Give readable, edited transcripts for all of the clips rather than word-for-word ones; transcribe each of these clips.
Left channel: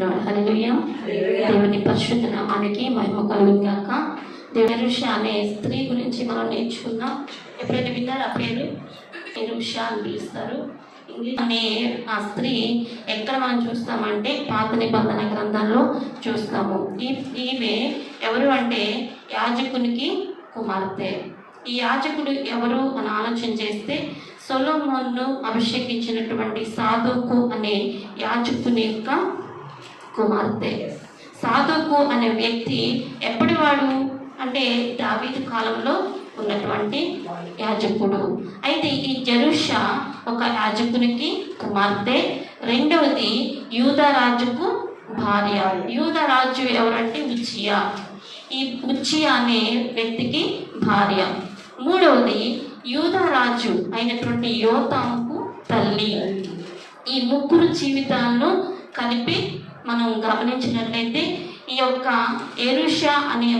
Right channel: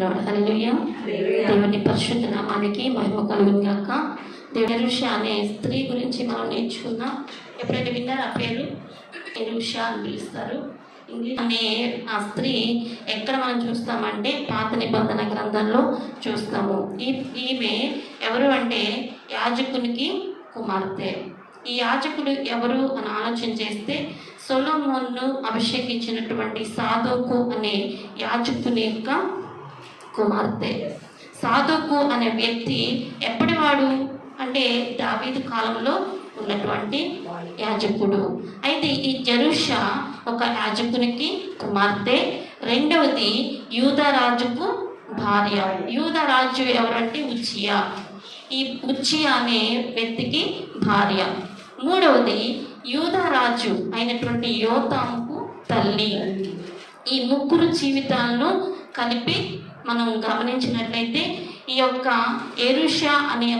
హల్లెలూయా. దేవుని పరిశుద్ధ నామానికి మహిమ కలుగును గాక. ఎరుష అనే స్త్రీ గురించి మనం నేర్చుకుందాం. ఎప్పుడైనా విన్నారా పేరు? ఎరుష అని పిలుస్తారు. ఇంగ్లీష్ అనే ఆ స్త్రీ ఎక్కడ మనం చూస్తామంటే పాత నిబంధన గ్రంథంలో చూస్తాము. ఈమె ఎవరు అంటే యాజకునికి కుమార్తె. ఈ యాజకుడు ఎవరు అని ఆలోచన చేస్తే సొలొమోనును అభిషేకించినటువంటి సాదోకు అనే యాజకుని యొక్క కుమార్తె. సాదోకు అనే వ్యక్తి ఎప్పటివాడు అంటే దావీదు కాలంలో ఉన్నటువంటి యాజకుడు. అయితే ఈ జెరుష ఒక యాజకునికి కుమార్తె. రెండవది యూదా రాజుకు భార్య. యూదా రాజు ఎవరంటే ఉజ్జియా. ఈ ఉజ్జియా అనే వ్యక్తికి భార్య. మూడవది యూదా రాజు అయినటువంటి యోతాముకు తల్లి. ఈ ముగ్గురు జీవితాలను కలిపి మనం గమనించినట్లయితే ఈ యొక్క ఎరుష అనే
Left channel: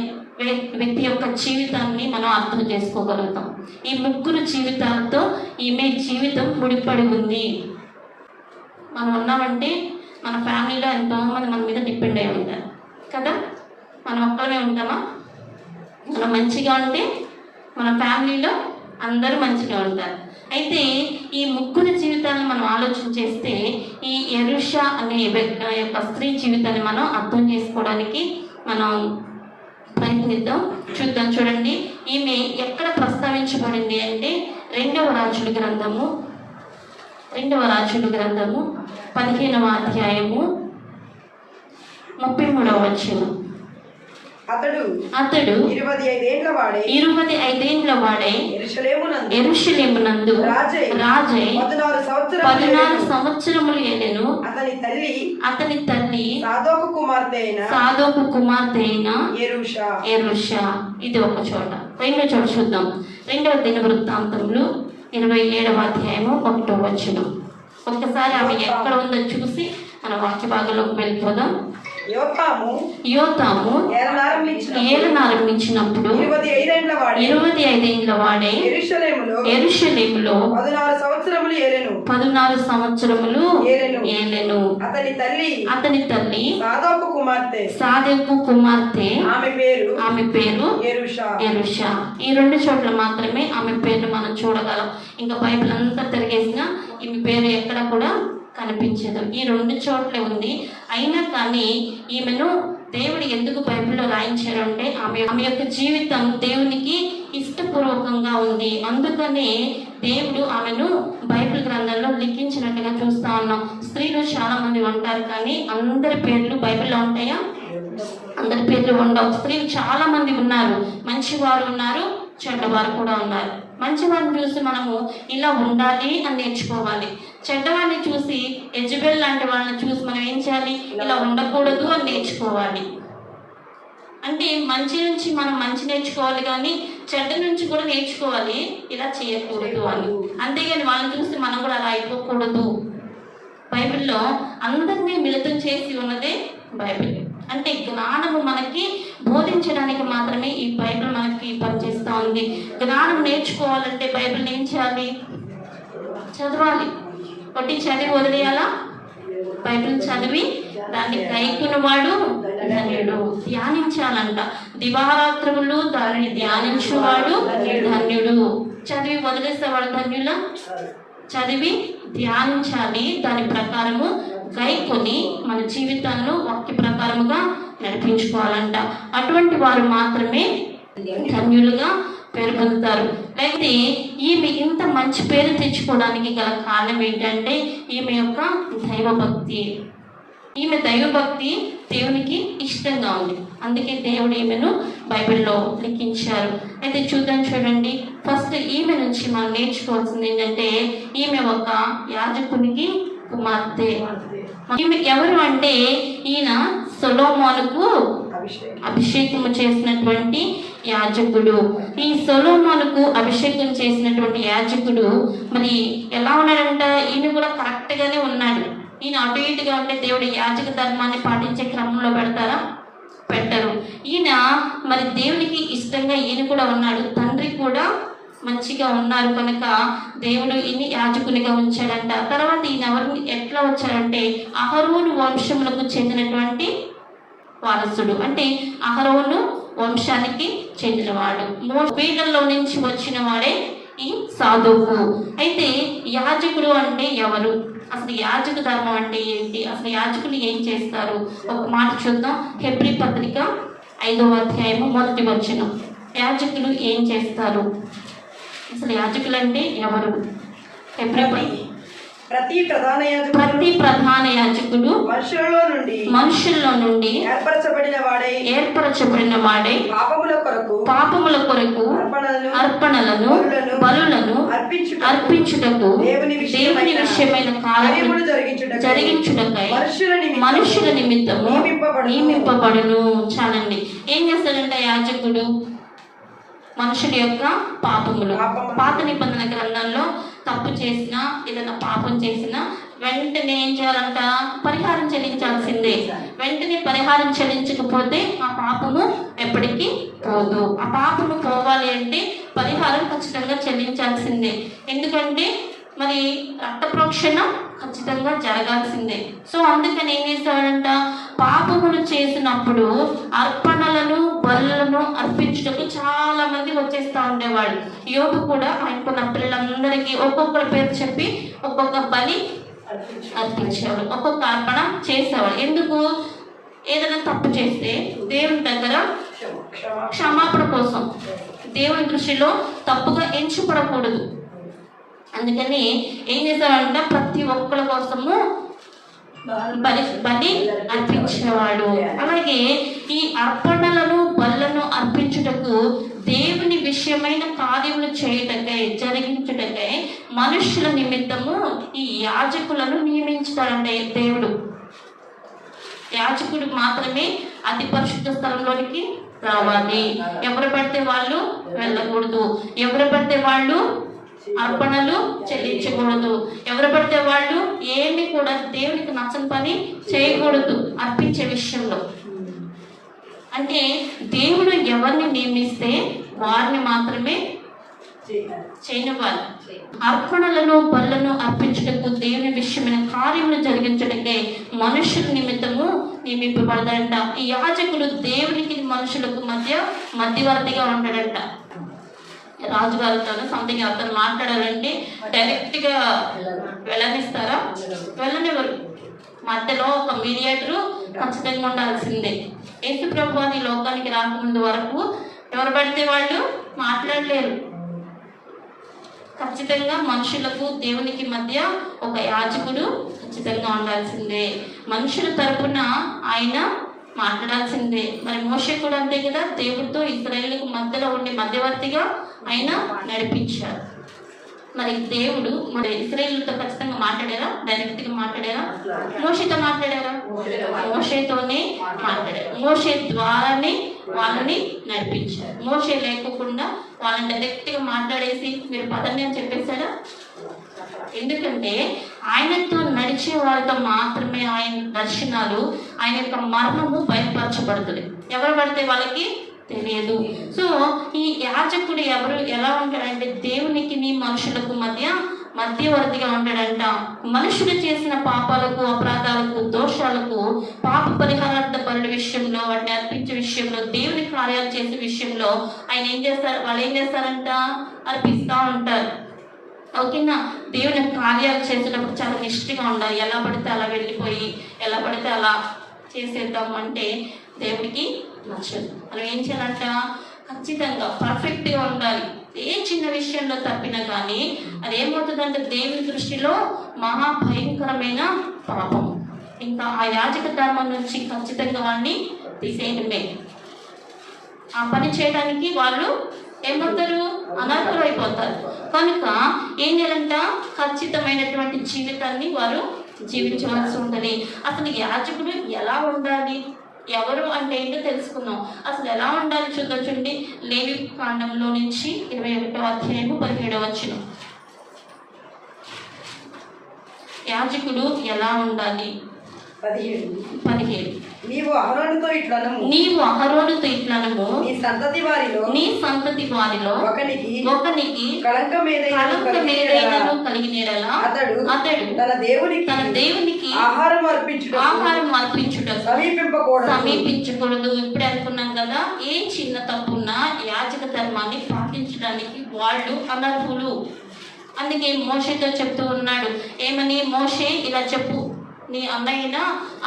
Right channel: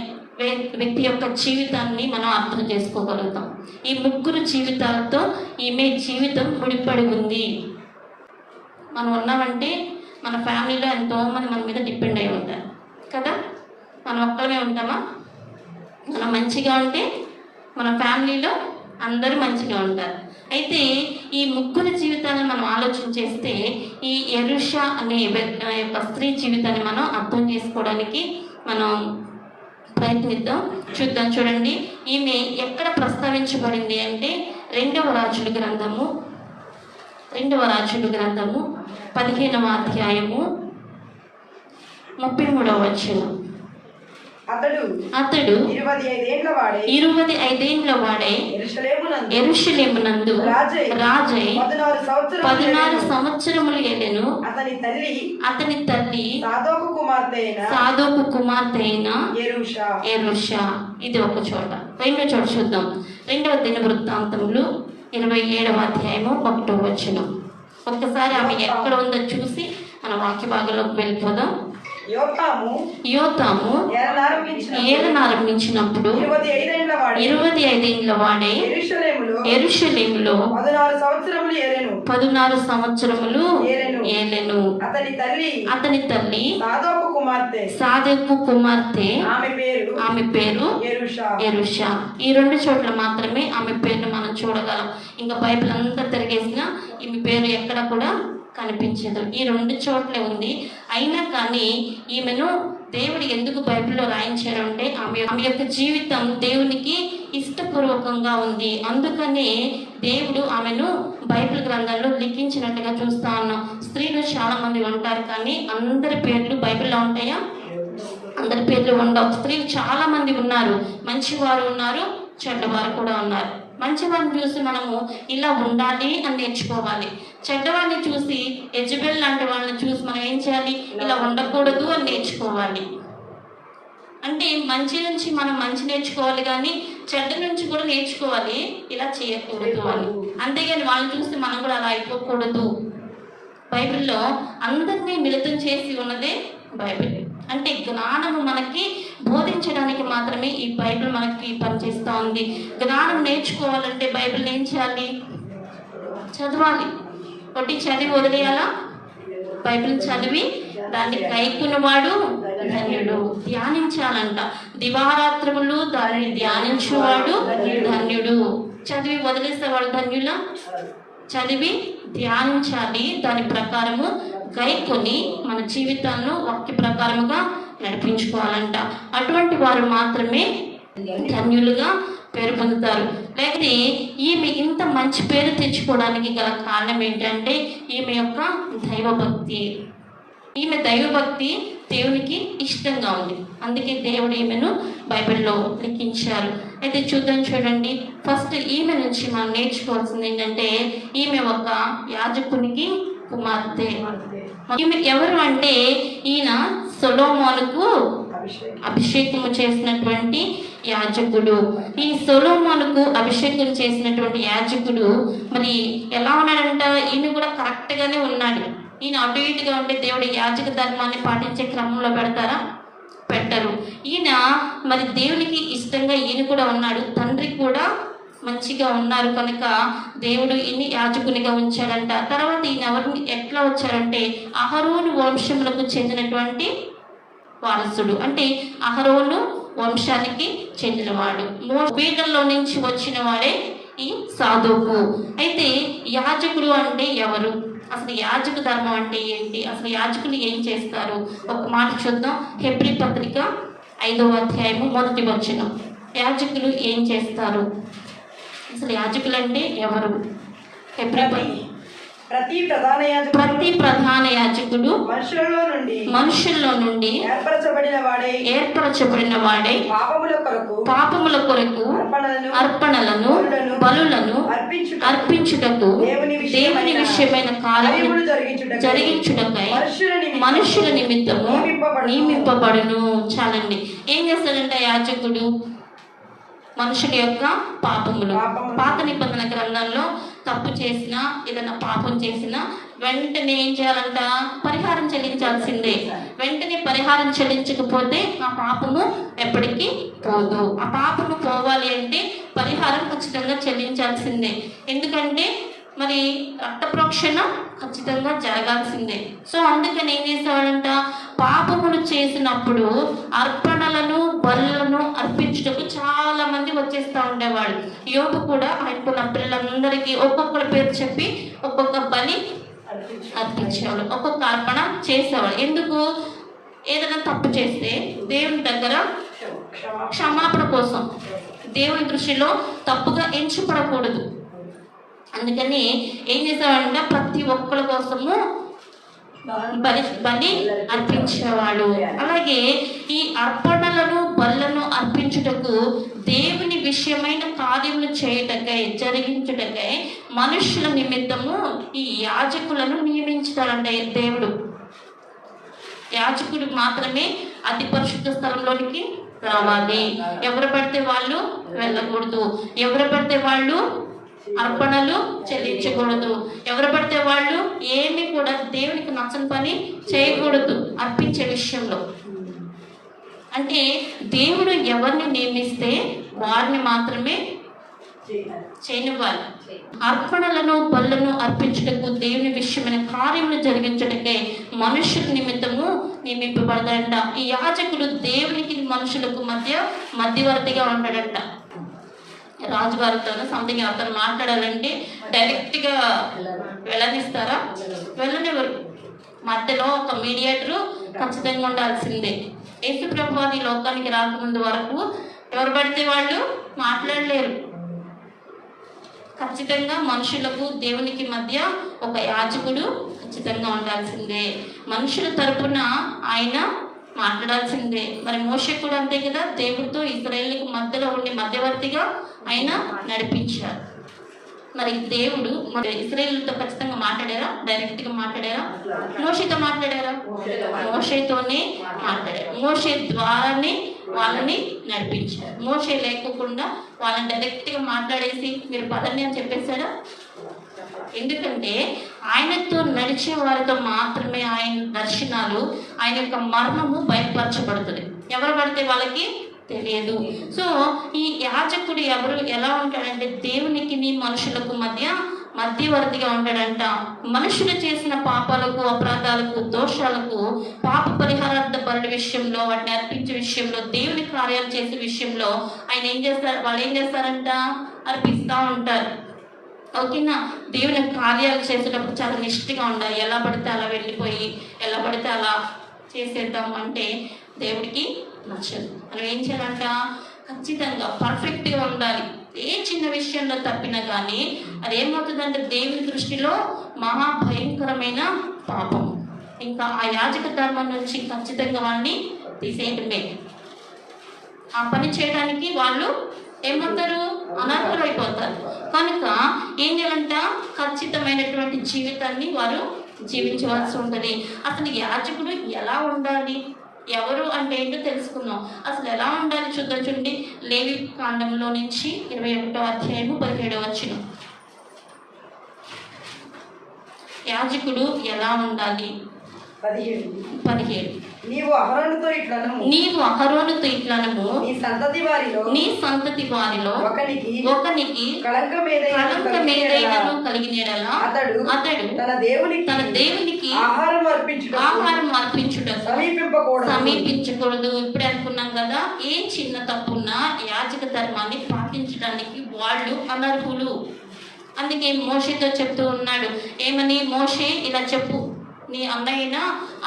వ్యక్తి యొక్క జీవితాన్ని మనం అర్థం చేసుకోగలుగుతాం. ఈ ముగ్గురు జీవితాలతో ఈమె జీవితం ముడిపడి ఉంది. మనం ఉన్నామంటే మన ఫ్యామిలీలో ఎంతోమంది మన మీద డిపెండ్ అయి ఉంటారు కదా. మనం ఒక్కరే ఉంటామా? మనం మంచిగా ఉంటే మన ఫ్యామిలీలో అందరూ మంచిగా ఉంటారు. అయితే ఈ ముగ్గురు జీవితాలను మనం ఆలోచన చేస్తే ఈ ఎరుష అనే యొక్క స్త్రీ జీవితాన్ని మనం అర్థం చేసుకోవడానికి మనం ప్రయత్నిద్దాం. చూడండి, ఈమె ఎక్కడ ప్రస్తావించబడింది అంటే రెండవ రాజుల గ్రంథము 15వ అధ్యాయము 33వ వచనం. అతడు 25 ఏండ్ల వాడే యెరూషలేమునందు రాజై 16 సంవత్సరములు ఏలెను. అతని తల్లి సాదోకు కుమార్తె అయిన యెరూష. ఇది ఒక చోట. రెండో చోట చూద్దాం. 2వ దినవృత్తాంతములు 27వ అధ్యాయము 1వ వచనం. ఒక్కసారి ఆమె ఎక్కడ ఉందో చూసి మన వాక్య భాగంలోకి వెళ్ళిపోదాం. యోతాము ఏలనారంభించినప్పుడు 25 ఏండ్ల వాడే యెరూషలేములో 16 సంవత్సరములు ఏలెను. అతని తల్లి సాదోకు కుమార్తె, ఆమె పేరు యెరూష. ఈ రెండు చోట్ల మాత్రమే ఆమె పేరు మనం చూడగలం. ఇంకా బైబిల్ అంతా తిరిగేసిన ఈమె పేరు ఎక్కడ కూడా కనిపించదు. ఈ రెండు చోట్లే ఉంది. అయినా కానీ ఈమెను దేవుడు ఎందుకు బైబిల్లో రాయించారు అంటే ఆమె యొక్క జీవితం దేవునికి ఇష్టపూర్వకంగా ఉంది. అందుకనే దేవుడు ఆమెను బైబిల్ గ్రంథంలో లిఖించినట్టుగా చూస్తా ఉన్నాం. స్త్రీలు చాలా మంది ఉంటారు కానీ అందరి పేర్లు బైబిల్లో ఉంటాయా? అందరి పేర్లు ఉండవు. స్త్రీలు చాలా మంది ఉన్నారు. మంచివారు ఉన్నారు, చెడ్డవారు కూడా ఉన్నారు. మంచివారిని చూసి మనము ఇలా ఉండాలి అని నేర్చుకోవాలి. చెడ్డవారిని చూసి యెజబెల్ లాంటి వాళ్ళని చూసి మనం ఏం చేయాలి? ఇలా ఉండకూడదు అని నేర్చుకోవాలి. అంటే మంచి నుంచి మనం మంచి నేర్చుకోవాలి కానీ చెడ్డ నుంచి కూడా నేర్చుకోవాలి ఇలా చేయకూడదు అని. అంతేగాని వాళ్ళని చూసి మనం కూడా అలా అయిపోకూడదు. బైబిల్లో అందరినీ మిళితం చేసి ఉన్నదే బైబిల్. అంటే జ్ఞానము మనకి బోధించడానికి మాత్రమే ఈ బైబిల్ మనకి పనిచేస్తూ ఉంది. జ్ఞానం నేర్చుకోవాలంటే బైబిల్ ఏం చేయాలి? చదవాలి. ఒకటి చదివి వదిలేయాలా? బైబిల్ చదివి దాన్ని కైకున్నవాడు ధన్యుడు. ధ్యానించాలంట. దివారాత్రులు దానిని ధ్యానించేవాడు ధన్యుడు. చదివి వదిలేసేవాడు ధన్యులా? చదివి ధ్యానించాలి. దాని ప్రకారము గైకొని మన జీవితాలను వాక్య ప్రకారముగా నడిపించుకోవాలంట. అటువంటి వారు మాత్రమే ధన్యులుగా పేరు పొందుతారు. లేకపోతే ఈమె ఇంత మంచి పేరు తెచ్చుకోవడానికి గల కారణం ఏంటంటే ఈమె యొక్క దైవభక్తి. ఈమె దైవభక్తి దేవునికి ఇష్టంగా ఉంది. అందుకే దేవుడు ఈమెను బైబిల్లో లిఖించారు. అయితే చూడండి, ఫస్ట్ ఈమె నుంచి మనం నేర్చుకోవాల్సింది ఏంటంటే ఈమె ఒక యాజకునికి కుమార్తె. ఈమె ఎవరు అంటే ఈయన సొలొమోనుకు అభిషేకం చేసినటువంటి యాజకుడు. ఈ సొలొమోనుకు అభిషేకం చేసినటువంటి యాజకుడు మరి ఎలా ఉన్నాడంట? ఈయన కూడా కరెక్ట్ గానే ఉన్నాడు. ఈయన అటు ఇటుగా ఉంటే దేవుడి యాజక ధర్మాన్ని పాటించే క్రమంలో పెడతారా? పెట్టరు. ఈయన మరి దేవునికి ఇష్టంగా ఈయన కూడా ఉన్నాడు. తండ్రి కూడా మంచిగా ఉన్నారు కనుక దేవుడు ఈయన్ని యాజకునిగా ఉంచాడంట. తర్వాత ఈయన ఎవరిని ఎట్లా వచ్చాడంటే అహరోను వంశములకు చెందినటువంటి వారసుడు, అంటే అహరోను వంశానికి చెందినవాడు. వీళ్ళలో నుంచి వచ్చిన వాడే ఈ సాదోకు. అయితే యాజకుడు అంటే ఎవరు, అసలు యాజక ధర్మం అంటే ఏంటి, అసలు యాజకులు ఏం చేస్తారు, ఒక మాట చూద్దాం. హెబ్రీ పత్రిక 5వ అధ్యాయము 1వ వచనం. యాజకులు ఏం చేస్తారు, అసలు యాజకులు అంటే ఎవరు? ప్రతి ప్రధాన యాజకుడు మనుషుల్లో నుండి ఏర్పరచబడిన వాడే పాపముల కొరకు అర్పణలను బలులను అర్పించుటకు దేవుని విషయమైన కార్యములు జరిగించుటకై మనుషుల నిమిత్తము నియమింపబడును. చాలండి. ఏం చేస్తాడంట యాజకుడు? మనుషుల యొక్క పాపములు. పాత నిబంధన గ్రంథంలో తప్పు చేసినా ఏదైనా పాపం చేసినా వెంటనే ఏం చేయాలంట? పరిహారం చెల్లించాల్సిందే. వెంటనే పరిహారం చెల్లించకపోతే ఆ పాపము ఎప్పటికీ పోదు. ఆ పాపము పోవాలి అంటే పరిహారం ఖచ్చితంగా చెల్లించాల్సిందే. ఎందుకంటే మరి రక్త ప్రోక్షణ ఖచ్చితంగా జరగాల్సిందే. సో అందుకని ఏం చేసేవాడంట? పాపములు చేసినప్పుడు అర్పణలను బలులను అర్పించుటకు చాలా మంది వచ్చేస్తా ఉండేవాడు. యోబు కూడా ఆయనకున్న పిల్లలందరికీ ఒక్కొక్కరి పేరు చెప్పి ఒక్కొక్క బలి అర్పించేవాడు, ఒక్కొక్క అర్పణ చేసేవాడు. ఎందుకు? ఏదైనా తప్పు చేస్తే దేవుని దగ్గర క్షమాపణ కోసం, దేవుని దృష్టిలో తప్పుగా ఎంచుపడకూడదు. అందుకని ఏం చేసేవాడంటే ప్రతి ఒక్కరి కోసము బలి అర్పించేవాడు. అలాగే ఈ అర్పణలను బలులను అర్పించుటకు దేవుని విషయమైన కార్యములు చేయుటకై జరిగించుటకై మనుష్యుల నిమిత్తము ఈ యాజకులను నియమించుతాడంటే దేవుడు. యాజకుడు మాత్రమే అతి పరిశుద్ధ స్థలంలోనికి రావాలి. ఎవరు పడితే వాళ్ళు వెళ్ళకూడదు. ఎవరు పడితే వాళ్ళు అర్పణలు చెల్లించకూడదు. ఎవరు పడితే వాళ్ళు ఏమి కూడా దేవునికి నచ్చని పని చేయకూడదు అర్పించే విషయంలో. అంటే దేవుడు ఎవరిని నియమిస్తే వారిని మాత్రమే చేయనివ్వాలి. అర్పణలను బలులను అర్పించుటకు దేవుని విషయమైన కార్యములు జరిగించటకే మనుషుల నిమిత్తము నియమింపబడతాడంట. ఈ యాజకుడు దేవునికి మనుషులకు మధ్యవర్తిగా ఉంటాడంట. రాజుగారితో సంథింగ్ ఎవరితో మాట్లాడాలంటే డైరెక్ట్ గా వెళ్ళనిస్తారా? వెళ్ళనివ్వరు. మధ్యలో ఒక మీడియేటరు ఖచ్చితంగా ఉండాల్సిందే. యేసు ప్రభువు ఈ లోకానికి రాకముందు వరకు ఎవరు పడితే వాళ్ళు మాట్లాడలేరు. ఖచ్చితంగా మనుషులకు దేవునికి మధ్య ఒక యాజకుడు ఖచ్చితంగా ఉండాల్సిందే. మనుషుల తరపున ఆయన మాట్లాడాల్సిందే. మరి మోషే కూడా అంతే కదా, దేవుడితో ఇశ్రాయేలుకు మధ్యలో ఉండే మధ్యవర్తిగా ఆయన నడిపించారు. మరి దేవుడు మరి ఇశ్రాయేలుతో ఖచ్చితంగా మాట్లాడారా? డైరెక్ట్ గా మాట్లాడారా? మోషేతో మాట్లాడారా? మోషేతోనే మాట్లాడారు. మోషే ద్వారానే వాళ్ళని నడిపించారు. మోషే లేకుండా వాళ్ళని డైరెక్ట్ గా మాట్లాడేసి మీరు పదండి అని చెప్పేశారా? ఎందుకంటే ఆయనతో నడిచే వారితో మాత్రమే ఆయన దర్శనాలు, ఆయన యొక్క మర్మము బయటపరచబడుతుంది. ఎవరు పడితే వాళ్ళకి తెలియదు. సో ఈ యాజకుడు ఎవరు ఎలా ఉంటాడంటే దేవునికి మనుషులకు మధ్యవర్తిగా ఉంటాడంట. మనుషులు చేసిన పాపాలకు అపరాధాలకు దోషాలకు పాప పరిహారార్థ బలుల విషయంలో, వాటిని అర్పించే విషయంలో, దేవుని కార్యాలు చేసే విషయంలో ఆయన ఏం చేస్తారు? వాళ్ళు ఏం చేస్తారంట? అర్పిస్తూ ఉంటారు. ఓకేనా? దేవుని కార్యాలు చేసేటప్పుడు చాలా నిష్ఠగా ఉండాలి. ఎలా పడితే అలా వెళ్ళిపోయి ఎలా పడితే అలా చేసేద్దాం అంటే దేవుడికి నచ్చదు. మనం ఏం చేయాలంట? ఖచ్చితంగా పర్ఫెక్ట్గా ఉండాలి. ఏ చిన్న విషయంలో తప్పినా కానీ అది ఏమవుతుందంటే దేవుని దృష్టిలో మహాభయంకరమైన పాపం. ఇంకా ఆ యాజక ధర్మం నుంచి ఖచ్చితంగా వాళ్ళని తీసేయటమే. ఆ పని చేయడానికి వాళ్ళు ఏమవుతారు? అనర్హులు అయిపోతారు. కనుక ఏం చేయాలంట? ఖచ్చితమైనటువంటి జీవితాన్ని వారు జీవించవలసి ఉంటుంది. అసలు యాజకుడు ఎలా ఉండాలి, ఎవరు అంటే ఏంటో తెలుసుకుందాం. అసలు ఎలా ఉండాలి చూద్దాం. చూడండి, లేవి కాండంలో నుంచి 21వ అధ్యాయము 17వ వచనం. యాజకుడు ఎలా ఉండాలి? 17 నీవు అహరోనుతో ఇట్లనము, నీవు అహరోనుతో ఇట్లనము, నీ సంతతి వారిలో ఒకనికి కళంకం ఏదైనా కలిగిన యెడల అతడు తన దేవునికి ఆహారం అర్పించుట సమీపించకూడదు. ఇప్పుడు అనుకున్నాం కదా, ఏ చిన్న తప్పున్నా యాజక ధర్మాన్ని పాటించడానికి వాళ్ళు అనర్హులు. అందుకే మోషేతో చెప్తూ ఉన్నాడు, ఏమని? మోషే ఇలా చెప్పు, నీ అన్నయ్యన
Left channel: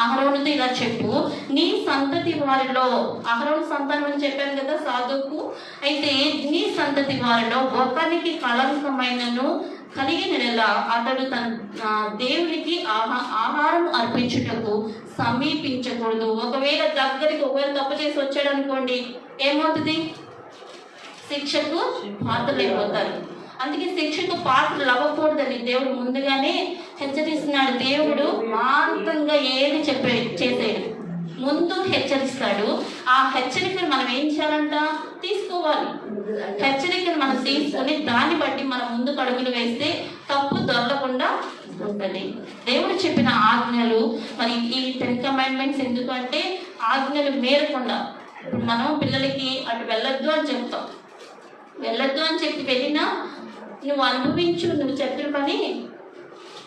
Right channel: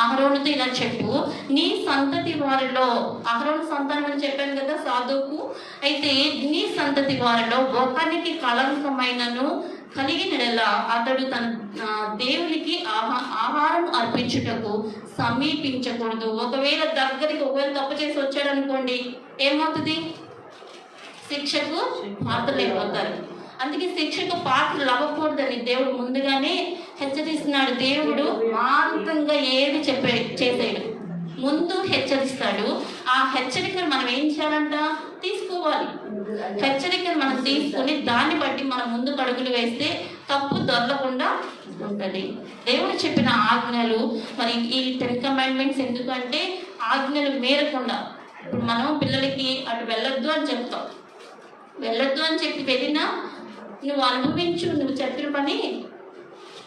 అహరోనుతో ఇలా చెప్పు, నీ సంతతి వారిలో, అహరోను సంతానం అని చెప్పాను కదా సాధువుకు, అయితే నీ సంతతి వారిలో ఒకరికి కళంకమైనను కలిగిన అతడు తన దేవునికి ఆహారం అర్పించుటకు సమీపించకూడదు. ఒకవేళ తప్పు చేసి వచ్చాడు అనుకోండి, ఏమవుతుంది? శిక్షకు పాత్రలైపోతారు. అందుకే శిక్షకు పాత్రలు అవ్వకూడదని దేవుడు ముందుగానే హెచ్చరిస్తున్నాడు. దేవుడు మాంతంగా ఏది చేసేడు, ముందు హెచ్చరిస్తాడు. ఆ హెచ్చరికను మనం ఏం చేయాలంట? తీసుకోవాలి. హెచ్చరికను మనం తీసుకొని దాన్ని బట్టి మనం ముందుకు అడుగులు వేస్తే తప్పు దొరకకుండా ఉంటుంది. దేవుడు చెప్పిన ఆజ్ఞలు, మరి ఈ 10 కమాండ్మెంట్స్ ఎందుకంటే ఆజ్ఞలు మేరకుండా. ఇప్పుడు మనం పిల్లలకి అటు వెళ్ళొద్దు అని చెప్తాం, వెళ్ళొద్దు అని చెప్పి వెళ్ళినా నువ్వు అనుభవించు, నువ్వు చెప్పిన పని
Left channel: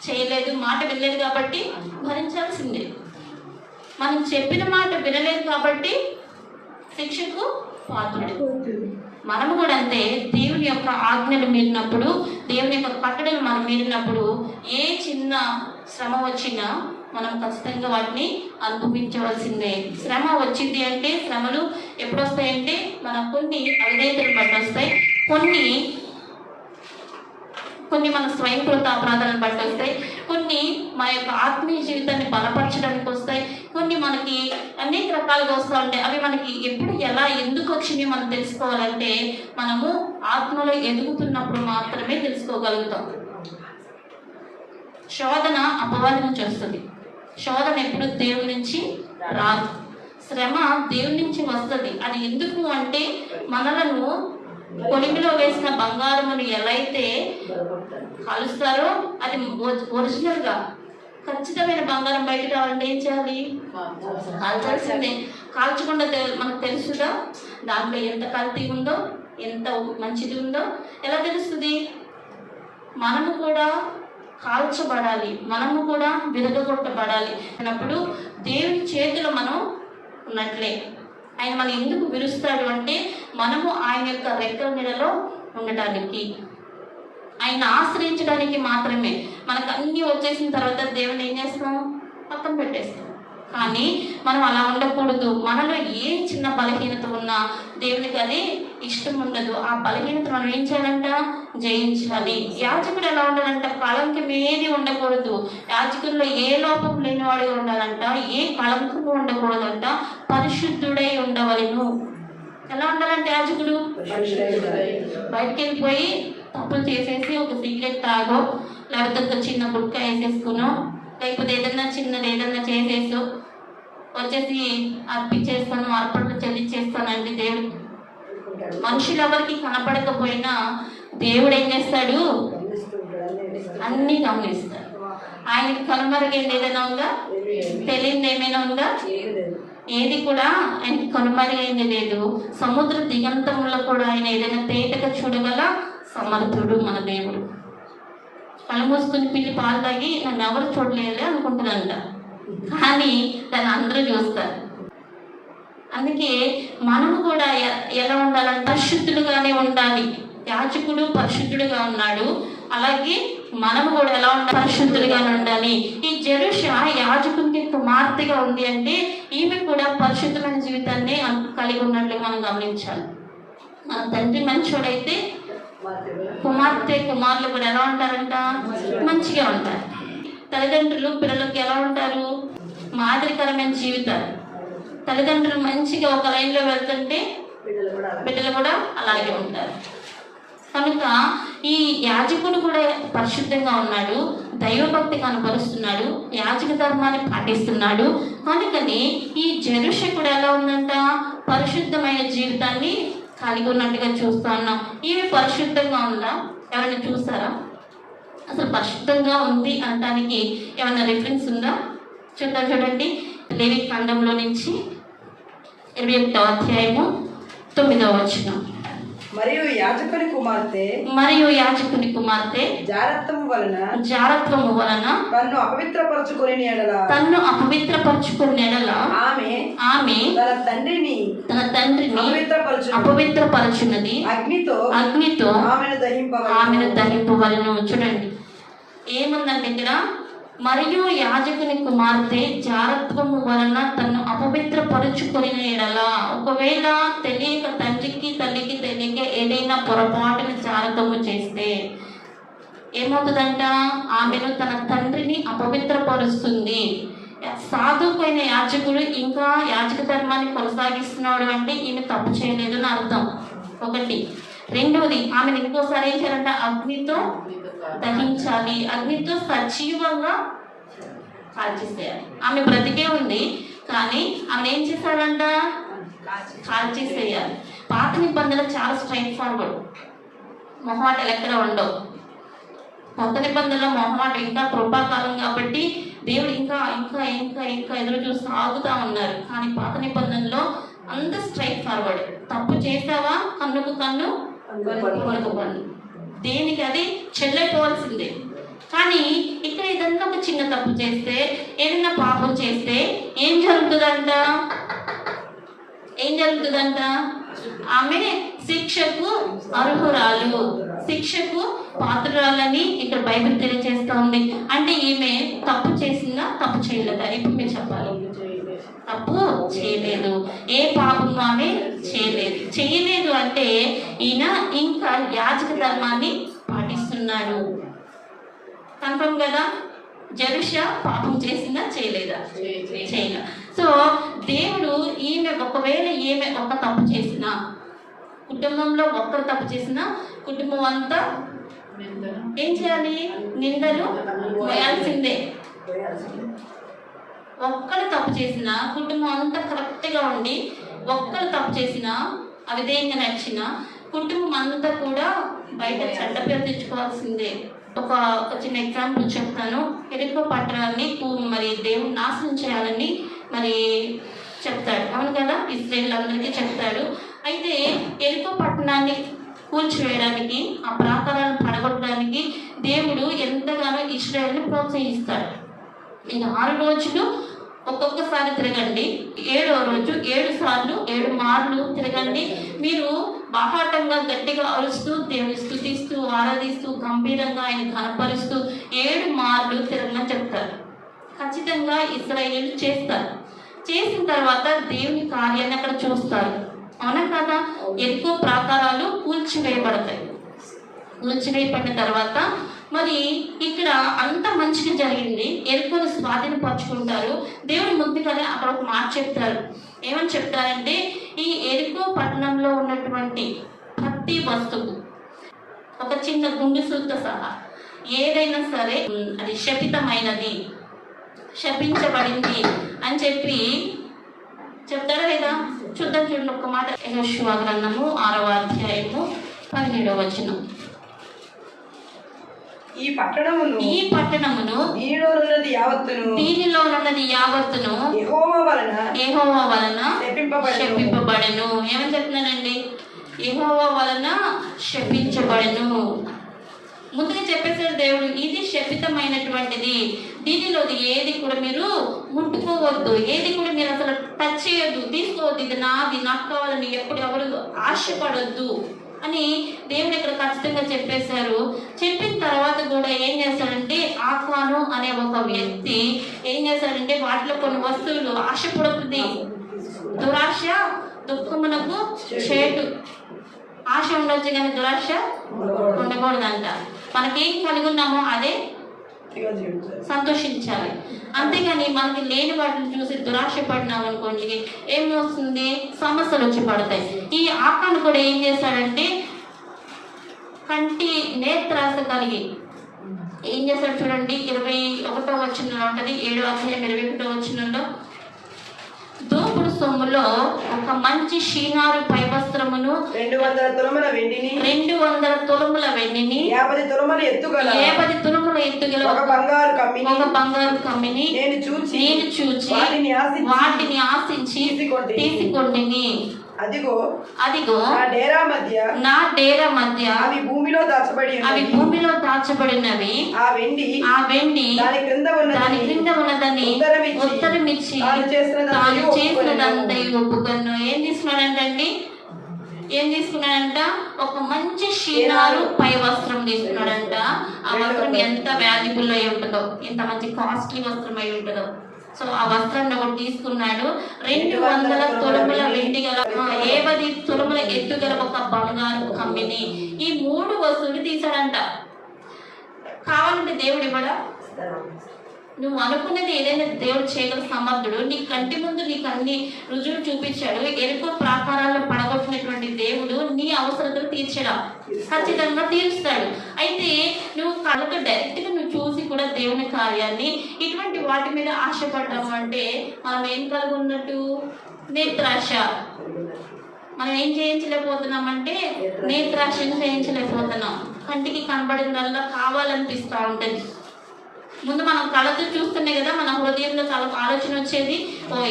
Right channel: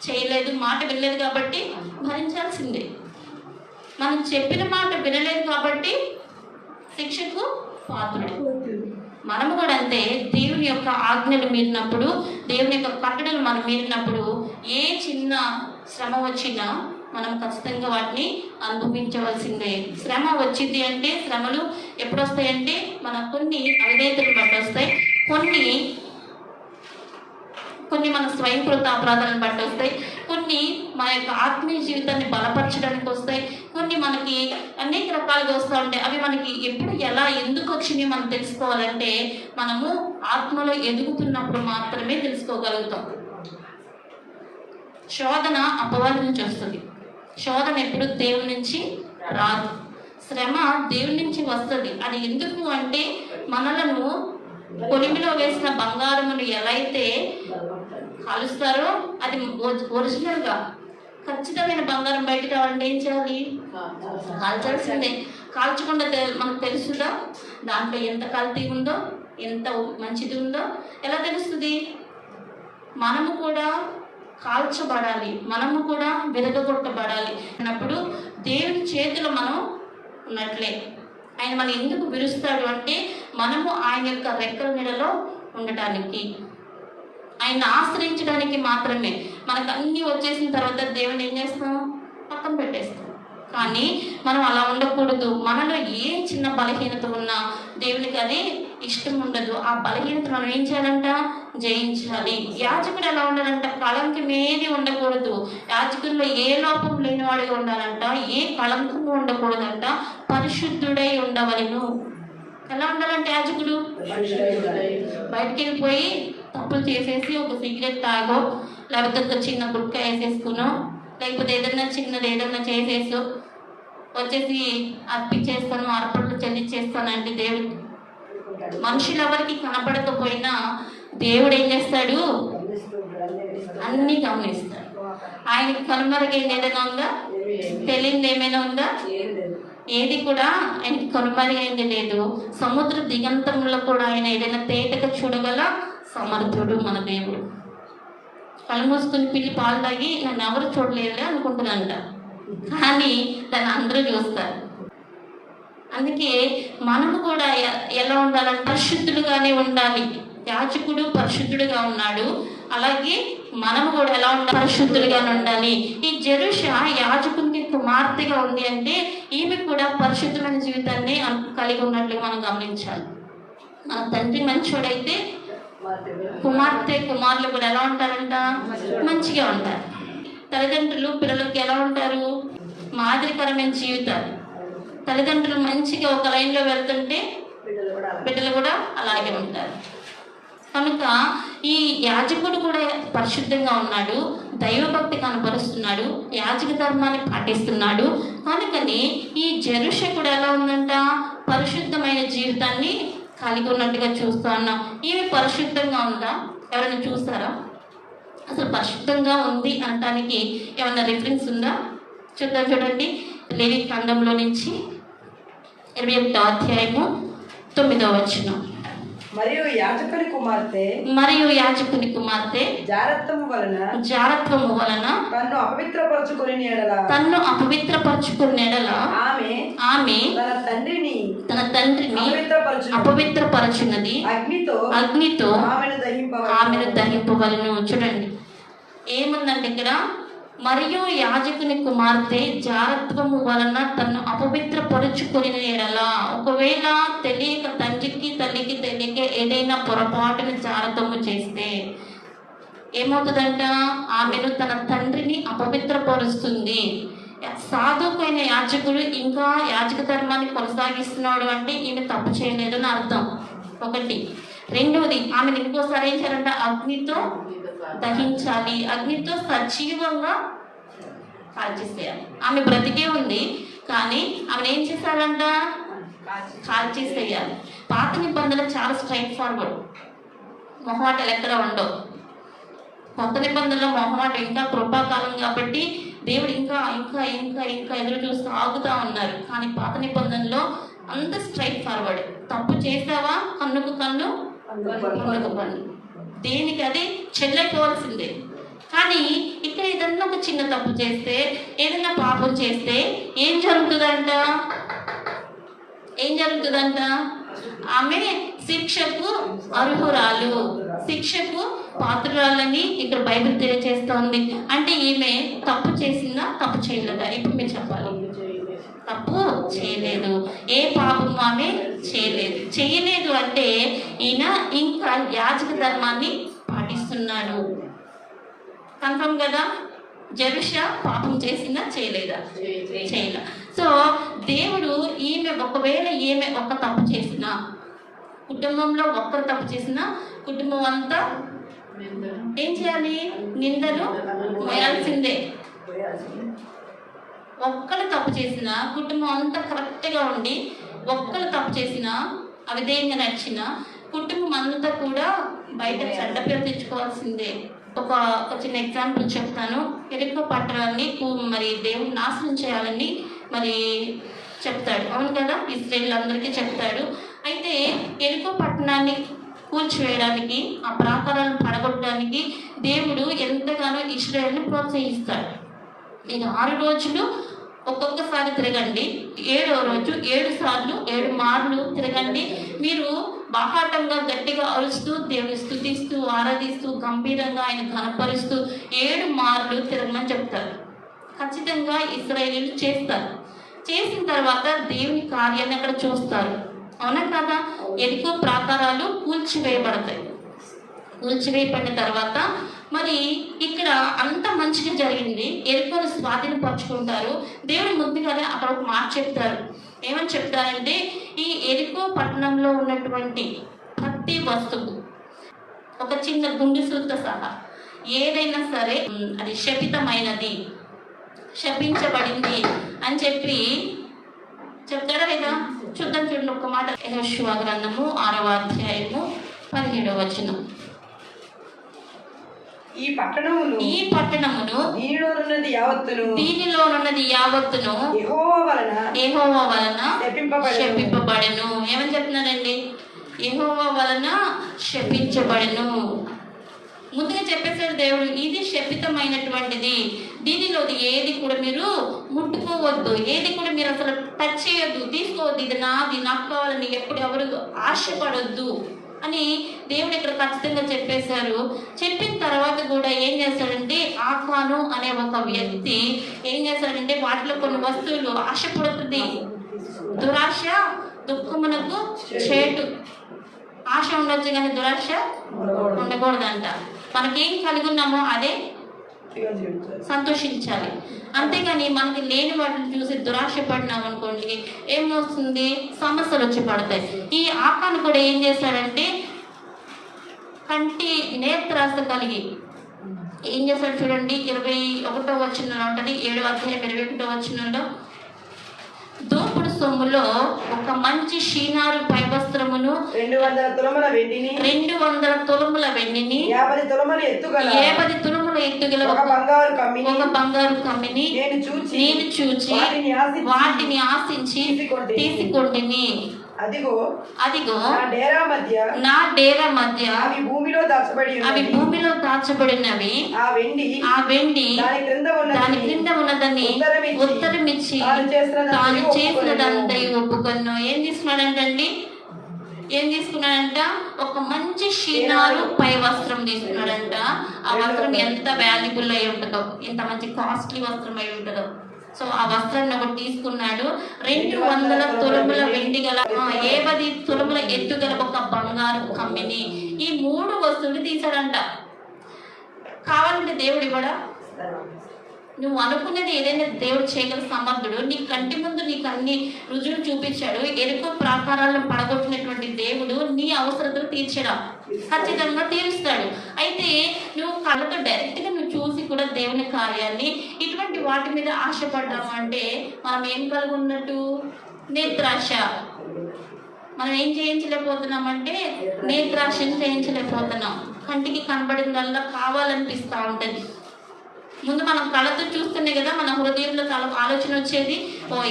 చేయలేదు, మాట వినలేదు కాబట్టి భరించాల్సిందే. మనం చెప్పిన మాట వినలేదు కాబట్టి శిక్షకు పాత్రుడు. మనము కూడా అంతే, దేవుని యొక్క ఆజ్ఞలు మీరినప్పుడు, దేవుని యొక్క కట్టడలు మనం మీరినప్పుడు ఏ చిన్న శ్రమ వచ్చినా మనం ఖచ్చితంగా వాటిని అనుభవించవలసిందే. శ్రమ వచ్చింది అంటే, శ్రమలు ఎప్పుడు వస్తాయంటే మన కొన్ని అవిధేయతలు బట్టి వస్తాయి, కొన్ని మన స్వయంకృత అపరాధాలను బట్టి వస్తాయి, కొన్ని మన యొక్క ఆత్మీయ జీవితాన్ని బలపరచడానికి వస్తాయి, కొన్ని మనకి అనేక రకాలుగా వస్తూ ఉంటాయి. అవి మనకి ఎప్పుడు ఎలా ఎందుకు వచ్చినాయి మనం తెలుసుకోవాలంటే మనము ఆత్మలో ఎదుగుతున్నప్పుడు మాత్రమే తెలుసుకోగలుగుతాం. శోధన అపవాది నుంచి వస్తుంది. శోధన ఎప్పుడు దేవుని నుంచి రాదు. శ్రమ దేవుని నుంచి వస్తుంది. అది ఎందుకు అంటే మనలను కొలిమిలో వేసిన బంగారమును ఎలా అయితే కాలుస్తారో, అది ఒరిజినల్ గా ఖచ్చితమైన బంగారం బయటకు రావాలంటే ఏం చేయాలి? కాల్చాల్సిందే. కాల్చకుండా మనకు తెలుస్తుందా దాంట్లో ఎంత కల్తీ ఉందో, ఎంత మంచిది ఉందో? ఎలా తెలుస్తుంది? మనము కూడా కాల్చబడాలి, మనము కూడా విరగొట్టబడాలి అన్నప్పుడు దేవుని చేతిలో మనం ఉన్నట్లే. ఆయన మనం ఎందుకు విరుస్తాడు అంటే మనము ఆయన యొక్క రెక్కల నీడలో ఉండటానికి, ఆయన ఆశ్రయించడానికి మాత్రమే. మనకు అన్నీ వచ్చేసిన తర్వాత దేవుని ఏం చేస్తాం? పక్కన పెట్టేస్తాం. కానీ మనం అలా ఉండకూడదు. మనలో ఏ చిన్న బలహీనత ఉన్నా దేవునికి అది ఇష్టం ఉండదు. ఆ బలహీనత మనం ఏం చేయాలంట? జయించాలి. యాజకుడు ఎలా ఉండాలంట? కళంకం ఏది ఉండకూడదు. యాజకుల్లో ఏ లోపం లేనివాడిగా ఉండాలంట, ఏ కళంకము ఉండకూడదంట, పరిశుద్ధుడై ఉండవలెను. ఎలా ఉండాలంటే యాజకుడు బయటికి వెళ్ళిపోయి తప్పులు చేసేసి ఒక సిగరెట్ తాగో, లేకపోతే ఒక చిన్న గుట్క వేసేసుకునో, లేకపోతే ఏదన్నా చేసేసో వచ్చేసి అర్పించేస్తాను, అర్పణలు చెల్లించేస్తానండి దేవుడు. మనుషులు ఎవరికి కనపడకపోయినా దేవుడు ఏం చేస్తాడు? అన్ని గమనిస్తాడు. ఆయనకి కనుమరుగైంది ఏదైనా ఉందా? తెలియదు ఏమైనా ఉందా? ఏది కూడా ఆయనకి కనుమరుగైంది లేదు. సముద్ర దిగంతంలో కూడా ఆయన ఏదైనా తేటగా చూడగల సమర్థుడు మన దేవుడు. కళ్ళు మూసుకుని పిల్లి పాలు తాగి నన్ను ఎవరు చూడలేదు అనుకుంటున్నానంట, కానీ దాన్ని అందరూ చూస్తారు. అందుకే మనము కూడా ఎలా ఉండాలంటే పరిశుద్ధుడుగానే ఉండాలి. యాజకుడు పరిశుద్ధుడుగా ఉన్నాడు, అలాగే మనము కూడా ఎలా ఉండాలి? పరిశుద్ధులుగానే ఉండాలి. ఈ జెరుష యాజకునికి కుమార్తెగా ఉంది అంటే ఈమె కూడా పరిశుద్ధమైన జీవితాన్ని కలిగి ఉన్నట్లు మనం గమనించాలి. మన తండ్రి మంచోడైతే కుమారులు కూడా ఎలా ఉంటారంట? మంచిగా ఉంటారు. తల్లిదండ్రులు పిల్లలకి ఎలా ఉంటారు? మాదిరికరమైన జీవితాలు. తల్లిదండ్రులు మంచిగా ఒక లైన్లో వెళ్తుంటే బిడ్డలు కూడా అలాగే ఉంటారు. కనుక ఈ యాజకుడు కూడా పరిశుద్ధంగా ఉన్నాడు, దైవభక్తి కనపరుస్తున్నాడు, యాజక ధర్మాన్ని పాటిస్తున్నాడు. కనుకని ఈ జెరుష కూడా ఎలా ఉందంట? పరిశుద్ధమైన జీవితాన్ని కలిగి ఉన్నట్టుగా చూస్తా ఉన్నాం. ఈమె పరిశుద్ధంగా ఉందా? ఎవరైనా చూస్తారా? అసలు పరిశుద్ధంగా ఉంది అనటానికి ఏమైనా రిఫరెన్స్ ఉందా? చూడండి లేవి గ్రంథంలో నుంచి 28వ అధ్యాయము 9వ వచనం. మరియు యాజకుని కుమార్తె జారత్వము వలన తన్ను అపవిత్రపరచుకుని ఎడల ఆమె తన తండ్రిని అపవిత్రపరచునది అగ్నితో ఆమెను దహింపవలెను. చూడండి ఏముందంటే ఇక్కడ, మరియు యాజకుని కుమార్తె జారత్వము వలన తను అపవిత్రపరుచుకుని ఎడల, ఒకవేళ తెలియక తండ్రికి తల్లికి తెలియక ఏదైనా పొరపాటున జారత్వము చేస్తే ఏమవుతుందంట, ఆమెను తన తండ్రిని అపవిత్రపరుస్తుంది. సాధువైన యాజకుడు ఇంకా యాజక ధర్మాన్ని కొనసాగిస్తున్నాడు అంటే ఈమె తప్పు చేయలేదు అని అర్థం. ఒకటి. రెండవది, ఆమెను ఇంకోసారి ఏం చేయాలంట, అగ్నితో దహించాలి, అగ్నితో సజీవంగా కాల్చేసేయాలి. ఆమె బ్రతికే ఉంది కానీ ఆమెను ఏం చేస్తారంట, కాల్చేసేయాలి. పాత నిబంధనలు చాలా స్ట్రైట్ ఫార్వర్డ్, మొహమాటలు ఎక్కడ ఉండవు. కొత్త నిబంధనలో మొహమాట ఇంకా కృపాకాలం కాబట్టి దేవుడు ఇంకా ఇంకా ఇంకా ఇంకా ఎదురు చూసి సాగుతా ఉన్నారు. కానీ పాత నిబంధనలో అంత స్ట్రైట్ ఫార్వర్డ్. తప్పు చేసావా కన్నుకు కన్ను పన్నుకు పన్ను, దేనికి అది చెల్లెపోవాల్సిందే. కానీ ఇక్కడ ఏదన్నా ఒక చిన్న తప్పు చేస్తే, ఏదైనా పాపం చేస్తే ఏం జరుగుతుందంట, ఆమె శిక్షకు అర్హురాలు, శిక్షకు పాత్రురాలని ఇక్కడ బైబిల్ తెలియజేస్తా ఉంది. అంటే ఈమె తప్పు చేసిందా, తప్పు చేయలేదా? ఇప్పుడు మీరు చెప్పాలి. తప్పు చేయలేదు, ఏ పాపము ఆమె చేయలేదు అంటే ఈయన ఇంకా యాజక ధర్మాన్ని పాటిస్తున్నాడు. కన్ఫర్మ్ కదా? జెరుషా పాపం చేసిందా, చేయలేదా? చేయలే. సో దేవుడు ఒకవేళ ఈమె ఒక తప్పు చేసినా, కుటుంబంలో ఒక్కరు తప్పు చేసినా కుటుంబం అంతా ఏం చేయాలి, నిందలు మోయాల్సిందే. ఒక్కరు తప్పు చేసినా కుటుంబం అంతా కరెక్ట్గా ఉండి, ఒక్కరు తప్పు చేసినా అవిధేయంగా నడిచిన కుటుంబం అంతా కూడా బయట చెడ్డ పేరు తెచ్చుకోవాల్సిందే. ఒక చిన్న ఎగ్జాంపుల్ చెప్తాను. ఎరుకో పట్టణాన్ని మరి దేవుడు నాశనం చేయాలని మరి చెప్తాడు, అవును కదా, ఇశ్రాయేలు అందరికీ చెప్తాడు. అయితే ఎరుకో పట్టణాన్ని కూల్చివేయడానికి, ఆ ప్రాకారాలను పడగొట్టడానికి దేవుడు ఎంతగానో ఇశ్రాయేలుని ప్రోత్సహిస్తాడు. మీరు 6 రోజులు ఒక్కొక్కసారి తిరగండి, 7వ రోజు 7 సార్లు 7 మార్లు తిరగండి. మీరు బాహాటంగా గట్టిగా అరుస్తూ దేవుని స్తుతిస్తూ ఆరాధిస్తూ గంభీరంగా ఆయన కనపరుస్తూ 7 మార్లు తిరగమని చెప్తారు. ఖచ్చితంగా ఇశ్రాయేలీయులు చేస్తారు. చేసిన తర్వాత దేవుని కార్యాన్ని అక్కడ చూస్తారు, అవునా కదా? ఎరుకో ప్రాకారాలు కూల్చివేయబడతాయి. కూల్చివేయబడిన తర్వాత మరి ఇక్కడ అంత మంచిగా జరిగింది, ఎరుకోను స్వాధీనపరుచుకుంటారు. దేవుడు ముందుగానే అక్కడ ఒక మాట చెప్తారు. ఏమని చెప్తారంటే, ఈ ఎరుకో పట్టణంలో ఉన్నటువంటి ప్రతి వస్తువు, ఒక చిన్న గుండుసులతో సహా ఏదైనా సరే అది శపితమైనది, శపించబడింది అని చెప్పి చెప్తాడా లేదా? చూడండి ఒక మాట. యెహోషువ గ్రంథము 6వ అధ్యాయము 17వ వచనం. ఈ పట్టణమును దీనిలో ఉన్నది యావత్తును యెహోవా వలన శపింపబడెను. ఏమని చెప్తున్నానండి? యెహోవా వలన శపించబడెను. ముందుగా చెప్పేసాడు దేవుడు, ఇది శపితమైనటువంటిది, దీనిలోది ఏది కూడా మీరు ముట్టుకోవద్దు, ఏది కూడా మీరు అసలు టచ్ చేయొద్దు, తీసుకోవద్దు, ఇది నాది, నాకు కావాలని ఎప్పుడు ఎవరు ఆశపడొద్దు అని దేవుడు ఇక్కడ ఖచ్చితంగా చెప్పేశారు. చెప్పిన తర్వాత కూడా ఏం చేస్తాడంటే, ఆకాను అనే ఒక వ్యక్తి ఏం చేస్తాడంటే, వాటిలో కొన్ని వస్తువులు ఆశపడుతుంది. దురాశ దుఃఖమునకు చేటు. ఆశ ఉండొచ్చు కానీ దురాశ ఉండకూడదంట. మనకేం కలిగి ఉన్నామో అదే సంతోషించాలి, అంతేగాని మనకి లేని వాటిని చూసి దురాశ పడినాం అనుకోండి, ఏమొస్తుంది, సమస్యలు వచ్చి పడతాయి. ఈ ఆకాను కూడా ఏం చేశాడంటే, కంటి నేత్రాస కలిగి ఏం చేశాడు చూడండి. 21వ వచనంలో ఉంటుంది, 7వ అధ్యాయం 21వ వచనంలో, దోపుడు సొమ్ములో ఒక మంచి షీనారు పై వస్త్రమును 200 తులముల వెండిని 50 తులముల ఎత్తుగల 50 తులముల తులముల ఎత్తుగల ఒక బంగారు కమ్మిని నేను చూచి వాటిని ఆశించి తీసుకొంటిని. అదిగో నా డేరా మధ్య అవి భూమిలో దాచబడినవి. ఆ వెండి దాని క్రింద ఉన్నదని ఉత్తరమిచ్చి తాను చేసినదంతయు ఒప్పుకొను. ఏం తీసుకున్నాడంట? ఒక మంచి షీనారు పై వస్త్రం తీసుకున్నాడంట. ఆ వస్త్రం ఎంత వాల్యుబుల్ అయి ఉంటుందో, ఎంత మంచి కాస్ట్లీ వస్త్రం అయి ఉంటుందో. సో ఆ వస్త్రాన్ని ఒకటి తీసుకున్నాడు. 200 తులముల వెండి గల 50 తులముల ఎత్తు గల ఒక బంగారు కమ్మిని. ఈ 3 వస్తువులు తీసాడంట. కావాలంటే దేవుడు ఇవ్వడా? నువ్వు అనుకునేది ఏదైనా దేవుడు చేయగల సమర్థుడు. నీ కంటి ముందు నీకు అన్ని రుజువులు చూపించాడు. ఎరుపు ప్రాకారాలను పడగొట్టినటువంటి దేవుడు నీ అవసరతలు తీర్చడా? ఖచ్చితంగా తీరుస్తాడు. అయితే నువ్వు కళ్ళతో డైరెక్ట్ గా నువ్వు చూసి కూడా దేవుని కార్యాన్ని ఇటువంటి వాటి మీద ఆశపడ్డాము అంటే మనం ఏం కలిగి ఉన్నట్టు? నేత్రాశ. మనం ఏం చేయించలేకపోతున్నామంటే నేత్రాశను చేయించలేకపోతున్నాం. కంటికి కనబడినల్లా కావాలనిపిస్తూ ఉంటది. ముందు మనం కళ్ళతో చూస్తేనే కదా మన హృదయంలో ఆలోచన వచ్చేది,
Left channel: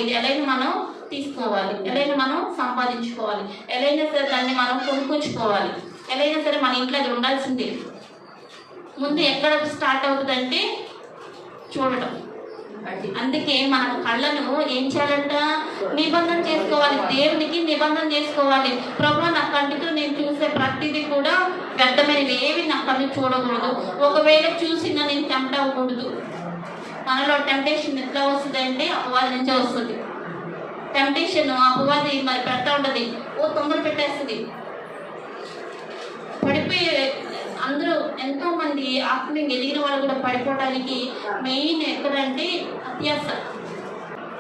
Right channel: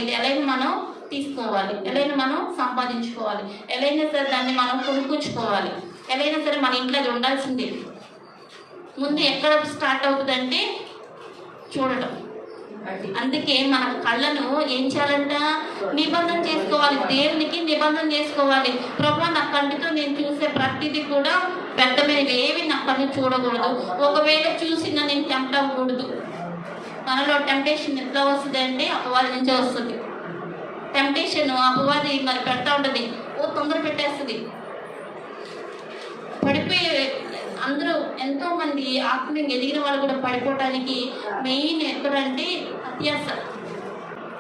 ఇది ఎలాగైనా మనం తీసుకోవాలి, ఎలాగైనా మనం సంపాదించుకోవాలి, ఎలాగైనా సరే దాన్ని మనం కొనుక్కొచ్చుకోవాలి, ఎలాగైనా సరే మన ఇంట్లో అది ఉండాల్సిందే. ముందు ఎక్కడ స్టార్ట్ అవుతుందంటే చూడటం. అందుకే మన కళ్ళను ఏం చేయాలంట? నిబంధన చేసుకోవాలి. దేవునికి నిబంధన చేసుకోవాలి. ప్రభువా, నా కంటితో నేను చూసే ప్రతిదీ కూడా వ్యర్థమైనవి ఏవి నా కళ్ళు చూడకూడదు. ఒకవేళ చూసినా నేను టెంప్ట్ అవ్వకూడదు. మనలో టెంప్టేషన్ ఎట్లా వస్తుంది అంటే అపవాది నుంచే వస్తుంది. టెంప్టేషన్ అపవాది మరి పెడతా ఉంటుంది, తొందర పెట్టేస్తుంది. పడిపోయే అందరూ ఎంతో మంది ఆత్మీయంగా ఎదిగిన వాళ్ళు కూడా పడిపోవడానికి మెయిన్ ఎక్కడంటే అత్యాస.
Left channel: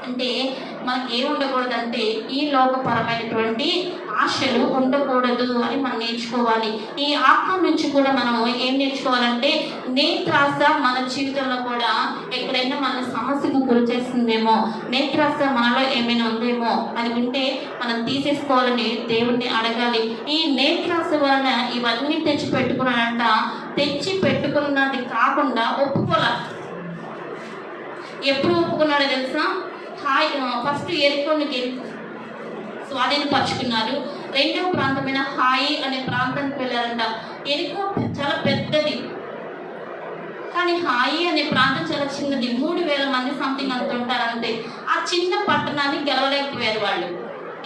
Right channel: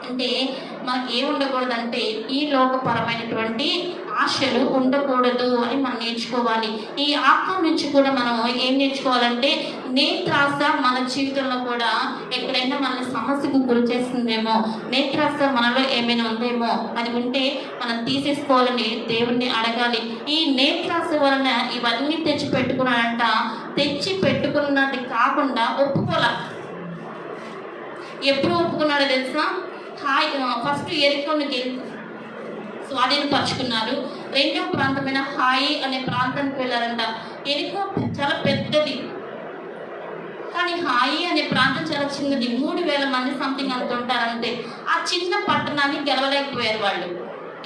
అంటే మనకి ఏం ఉండకూడదంటే ఈ లోకపరమైనటువంటి ఆశలు ఉండకూడదు అని మనం నేర్చుకోవాలి. ఈ ఆత్మ నుంచి కూడా మనం ఏం నేర్చుకోవాలంటే నేత్రాస మన జీవితంలో కూడా ఎక్కడైనా మన సమస్యకు గురి చేస్తుందేమో, నేత్రాస మనలో ఏమైనా ఉందేమో, అది ఉంటే మనం తీసేసుకోవాలని దేవుణ్ణి అడగాలి. ఈ నేత్రాస వలన ఇవన్నీ తెచ్చి పెట్టుకున్నాడంట. తెచ్చి పెట్టుకున్నది కాకుండా ఒప్పుకోలే. ఎప్పుడు ఒప్పుకున్నాడో తెలుసా? ఫస్ట్ ఎరుకోని స్వాధీనపరుచుకున్నారు. రెండవ ప్రాంతమైన హాయి అనే ప్రాంతానికి వెళ్ళారంట. ఎరుకో చాలా పెద్దది, కానీ హాయి అనే ప్రాంతం చాలా చిన్నది. 3000 మంది సంథింగ్ అనుకుంటారు అంతే. ఆ చిన్న పట్టణాన్ని గెలవలేకపోయారు వాళ్ళు.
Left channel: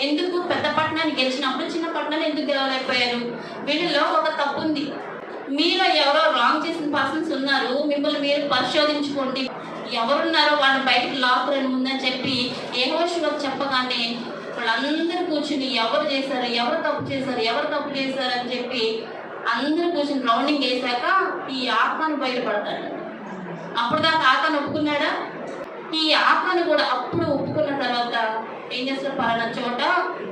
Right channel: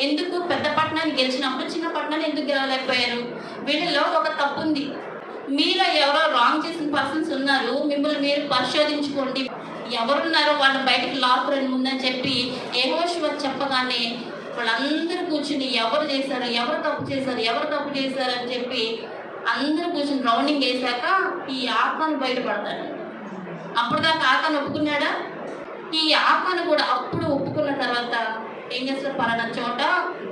ఎందుకు? పెద్ద పట్టణాన్ని గెలిచినప్పుడు చిన్న పట్టణాన్ని ఎందుకు గెలవలేకపోయారు? వీళ్ళలో ఒక తప్పు ఉంది. మీలో ఎవరో రాంగ్ చేసిన పర్సన్స్ ఉన్నారు. మిమ్మల్ని మీరు పరిశోధించుకోండి. ఎవరున్నారో వాళ్ళని బయటకు లాక్కుని ముందని చెప్పి యెహోషువ చెప్పగానే వాళ్ళందరూ కూర్చుని ఎవరు తప్పు చేశారు అని చెప్పి అందరూ కూర్చుని రౌండింగ్ వేసాక ఈ ఆత్మను బయటపడతాడు. అప్పుడు దాకా ఆత్మను ఒప్పుకున్నాడా? ఈ ఆత్మను కూడా అప్పుడు ఒప్పుకున్న తర్వాత ఏం చేస్తారు? పలానా చోట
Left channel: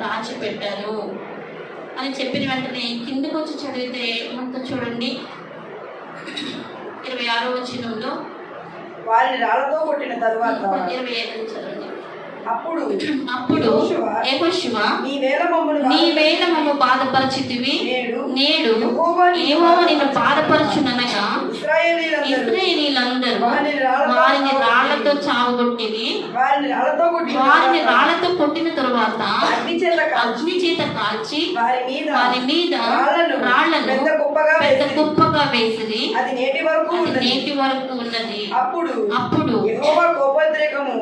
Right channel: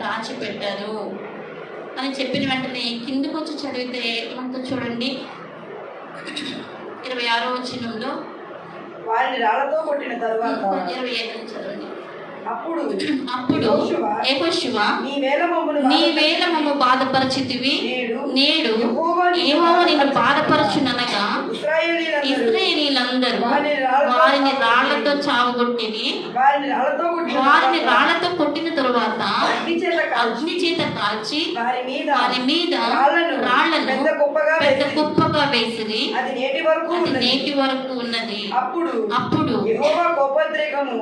దాచిపెట్టారు అని చెప్పిన వెంటనే కిందకు వచ్చి చదివితే మనతో చూడండి 26వ వచనంలో వారిని రాళ్లతో కొట్టిన తరువాత 25 చదవండి. అప్పుడు యెహోషువ నీవేళ మమ్ము బాధపరచితివి, నేడు యెహోవా నిన్ను బాధపరచుననగా ఇశ్రాయేలీయులందరూ వారిని రాళ్లతో చావగొట్టిరి. వారిని రాళ్లతో కొట్టిన తరువాత అగ్ని చేత కాల్చి వారి మీద రాళ్లను పెద్ద కుప్పగా వేసిరి. అది నేటి వరకు ఉన్నది. అప్పుడు యెహోవా కోపోద్రేకము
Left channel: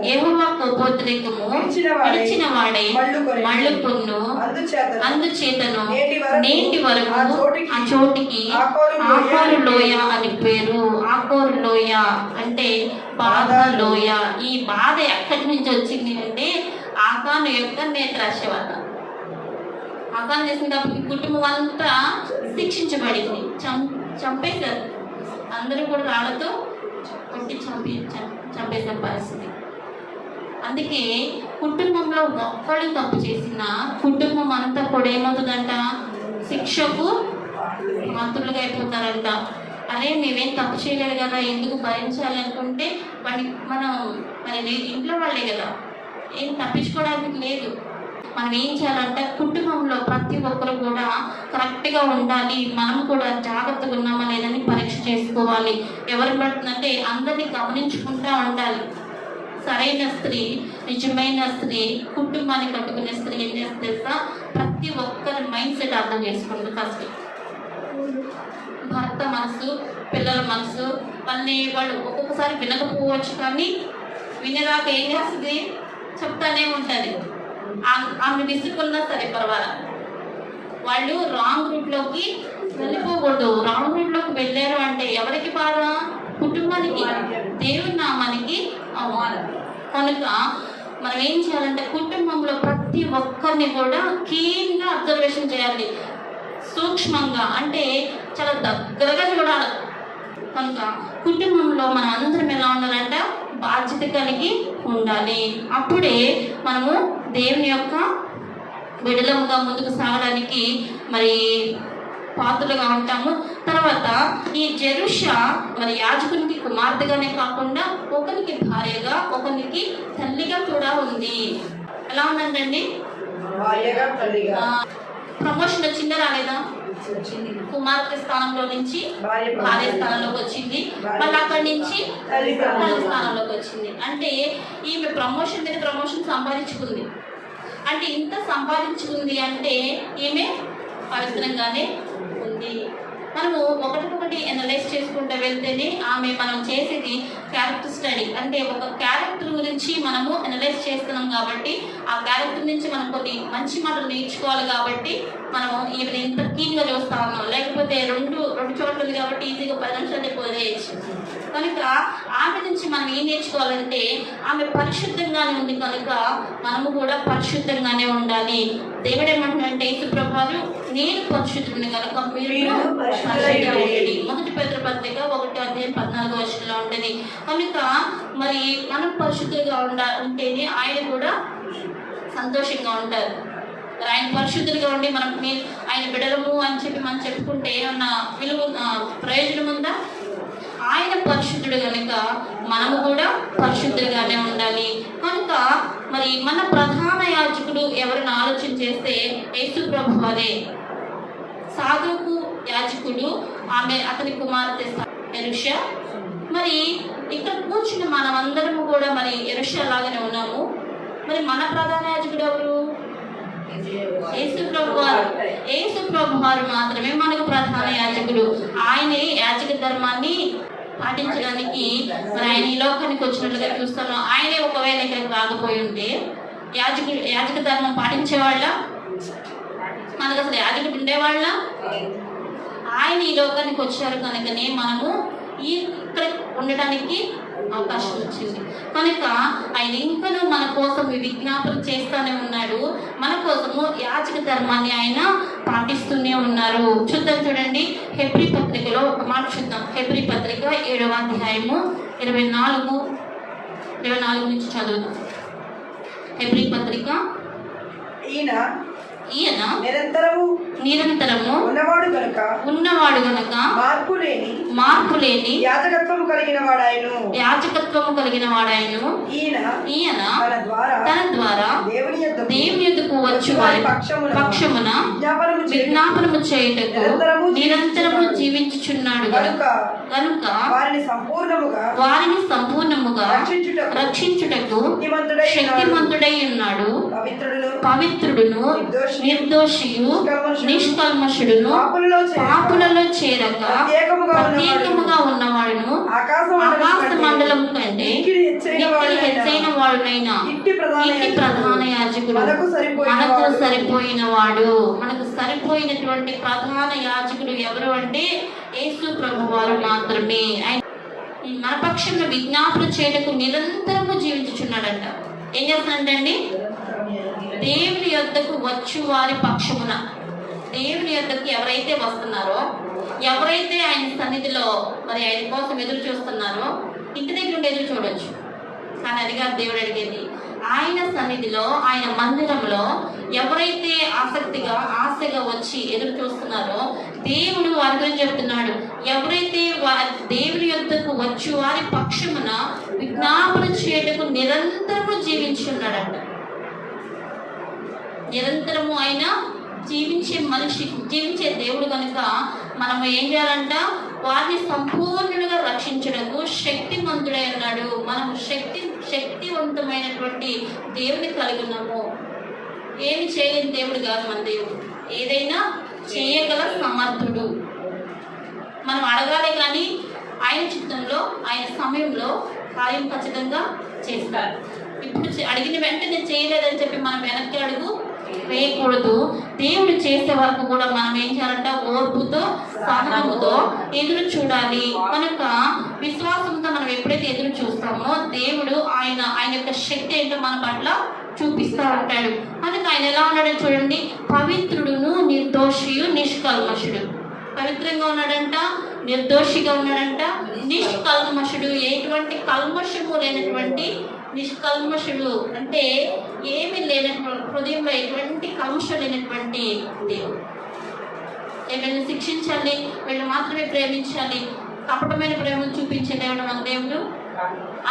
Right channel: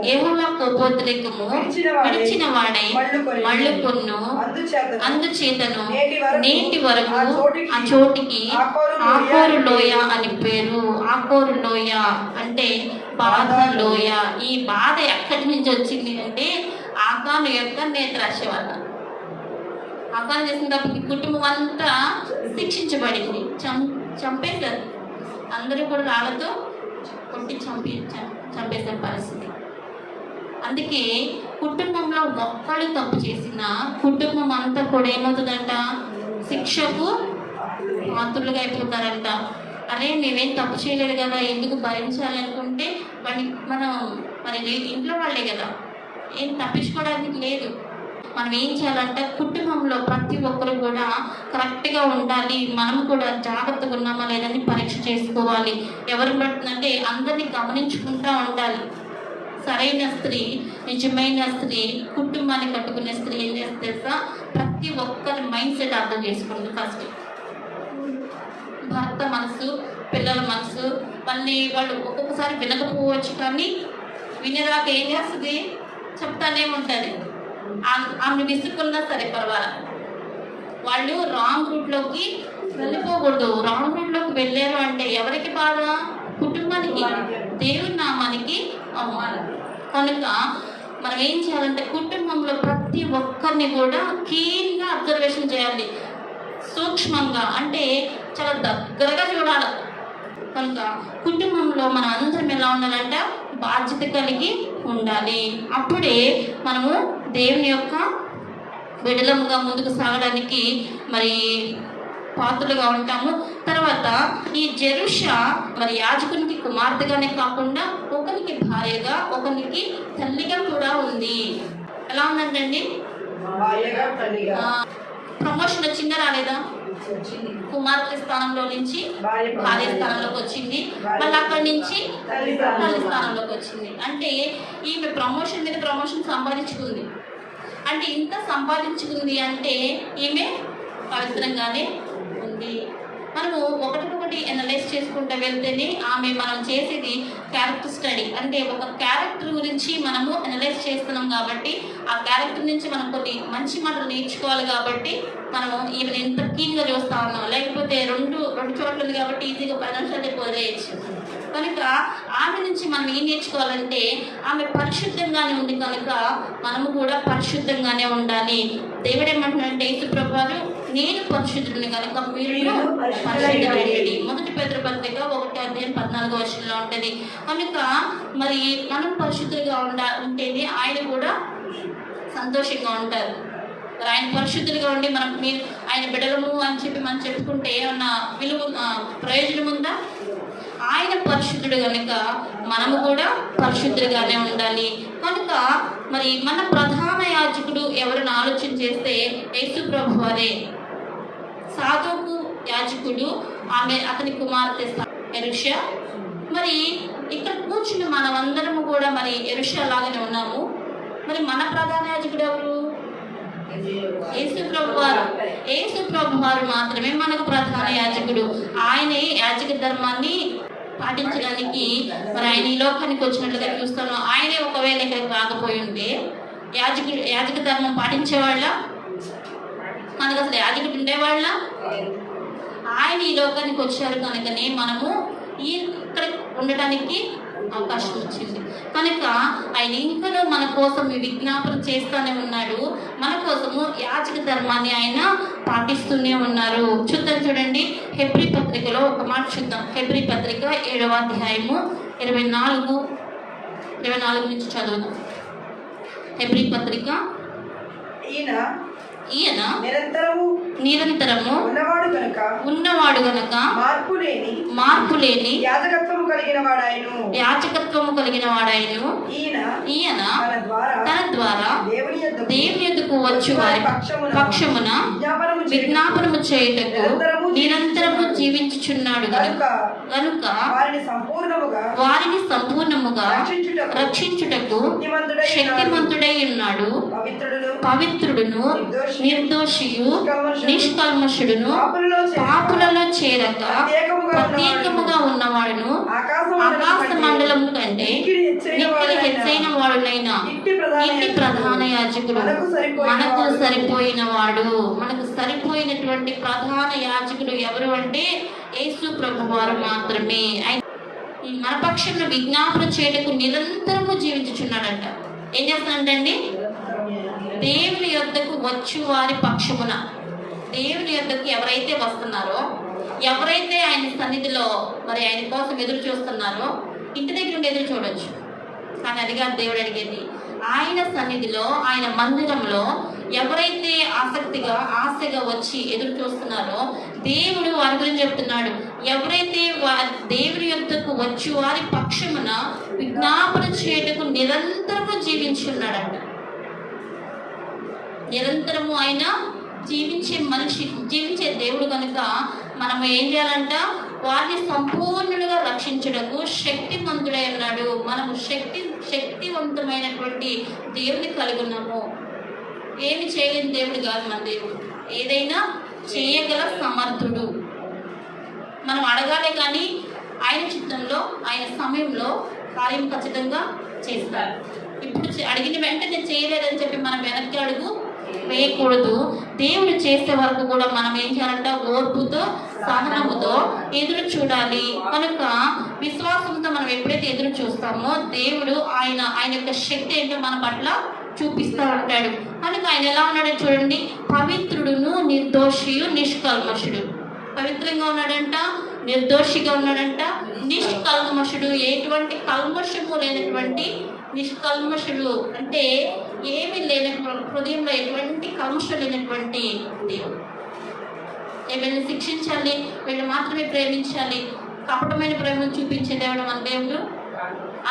విడిచిన వాడే మళ్ళుకొన్ను. అందుచేతను నేటి వరకు ఆ చోటికి ఆకోరు లోయ అని పేరు. ఆకోరు లోయ అంటే బాధ లోయ. ఈ బాధ ఎక్కడి నుంచి వచ్చింది అంటే ఆకాను యొక్క నేత్రాశవాత. ఆకాను చేసినప్పుడు కుటుంబం అంతా శిక్షించబడింది, చంపేశారు. అందరూ కూడా రాళ్ళతో కొట్టి చంపేసిన పరిస్థితి. అందుకే కుటుంబంలో ఒక్కడు తప్పు చేసిన కుటుంబం అంతా కూడా ఏమవుతుందంట? శిక్షకు పాత్రులుగా అయిపోతారంట. అరే మేమేం తప్పు చేయలేదు కదా, ఎందుకు భరించాలి అనుకుంటే మనం మరి ఇంట్లో వాళ్ళే కదా, ఏం తప్పించుకోవడానికి లేదు. మనం ఏం చేయాలంటే కుటుంబంలో ప్రతి ఒక్కరు కూడా కరెక్ట్గా ఉండాలి. మనం కూడా జాగ్రత్తగా ఉన్నామా లేదని పరీక్ష చేసుకోవాలి. ఎవరు పడుతుందంటే అందరినీ గమనించుకుంటూ ఉండాలి. సరైన స్త్రీ, నిజమైన స్త్రీ, కుటుంబాన్ని కట్టుకునే స్త్రీ ఏం చేస్తే ప్రతి ఒక్కరి మైండ్ సెట్ అర్థం చేసుకుంటుంది. ఫస్ట్ భర్త మనసు, పిల్లల మనసు, మళ్ళీ వాళ్ళు ఒక్కొక్కసారి వినకపోవచ్చు, కానీ వినేదాకా ఏం చేస్తుంది, చెప్తానే ఉంటుంది. ఆమె విసుకున్నా సరే పర్వాలేదు, వాళ్ళు రాంగ్ రూట్లోకి వెళ్ళిపోకూడదు. రాంగ్ రూట్లోకి వెళ్ళారు అంటే ఎవరికి బాధ? కుటుంబానికి, దేవుని నామానికి అవమానం. కనుక మనం ఏం చేయాలంటే కుటుంబంలో ప్రతి ఒక్కరిని కూడా క్లీన్గా అబ్జర్వేషన్ చేయాలి, సూక్ష్మంగా, అంటే చాలా దగ్గరగా చూడాలి. కనుక కుటుంబంలో మన అందరం ఎలా ఉండాలంటే బాధ్యత కలిగి ఉండాలి. అప్పుడే మనము దేవుని యొక్క విడలముగా ముందుకు సాగడానికి మరి పాత్రలుగా ఉంటాము. తర్వాత ఈ జెరుషా మరి యాజకునికి కుమార్తెగానే కాకుండా ఒకరికి భార్యగా, ఒకరికి తల్లిగా కూడా ఉంది. ఎలా ఉందండి? ప్రమోషన్ వచ్చిందా రాలేదా? కుమార్తె స్థానంలో నుంచి భార్య స్థానంలోకి వచ్చింది, మళ్ళీ అక్కడి నుంచి తల్లి స్థానంలోకి వచ్చింది. అంటే ఈమె ప్రమోషన్ మీద ప్రమోషన్ సంపాదించుకుంది. అంటే ఇంత సంపాదించుకుంది అంటే ఈమె పవిత్రంగానే ఉంది. మనము ఒకటికొకటి అనలైజ్ చేసుకుంటూ వెళ్తేనే ఆమె మనం చేసేది క్యారెక్టర్ స్టడీ, అంటే ఒక క్యారెక్టర్ గురించి మనము అనలైజ్ చేస్తున్నాం కాబట్టి ఆ క్యారెక్టర్ నుంచి మనం కొన్ని మంచి మాటలు నేర్చుకోవాలి. కాబట్టి మనము ఈమెను ఎంత కీన్గా చూస్తా ఉన్నాం. లేకపోతే రెండు చోట్ల ఉంది కాబట్టి ఈజీగా 10 నిమిషాలు వదిలేయచ్చు. కనుక ఆమె నుంచి మనం ఏం నేర్చుకోవాలంటే ఆమె పరిశుద్ధంగానే ఉంది కనుక మనము కూడా పరిశుద్ధంగానే ఉండాలి. దేవుడు ఏమంటున్నాడంటే యేసు ప్రభువు నేను పరిశుద్ధుడిని కనుక మీరు మొదటి పేతురు పత్రిక 1:14 ఉంటుంది. కనుక మరి మనం పరిశుద్ధంగా ఉంటేనే ఆయన కూడా సంతోషంగా ఉంటారు. ఆయన పరిశుద్ధులుగా ఉండి మనం ఆయన బిడ్డలము అని చెప్పి మనం చెప్పుకుంటే ఏమన్నా విలువ ప్రయోజనం ఉందా? ఆయన పరిశుద్ధుడు కనుక మనము కూడా పరిశుద్ధులుగానే ఉండాలి. కనుక మరి మన ప్రధాన యాజకుడు ఎవరైనా ఆలోచన చేస్తే యేసు ప్రభు వారే. సాదోకు యాజకుడు, ఆమె అతని కుమార్తె యెరూషా. మరి ఇక్కడ కూర్చున్న మనమందరము కూడా మరి యెరూషా లాగానే ఉన్నాము. మరి మన ప్రధాన యాజకుడు ఎవరు? యేసు ప్రభు వారు. యేసు ప్రభు వారు మాత్రమే మనకు ప్రధాన యాజకుడు. ఆయనే యాజక ధర్మాన్ని పాటించడానికి మరి ఆయన ఈ లోకానికి వచ్చినట్లుగా చూస్తాము. ఆయనే ఒకవేళ ఇక్కడికి రాకపోయి ఉంటే యాజక ధర్మం పాటించేవాళ్ళ, మనకు అసలు యాజకుడు ఉండేవాళ్ళ? ఆయన ఈ లోకానికి వచ్చారు కనుకనే మనము ఇక్కడ ఉండటానికి అవకాశం వచ్చింది. కనుక ఆయన ఇంకనూ మన కోసం విజ్ఞాపన చేస్తూనే ఉన్నాడు. మన కోసము యాజక ధర్మాన్ని ఆయన పాటిస్తూనే ఉన్నారు. చూద్దాం, చూడండి హెబ్రీ పత్రికలో ఒక మాట చూద్దాం. హెబ్రీ పత్రిక 7వ అధ్యాయము 24 నుంచి చదువుదాం. హెబ్రీ పత్రిక. ఈయన నిరంతరము ఉన్నవాడు గనుక మార్పు లేని యాజకత్వము కలిగిన వాడాయను. ఈయన తన ద్వారా దేవుని యొద్దకు వచ్చు వారి పక్షమున విజ్ఞాపనము చేయుటకు నిరంతరము జీవించుచున్నాడు గనుక వారిని సంపూర్ణముగా రక్షించుటకు శక్తిమంతుడై ఉన్నాడు. పవిత్రుడును నిర్దోషియు నిష్కల్మషుడును పాపులలో చేరక ప్రత్యేకముగా ఉన్నవాడును ఆకాశ మండలము కంటే హెచ్చైన వాడునైనా ఇట్టి ప్రధాన యాజకుడు మనకు సరిపోయిన వాడు. మనకు సరిపోయినటువంటి ప్రధాన యాజకుడు ఎవరు అంటే యేసు ప్రభు వారు మాత్రమే. మన పక్షంగా విజ్ఞాపన చేయటకు నిరంతరము జీవించుచున్నాడంట. ఏం చేస్తున్నాడండి? దేవుని యొద్దకు వచ్చు వారి పక్షమున. దేవుని యొద్దకు ఎవరైతే వస్తున్నారో, ఎవరైతే ఆయన సన్నిధిలో మరి ఆయన కోసం ఎదురు చూస్తున్నారో, ఇంటి దగ్గర ఉండి ఎదురు చూడొచ్చు, కానీ అదిగా దేవుడు అడిగేది. ఆయన సన్నిధిలో, ఆయన మందిరంలో ఎవరైతే ఆశగా వచ్చి ఎదురు చూస్తున్నారో దేవుడు వారి గురించి చెప్తున్నాడు. ఎవరైతే దేవుని యొద్దకు వచ్చి వారి పక్షమున విజ్ఞాపన చేయటకు నిరంతరము జీవించున్నాడంట. నిరంతరము ఆయన జీవించే దేవుడు కనుక మనం ఏం చేయాలంట, వారిని సంపూర్ణులుగా రక్షించడకు శక్తిమంతుడై ఉన్నాడు. మనం శక్తివంతమైనటువంటి దేవుని కలిగి ఉన్నాము. ఏమి చేయలేని దేవుడు కాదు మన దేవుడు, ఏదైనా చేయగల సమర్థుడు. మనం అడగాలి కానీ ఆయన చిత్తంలో ఆయన సమయంలో కార్యం ఖచ్చితంగా చేస్తారు. ఇప్పుడు అడిగిన వెంటనే చేయలేదని చెప్పి మనం వెనక్కి అడుగు వేయకూడదు. దేవుడు చేసే వరకు కూడా మనం ఏం చేయాలంట, ఓర్పుతో సహనముతో ఎదురు చూడాలి. కనుక విశ్వాసంతో మనం ఎప్పుడైతే ఎదురు చూస్తామో దేవుడు ఆయన యొక్క శక్తి ఏంటో మన పట్ల చూపిస్తూ ఉంటాడు. కనుక ఆయన ఎలా ఉన్నాడో చూడండి, పవిత్రుడును నిర్దోషియు నిష్కల్మషుడు. పవిత్రంగా ఉన్నాడంట, నిర్దోషిగా ఉన్నాడంట, నిష్కల్మషుడు, ఎటువంటి కల్మషము లేనటువంటి నిష్కల్మషుడు అంటే ఏమి లేనటువంటి, హృదయంలో ఎటువంటి కల్మషం లేనటువంటి దేవుడు. వీళ్ళని శిక్షించాలి, వీళ్ళు మాత్రమే ప్రేమించాలి, కపటమైన ప్రేమను చూపించే దేవుడు మన దేవుడు.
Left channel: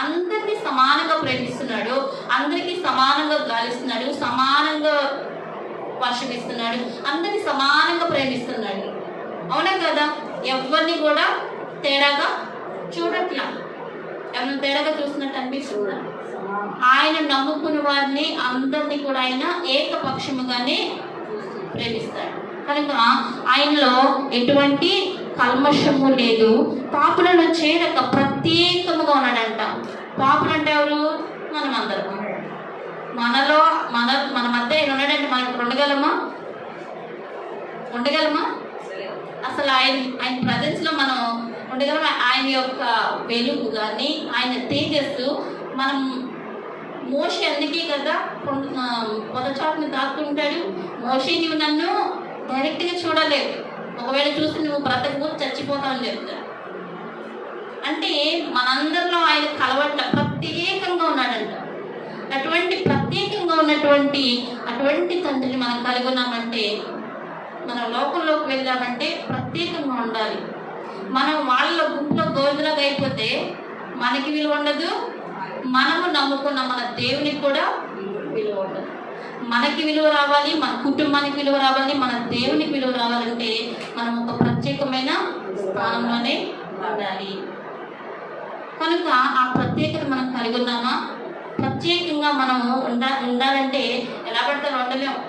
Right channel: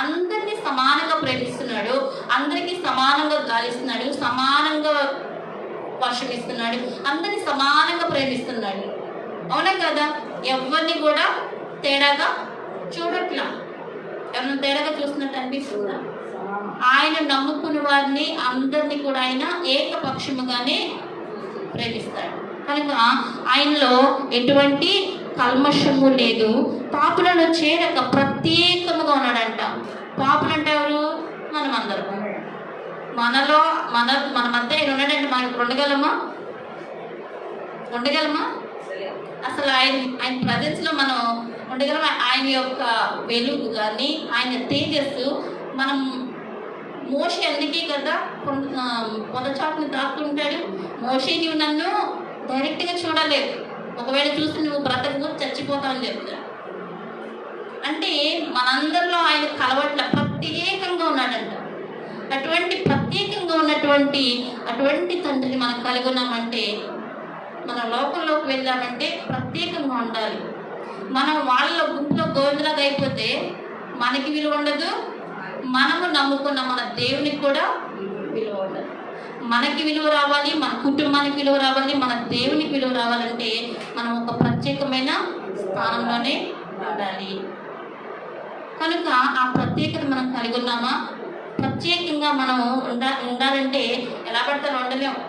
అందరినీ సమానంగా ప్రేమిస్తున్నాడు, అందరికీ సమానంగా గాలిస్తున్నాడు, సమానంగా వర్షం ఇస్తున్నాడు, అందరినీ సమానంగా ప్రేమిస్తున్నాడు. అవునా కదా? ఎవరిని కూడా తేడాగా చూడట్లా. ఎవరిని తేడాగా చూస్తున్నట్టు అనిపిస్తుందా? ఆయన నమ్ముకున్న వారిని అందరినీ కూడా ఆయన ఏకపక్షముగానే ప్రేమిస్తాడు. కనుక ఆయనలో ఎటువంటి కల్మషము లేదు. పాపులను చేరక ప్రత్యేకముగా ఉన్నాడంట. పాపులు అంటే ఎవరు? మనం అందరం. మన మధ్య ఆయన ఉన్నాడంటే మనకు ఉండగలమా? అసలు ఆయన ప్రజెన్స్ లో మనం ఉండగలమా? ఆయన యొక్క వెలుగు కానీ ఆయన తేజస్సు మనం మోషే అందుకే కదా పొదచాటును తాకుంటాడు. మోషే నువ్వు నన్ను డైరెక్ట్గా చూడలేదు, ఒకవేళ చూసి నువ్వు బ్రతకు చచ్చిపోతావు అని చెప్తాడు. అంటే మనందరిలో ఆయన కలవట్ల, ప్రత్యేకంగా ఉన్నాడంట. అటువంటి ప్రత్యేకంగా ఉన్నటువంటి అటువంటి తండ్రిని మనం కలిగి ఉన్నామంటే, మన లోకంలోకి వెళ్ళామంటే ప్రత్యేకంగా ఉండాలి. మనం వాళ్ళ గుంపులో గోవిందలాగా అయిపోతే మనకి విలువ ఉండదు, మనము నమ్ముకున్న మన దేవునికి కూడా విలువ ఉండదు. మనకి విలువ రావాలి, మన కుటుంబానికి విలువ రావాలి, మన దేవునికి విలువ రావాలంటే మనం ఒక ప్రత్యేకమైన స్థానంలోనే ఉండాలి. కనుక ఆ ప్రత్యేకత మనం కలిగి ఉన్నామా? ప్రత్యేకంగా మనము ఉండాలంటే ఎలా పడతారు? ఉండలేము.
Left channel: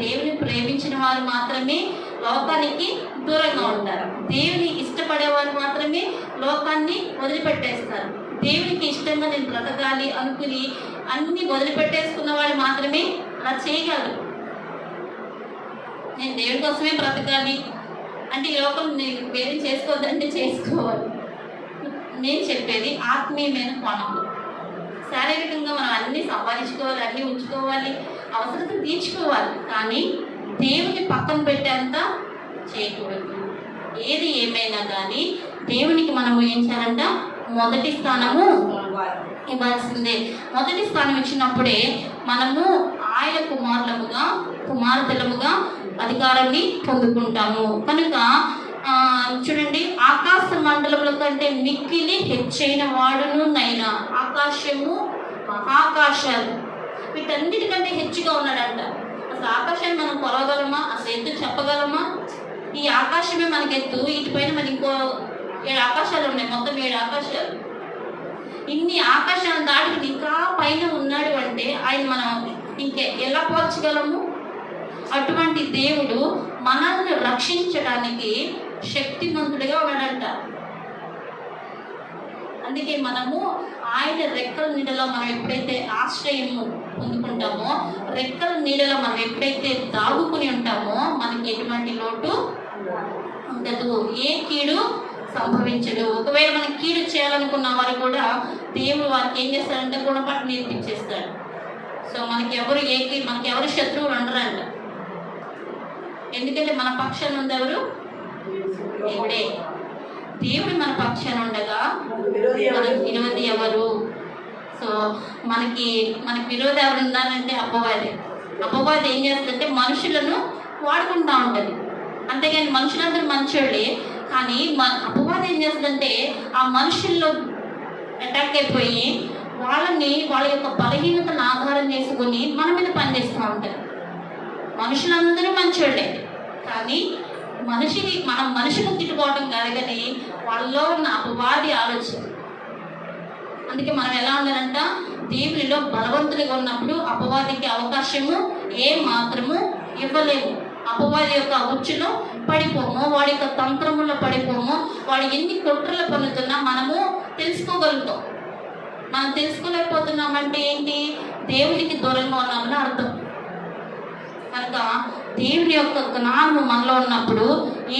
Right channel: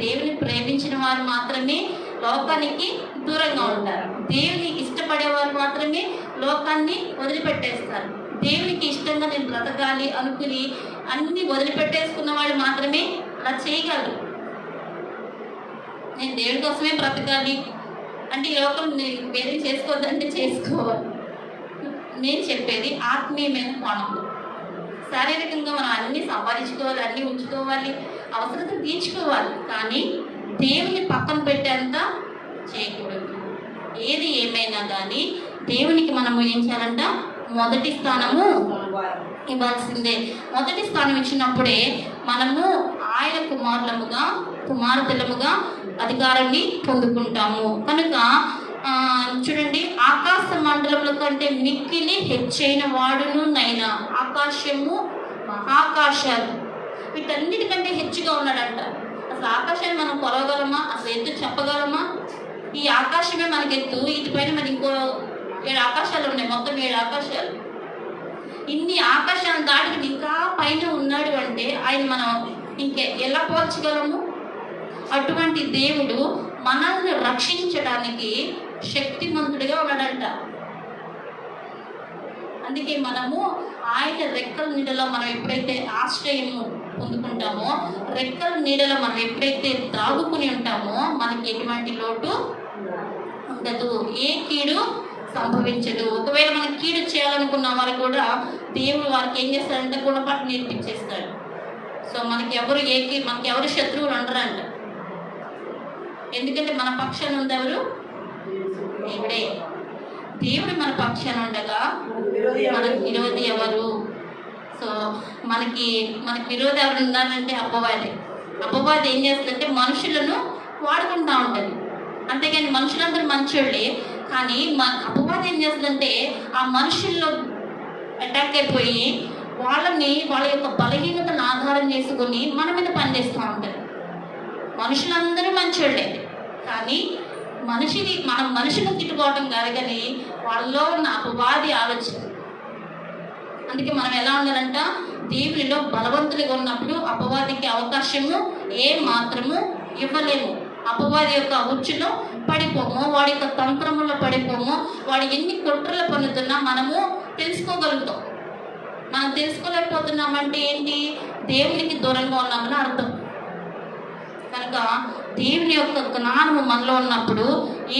దేవుని ప్రేమించిన వారు మాత్రమే లోకానికి దూరంగా ఉంటారు. దేవుని ఇష్టపడేవారు మాత్రమే లోకాన్ని వదిలిపెట్టేస్తారు. దేవునికి ఇష్టంగా నేను బ్రతకాలి అనుకుని అన్ని వదిలిపెట్టేసుకున్న వాళ్ళు మాత్రమే అలా చేయగలరు. నేను దేవుని కోసమే బ్రతకాలి అంటే ఈ లోకం నేను వేరే చేసుకోవద్దంటే చేసుకోవాలి. నేను చెప్పేది ఆత్మీయమైన కోణంలో. శారీరకంగా మనం అన్ని సంపాదించుకోవాలి, అన్ని ఉంచుకోవాలి, అవసరత తీర్చుకోవాలి, కానీ దేవుని పక్కన పెట్టేంత చేయకూడదు. ఏది ఏమైనా కానీ దేవునికి మనము ఏం చేయాలంట? మొదటి స్థానము ఇవ్వాల్సిందే. మొదటి స్థానం ఇచ్చినప్పుడే మనము ఆయన కుమార్తెలముగా అధికారాన్ని పొందుకుంటాము. కనుక చూడండి, ఆకాశ మండలముల కంటే మిక్కిలి హెచ్చైన వాడును నైనా ఆకాశము మహాకాశాలు వీటన్నిటికంటే హెచ్చుగా ఉన్నాడంట. అసలు ఆకాశాన్ని మనం కొలవగలమా? అసలు ఎత్తు చెప్పగలమా? ఈ ఆకాశమే మనకి ఎత్తు, ఇటుపైన మరి ఇంకో 7 ఆకాశాలు ఉన్నాయి, మొత్తం 7 ఆకాశాలు. ఇన్ని ఆకాశాలను దాటి ఇంకా పైన ఉన్నాడు అంటే ఆయన మనం ఇంకే ఎలా పోల్చగలము? అటువంటి దేవుడు మనల్ని రక్షించడానికి శక్తిమంతుడిగా ఉన్నాడంట. అందుకే మనము ఆయన రెక్కల నీడలో మనం ఎప్పుడైతే ఆశ్రయము పొందుకుంటామో, రెక్కల నీడలో మనం ఎప్పుడైతే దాగుకుని ఉంటామో మనకి ఎటువంటి లోటు ఉండదు, ఏ కీడు సంభవించదు. ఒకవేళ మనం కీడు చేయాలనుకున్న వారు కూడా దేవుడు వారికి ఏం చేస్తాడంటే గుణపాఠం నేర్పించేస్తాడు. సో మనకి ఎవరు శత్రువులు ఉండరంట. ఎందుకంటే మన పక్షాన ఉంది దేవుడే. దేవుడు మన పక్షాన ఉండగా మనకు విరోధి ఎవరు? సో మనకి విరోధి ఎవరు ఉండాలంటే అపవాది ఏం చేస్తుందంటే మనుషులను వాడుకుంటా ఉంటుంది. అంతేగాని మనుషులందరూ మంచోళ్ళే, కానీ అపవాది ఏం చేస్తుందంటే ఆ మనుషుల్లో అటాక్ అయిపోయి వాళ్ళ యొక్క బలహీనతను ఆధారం చేసుకుని మన మీద పనిచేస్తూ ఉంటారు. మనుషులందరూ మంచోళ్ళే, కానీ మనం మనుషులు తిట్టుకోవడం కాదు, కానీ వాళ్ళలో ఉన్న అపవాది ఆలోచన. అందుకే మనం ఎలా ఉండాలంట, దేవునిలో బలవంతులుగా ఉన్నప్పుడు అపవాదికి అవకాశము ఏం మాత్రము ఇవ్వలేము. అపవాది యొక్క ఉచ్చులో పడిపోము, వాడి యొక్క తంత్రములో పడిపోము. వాడు ఎన్ని కుట్రలు పన్నుతున్నా మనము తెలుసుకోగలుగుతాం. మనం తెలుసుకోలేకపోతున్నామంటే ఏంటి? దేవునికి దూరంగా ఉన్నామని అర్థం. కనుక దేవుని యొక్క జ్ఞానము మనలో ఉన్నప్పుడు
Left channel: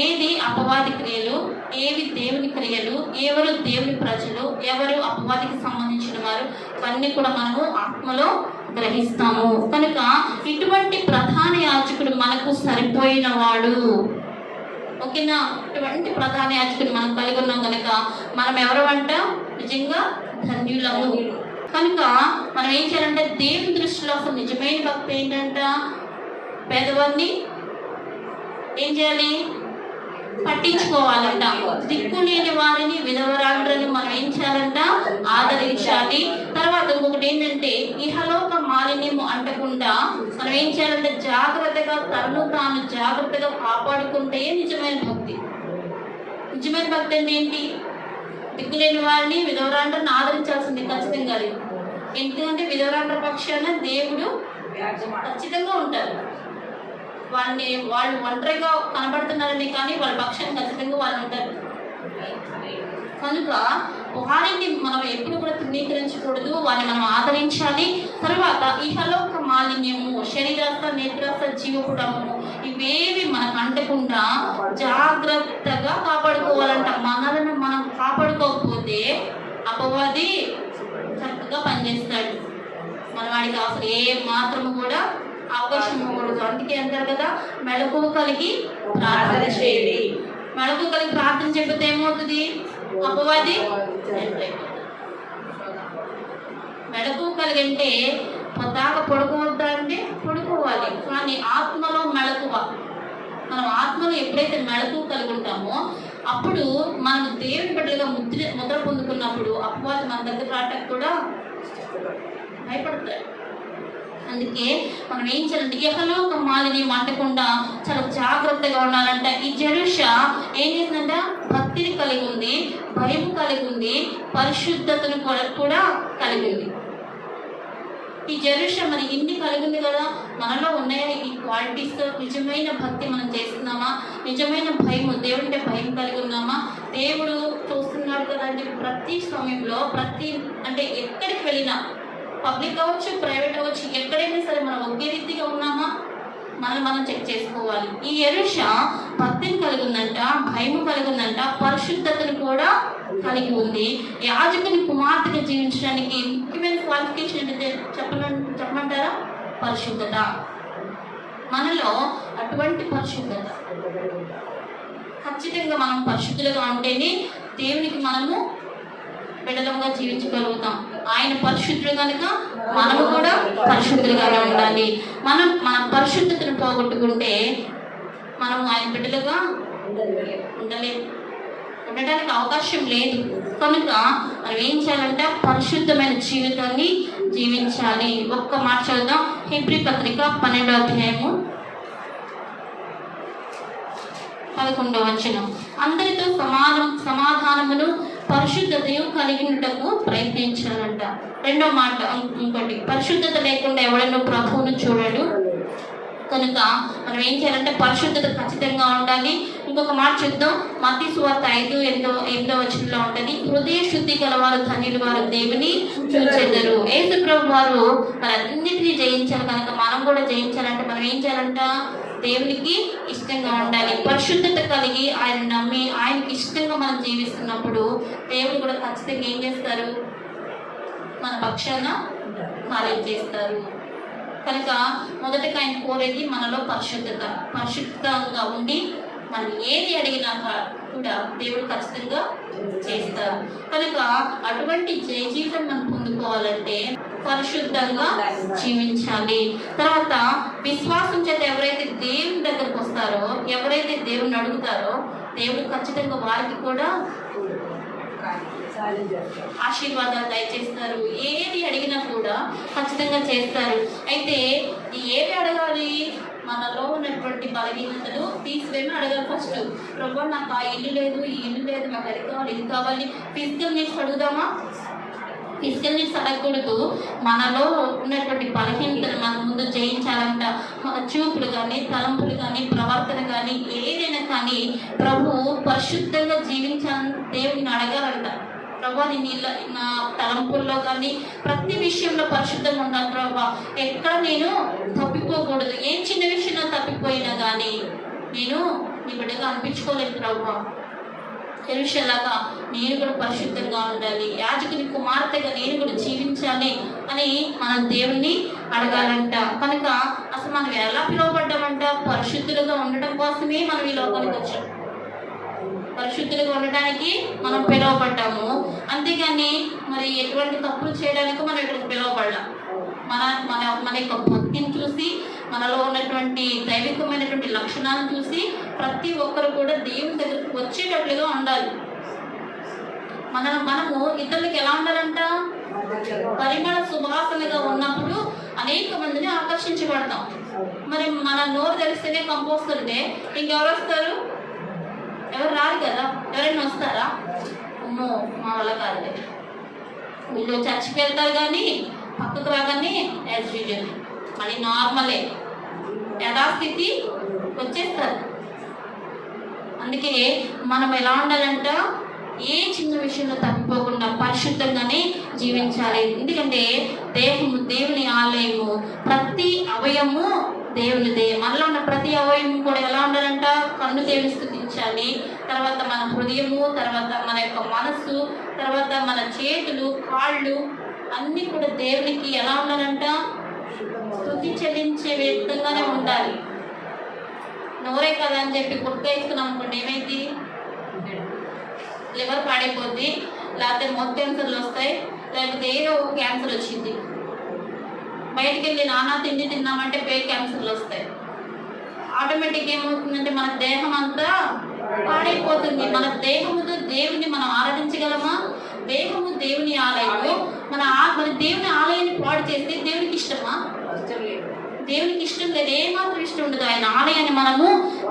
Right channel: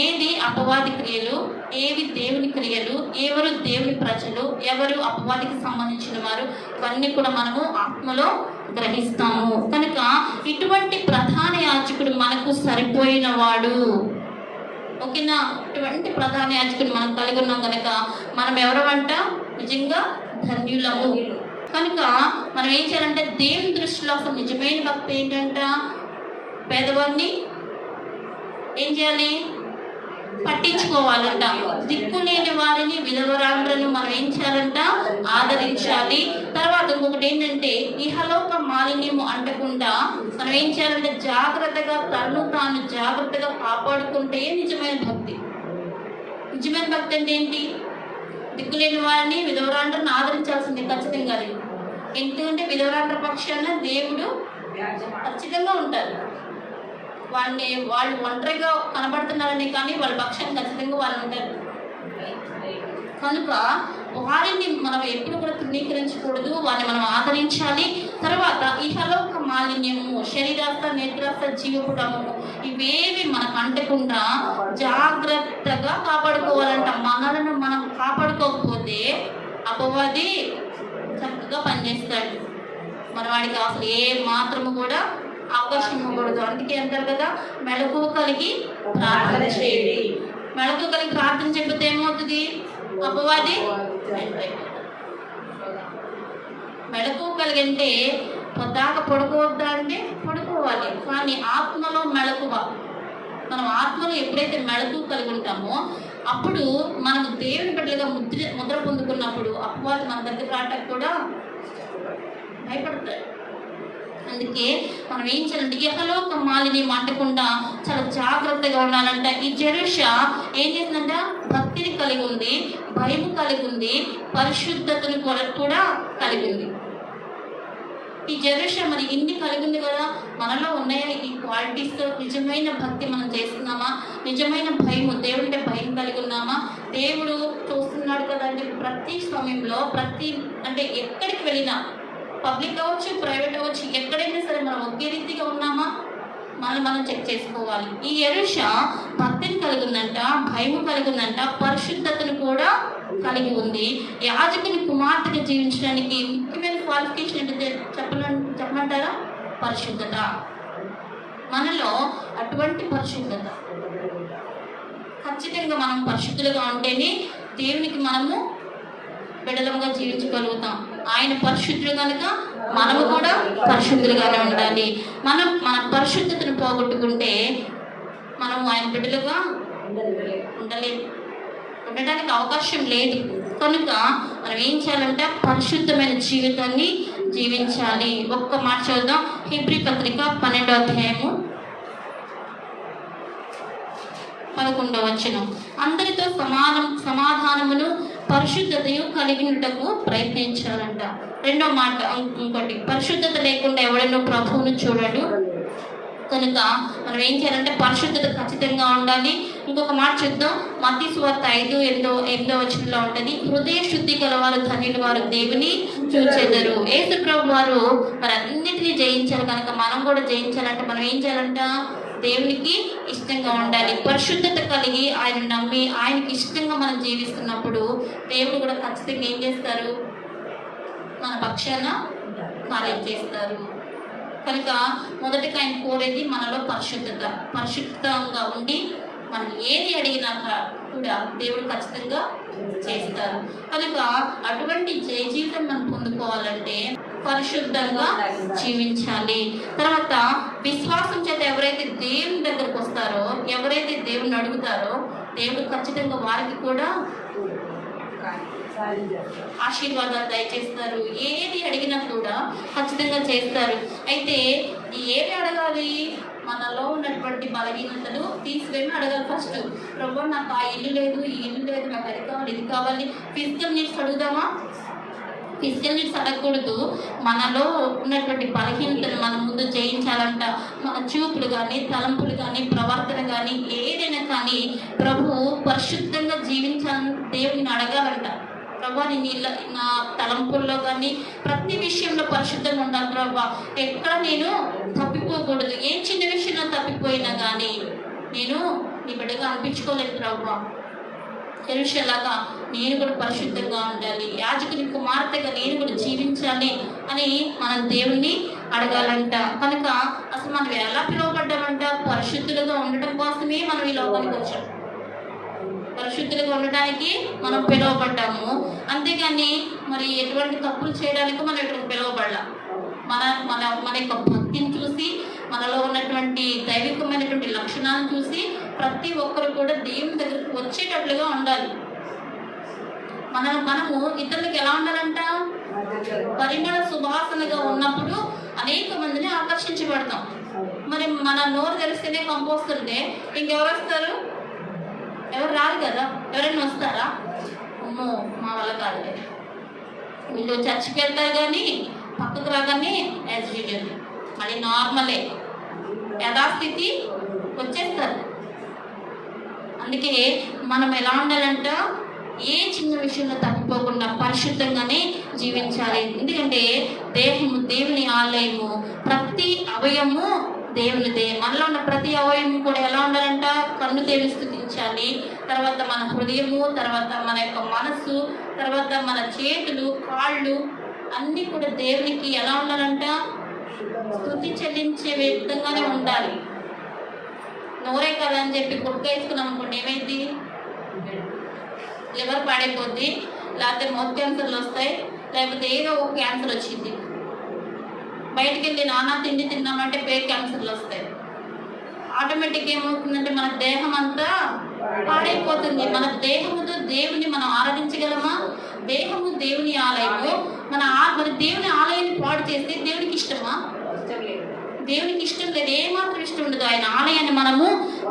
ఏది అపవాది క్రియలు, ఏవి దేవుని క్రియలు, ఎవరు దేవుని ప్రజలు, ఎవరు అపవాదికి సంబంధించిన వారు, ఇవన్నీ కూడా మనము ఆత్మలో గ్రహిస్తాము. కనుక ఇటువంటి ప్రధాన యాజకుడు మనకు సరిపోయిన వాడు. ఓకేనా? ఇటువంటి ప్రధాన యాజకుడు మనం కలిగి ఉన్నాం కనుక మనం ఎవరమంట? నిజంగా ధన్యులము. కనుక మనం ఏం చేయాలంటే, దేవుని దృష్టిలో ఒక నిజమైన భక్తి ఏంటంట, పేదవారిని ఏం చేయాలి? పట్టించుకోవాలంట. దిక్కులేని వారిని, విధవరాండ్రని మనం ఏం చేయాలంట? ఆదరించాలి. తర్వాత ఇంకొకటి ఏంటంటే, ఇహలోక మాలిన్యము అంటకుండా మనం ఏం చేయాలంటే, జాగ్రత్తగా తను తాను జాగ్రత్తగా కాపాడుకుంటే నిజమైన భక్తి. నిజమైన భక్తి అంటే ఏంటి? దిక్కులేని వారిని, విధవరాండ్రని ఆదరించాల్సింది ఖచ్చితంగా. ఎందుకంటే విధవరాండ్ర పక్షాన దేవుడు ఖచ్చితంగా ఉంటారు. వాళ్ళు ఒంటరిగా కనబడుతున్నారని కానీ వాళ్ళ పక్షాన్ని ఖచ్చితంగా వాళ్ళు ఉంటారు. కనుక వారిని మనం ఎప్పుడు కూడా తృణీకరించకూడదు, వారిని మనం ఆదరించాలి. తర్వాత ఇహలోక మాలిన్యము, శరీరస్థ, నేత్రస్థ, జీవపుటము ఇవేవి మనకు అంటకుండా జాగ్రత్తగా కాపాడుకోవాలంట. మనలను మనం కాపాడుకోకపోతే అపవాది చక్కగా పనిచేస్తాడు. మన వాడికి అసలు ఏ మాత్రము కూడా అవకాశం ఇవ్వకూడదు. అందుకే అంటారు కదా, మెళకువ కలిగి ప్రార్థన చేయండి. మెళకువ కలిగి ప్రార్థన చెప్పితే ఏమవుతుంది? అపవాది మెళకువ కలిగి అంటే పొద్దాక పడుకోవద్దా అంటే పడుకోవాలి, కానీ ఆత్మలో మెళకువ. మనం ఆత్మలో ఎప్పుడైతే మెళకువ కలిగి ఉంటామో అప్పుడు మనకు దేవుని బిడ్డలుగా ముద్ర పొందుకున్నప్పుడు అపవాది మన దగ్గర రావటానికి కూడా భయపడతాడు. అందుకే మనం ఏం చేయాలంటే, ఇహలోక మాలిన్యం అంటకుండా చాలా జాగ్రత్తగా ఉండాలంట. ఈ జెరూషా ఏం చేసిందంట? భక్తిని కలిగి ఉంది, భయం కలిగి ఉంది, పరిశుద్ధతను కూడా కలిగి ఉంది. ఈ జెరూషా మరి ఇన్ని కలిగి ఉంది కదా, మనలో ఉన్నాయని ఈ క్వాలిటీస్. నిజమైన భక్తి మనం చేస్తున్నామా? నిజమైన భయం, దేవుడి భయం కలిగి ఉన్నామా? దేవుడు చూస్తున్నాడు కదా అని చెప్పి ప్రతి సమయంలో అంటే ఎక్కడికి వెళ్ళినా, పబ్లిక్ అవ్వచ్చు, ప్రైవేట్ అవ్వచ్చు, ఎక్కడైనా సరే మనం ఒకే రీతిగా ఉన్నామా? మనం చెక్ చేసుకోవాలి. ఈ యెరూషా భక్తిని కలిగి ఉందంట, భయం కలిగి ఉందంట, పరిశుద్ధతను కూడా కలిగి ఉంది. యాజకుని కుమార్తెగా జీవించడానికి ముఖ్యమైన క్వాలిఫికేషన్ ఏంటంటే చెప్పమంటారా? పరిశుద్ధత. మనలో అటువంటి పరిశుద్ధత ఖచ్చితంగా మనం పరిశుద్ధులుగా ఉంటేనే దేవునికి మనము బిడ్డలుగా జీవించగలుగుతాం. ఆయన పరిశుద్ధులు కనుక మనము కూడా పరిశుద్ధులుగానే ఉండాలి. మన పరిశుద్ధతను పోగొట్టుకుంటే మనము ఆయన బిడ్డలుగా ఉండడానికి అవకాశం లేదు. కనుక మనం ఏం చేయాలంటే పరిశుద్ధమైన జీవితాన్ని జీవించాలి. ఒక్క మాట చదువుదాం. హెబ్రీ పత్రిక 12వ అధ్యాయము 11వ వచనం. అందరితో సమాధానమును పరిశుద్ధతయు కలిగినటకు ప్రయత్నించాలంట. రెండో మాట ఇంకోటి, పరిశుద్ధత లేకుండా ఎవడైనా ప్రభువును చూడడు. కనుక మనం ఏం చేయాలంటే పరిశుద్ధత ఖచ్చితంగా ఉండాలి. ఇంకొక మాట చూద్దాం. మత్తయి సువార్త 5:8 వచనంలో ఉంటుంది, హృదయ శుద్ధి గల వారు ధన్యులు, వారు దేవుని చూచెదరు. యేసు ప్రభు వారు మరి అన్నిటినీ జయించారు. కనుక మనం కూడా జయించాలంటే మనం ఏం చేయాలంట? దేవునికి ఇష్టంగా ఉండాలి. పరిశుద్ధత కలిగి ఆయన నమ్మి ఆయనకి ఇష్టంగా మనం జీవిస్తున్నప్పుడు దేవుడు కూడా ఖచ్చితంగా ఏం చేస్తారు? మన పక్షాన కార్యం చేస్తారు. కనుక మొదటగా ఆయన కోరేది మనలో పరిశుద్ధంగా ఉండి మనం ఏది అడిగినా కూడా దేవుడు ఖచ్చితంగా చేస్తారు. కనుక అటువంటి జయ జీవితం మనం పొందుకోవాలంటే పరిశుద్ధంగా జీవించాలి. తర్వాత విశ్వాసం చేత ఎవరైతే దేవుని దగ్గరకు వస్తారో, ఎవరైతే దేవుని అడుగుతారో దేవుడు ఖచ్చితంగా వారికి కూడా ఆశీర్వాదాలు దయచేస్తారు. ఏది అడిగినా కూడా ఖచ్చితంగా చేస్తారు. అయితే ఏది అడగాలి? మనలో నువ్వేమో అడగాలి ఫస్ట్, ప్రభు నాకు ఆ ఇల్లు లేదు, ఈ ఇల్లు లేదు, నాకు అది కావాలి, ఇది కావాలి. ఫిజికల్ నీడ్స్ అడుగుదామా? ఫిజికల్ నీడ్స్ అడగకూడదు. మనలో ఉన్నటువంటి బలహీనతను మన ముందు జయించాలంట. మన చూపులు కానీ, తలంపులు కానీ, ప్రవర్తన కానీ, ఏదైనా కానీ ప్రభు పరిశుద్ధంగా జీవించాలని దేవుని అడగాలంట. ప్రభా నేను నా తలంపుల్లో కానీ ప్రతి విషయంలో పరిశుద్ధంగా ఉండాలి ప్రభా. ఎక్కడ నేను తప్పిపోకూడదు. ఏ చిన్న విషయంలో తప్పిపోయినా కానీ నేను నీ బిడ్డగా అనిపించుకోలేదు ప్రభా. ఎలీషాలాగా నేను కూడా పరిశుద్ధంగా ఉండాలి, యాజకుని కుమార్తెగా నేను కూడా జీవించాలి అని మనం దేవుణ్ణి అడగాలంట. కనుక అసలు మనం ఎలా పిలువబడ్డామంట? పరిశుద్ధులుగా ఉండటం కోసమే మనం ఈ లోకానికి వచ్చాం. పరిశుద్ధులుగా ఉండడానికి మనం పిలువబడ్డాము. అంతేగాని మరి ఎటువంటి తప్పులు చేయడానికి మనం ఇక్కడికి పిలువబడ్డాం. మన మన మన యొక్క భక్తిని చూసి, మనలో ఉన్నటువంటి దైవికమైనటువంటి లక్షణాలను చూసి ప్రతి ఒక్కరు కూడా దేవుని దగ్గరకు వచ్చేటట్లుగా ఉండాలి. మనము ఇతరులకు ఎలా ఉండాలంట? పరిమళ సువాసనగా ఉన్నప్పుడు అనేక మందిని ఆకర్షించబడతాం. మరి మన నోరు తెలిస్తేనే కంపోస్తుంటే ఇంకెవరు వస్తారు? ఎవరు రారు కదా. ఎవరైనా వస్తారా? అమ్మో మా వల్ల కాదులే. వీళ్ళు చర్చికి వెళ్తారు కానీ పక్కకు రాగానే యాజ్ యూజువల్ మళ్ళీ నార్మలే, యథాస్థితి వచ్చేస్తారు. అందుకే మనం ఎలా ఉండాలంట? ఏ చిన్న విషయంలో తప్పిపోకుండా పరిశుద్ధంగానే జీవించాలి. ఎందుకంటే దేహము దేవుని ఆలయము, ప్రతి అవయము దేవునిదే. మనలో ఉన్న ప్రతి అవయము కూడా ఎలా ఉండాలంట? కన్ను దేవుని స్తుతించాలి, తర్వాత మన హృదయము, తర్వాత మన యొక్క మనస్సు, తర్వాత మన చేతులు, కాళ్ళు అన్నీ కూడా దేవునికి ఎలా ఉండాలంట? స్తుతి చెల్లించే విధంగానే ఉండాలి. నోరే కదా అని చెప్పి గుట్క వేసుకున్నాం అనుకోండి, ఏమైంది? లివర్ పాడైపోద్ది, లేకపోతే మౌత్ క్యాన్సర్లు వస్తాయి, లేకపోతే ఏదో ఒక క్యాన్సర్ వచ్చింది. బయటికి వెళ్ళి నానా తిండి తిన్నామంటే పేట్ క్యాన్సర్లు వస్తాయి. ఆటోమేటిక్ ఏమవుతుందంటే మన దేహం అంతా పాడైపోతుంది. మన దేహముతో దేవుని మనం ఆరాధించగలమా? దేహము దేవుని ఆలయము. మన దేవుని ఆలయాన్ని పాడు చేస్తే దేవునికి ఇష్టమా? దేవునికి ఇష్టం లేదు, ఏమాత్రం ఇష్టం ఉండదు. ఆయన ఆలయాన్ని మనము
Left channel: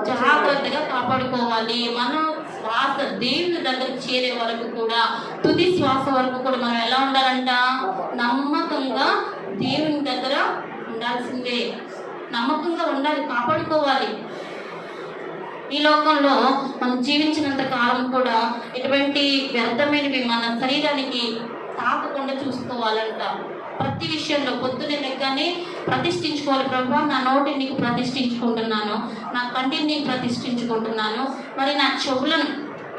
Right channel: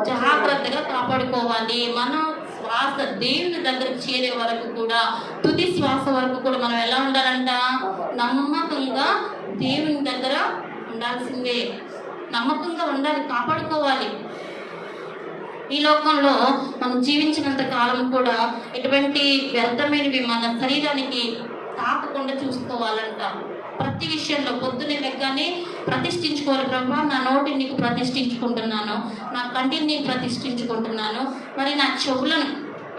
జాగ్రత్తగా కాపాడుకోవాలి. మనం శ్వాస దేవుని దగ్గరకు చేరే వరకు కూడా, తుది శ్వాస వరకు కూడా మనం ఎలా ఉండాలంట? నమ్మకంగా దేవుని దగ్గర ఉండాల్సిందే. నమ్మకంగా ఉండాలి, కాపాడుకోవాలి. ఈ లోకంలో మనం జీవించినంత కాలం కూడా ఎటువంటి వ్యర్థమైనవి మన శరీరానికి తాకకుండా చూసుకోవాలంట. ప్రతి విషయంలో పొద్దునే లెక్కనే ప్రతిష్ఠించుకోవాలి. ప్రభా నా నోటిని నీకు ప్రతిష్ఠించుకుంటున్నాను, నా కంటిని నీకు ప్రతిష్ఠించుకుంటున్నాను, మరి నా చెవులను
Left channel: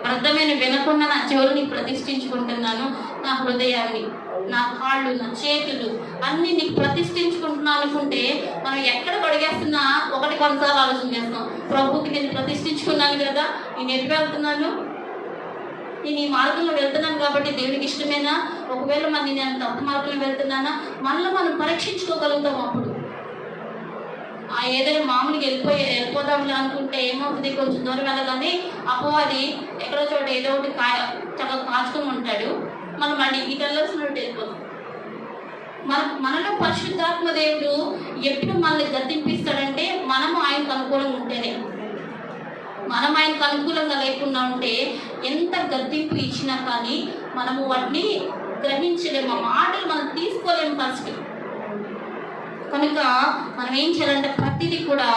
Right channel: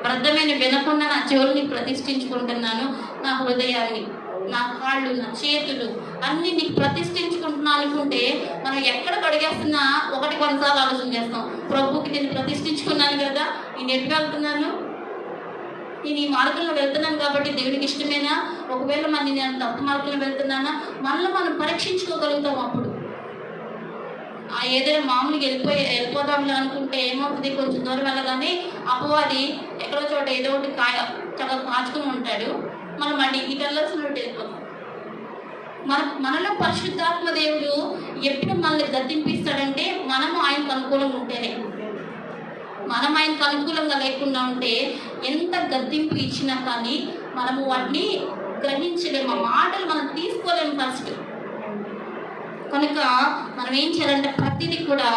వ్యర్థమైన వినకుండా నా చెవులని ప్రతిష్ఠించుకుంటున్నాను, నా హృదయాన్ని, నా కాళ్ళు, నా చేతులు అన్ని నీకు ప్రతిష్ఠించుకుంటున్నాను అనుకుంటే మనం ఎక్కడ అడిగేస్తున్నా ఒకటి కొన్నిసార్లు ఆలోచన చేస్తాం. ప్రభుకి నేను ప్రతిష్ఠించుకున్నాను కదా, నేను ఎటు వెళ్తున్నాను? నేను ఈ మార్గంలో వెళ్తున్నాను కాబట్టి దేవుడికి ఇష్టమేనా? ఒకవేళ మరి నేను తప్పు మార్గంలో వెళ్తున్నానా? మనలో మనం పరీక్షించుకోగలుగుతాం. అప్పుడు ఏదైనా మామూలుగా వెళ్ళిపోదాంలే అనుకుంటే ఏమవుతుంది? కొంచెం దూరం వెళ్ళగానే అపవాది ఎక్కడో చోట ఏదో ఒకటి చక్కగా కాచుకొని ఉంటాడు. మనం మళ్ళీ ఇటు వెళ్ళాల్సినట్టు వెళ్ళిపోతాం. మనలో పరిశుద్ధాత్మ దేవుడు ఎప్పుడు మనల్ని గద్దింపిస్తాడంటే మనము ఆయనకు అనుకూలంగా ఉంటేనే. మనం ఆయనకు అనుకూలంగా లేకుండా ఉంటే ఎంత గద్దింపు ఇచ్చినా కానీ మనము వాటిని గ్రహించలేము. ఆ మాటలు మనం తీసుకోలేము ఫస్ట్. కనుక మనం ఏం చేయాలంటే ప్రతిదీ కూడా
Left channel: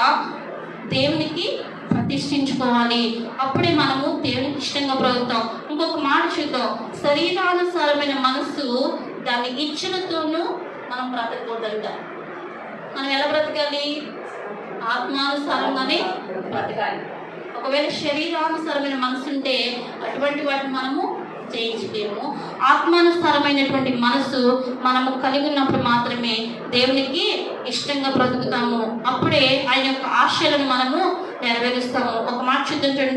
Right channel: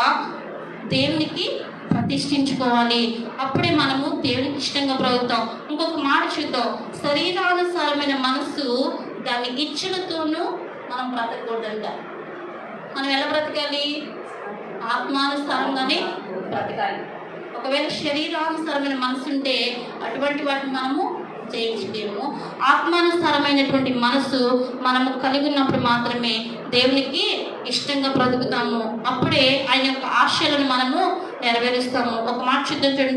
దేవునికి ప్రతిష్ఠించుకోవాలి. అప్పుడే మనము దేవునికి ఇష్టంగా బ్రతుకుతాం. ఇంకొక మాట చూద్దాం. శరీరానుసారమైన మనస్సు దాని ఇచ్చలతోనూ మనం బ్రతకూడదంట. మనం ఎలా బ్రతకాలి? ఆత్మానుసారంగానే బ్రతకాలి. ఒకవేళ శరీరానుసారమైన మనసు ఉంటే అటువంటి వాటిని మనము జయించలేము. ఆత్మానుసారమైనటువంటి మనసు మనము కలిగి ఉన్నప్పుడు మాత్రమే దేవునికి ఇష్టంగా బ్రతుకుతాము. అప్పుడే ఆయన యొక్క ఆశయాలను మనము నెరవేరుస్తాము. ఒక మాట చూద్దాం.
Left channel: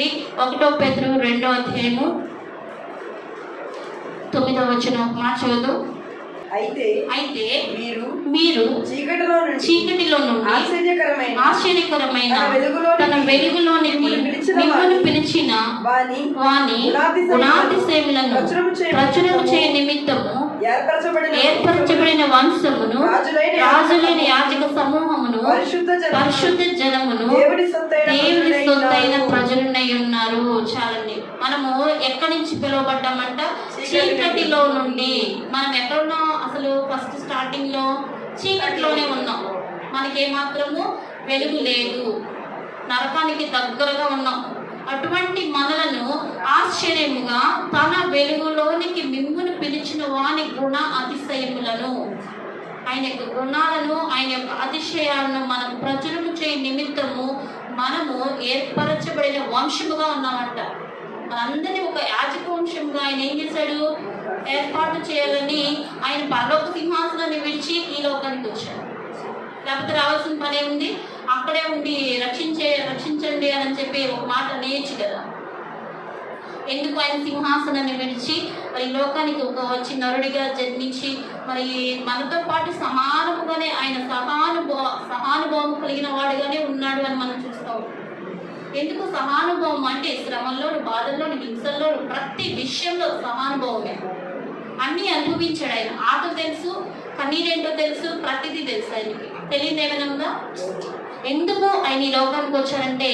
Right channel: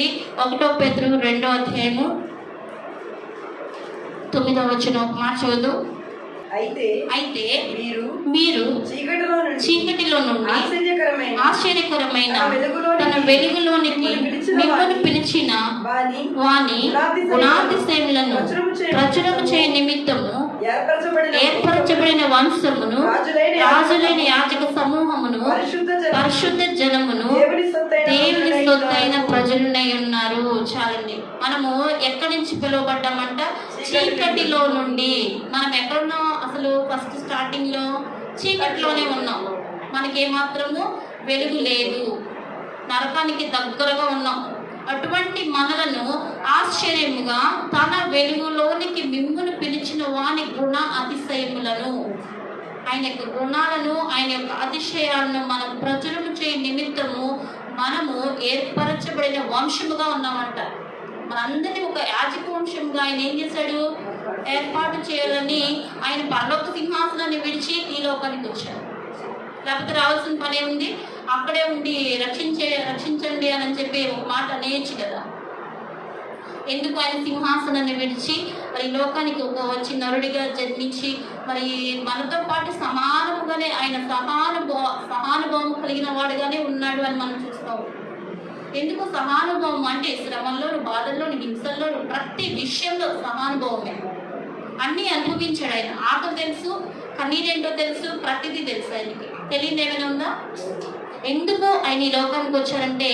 1 పేతురు 2వ అధ్యాయము 9వ వచనం ఒక మాట చదువు. అయితే మీరు చీకటిలో నుండి ఆశ్చర్యకరమైన తన వెలుగులోనికి మిమ్మల్ని పిలిచిన వాని గుణాతిశయములను ప్రచురము చేయ నిమిత్తము ఏర్పరచబడిన వంశమును, రాజులైన యాజక సమూహమును, పరిశుద్ధ జనమును, దేవుని సొత్తైన సొత్తైన ప్రజలునై ఉన్నారు. చాలండి. మనము ఎక్కడి నుంచి పిలువబడ్డామంట? చీకటిలో నుండి. మనం ఎక్కడున్నాం? అసలు ఫస్ట్ స్టార్టింగ్ లో చీకటిలోనే ఉన్నాం. మనకేమాత్రము వెలుగు లేదు, నరకానికి దగ్గరగా ఉన్నాం. అటువంటి మనలను ఆశ్చర్యముగా తన వెలుగులోనికి మిమ్మును పిలిచిన వాని గుణ అతిశయములను, ఆయన యొక్క గుణాలను, ఆయన యొక్క అతిశయాలను మన ప్రజలను చేయ నిమిత్తము మనము ఏర్పరచబడిన వంశముగా ఉన్నామంట. మనందరినీ ఒక యాజక వంశముగా ఆయన ఏం చేశాడు? ఏర్పాటు చేయాలని ఆయన పరలోక సింహాసనాన్ని విడిచి ఈ లోకానికి వచ్చాడు. లేకపోతే రావాల్సిన పని ఉంది, అక్కడే ఉండి రక్షించండి అని చెప్పి ఒక మాట అనేయచ్చు కదా. ఎందుకు ఆయన సింహాసనాన్ని విడిచి మరి ఈ లోకానికి వచ్చి నరుడిగా జన్మించి మరి మనతో పాటు సమానముగానే ఆయన సహానుభావం కలిగిన వాడుగానే ఉన్నాడు అని మనం చూస్తాం. ఎందుకు సహానుభవం అంటే? శ్రమంలోను, బాధల్లోను, హింసల్లోను ప్రతి విషయంలో సహానుభవమే. అన్నీ అనుభవించాడు ఆయన. ఆటో తెలుసు, కన్నీరేంటో తెలుసు, ప్రతిదీ తెలుసు. ఆయనకి తెలియదు ఏమైనా ఉందా? ఎందుకు ఆయన ఈ లోకానికి వచ్చారంటే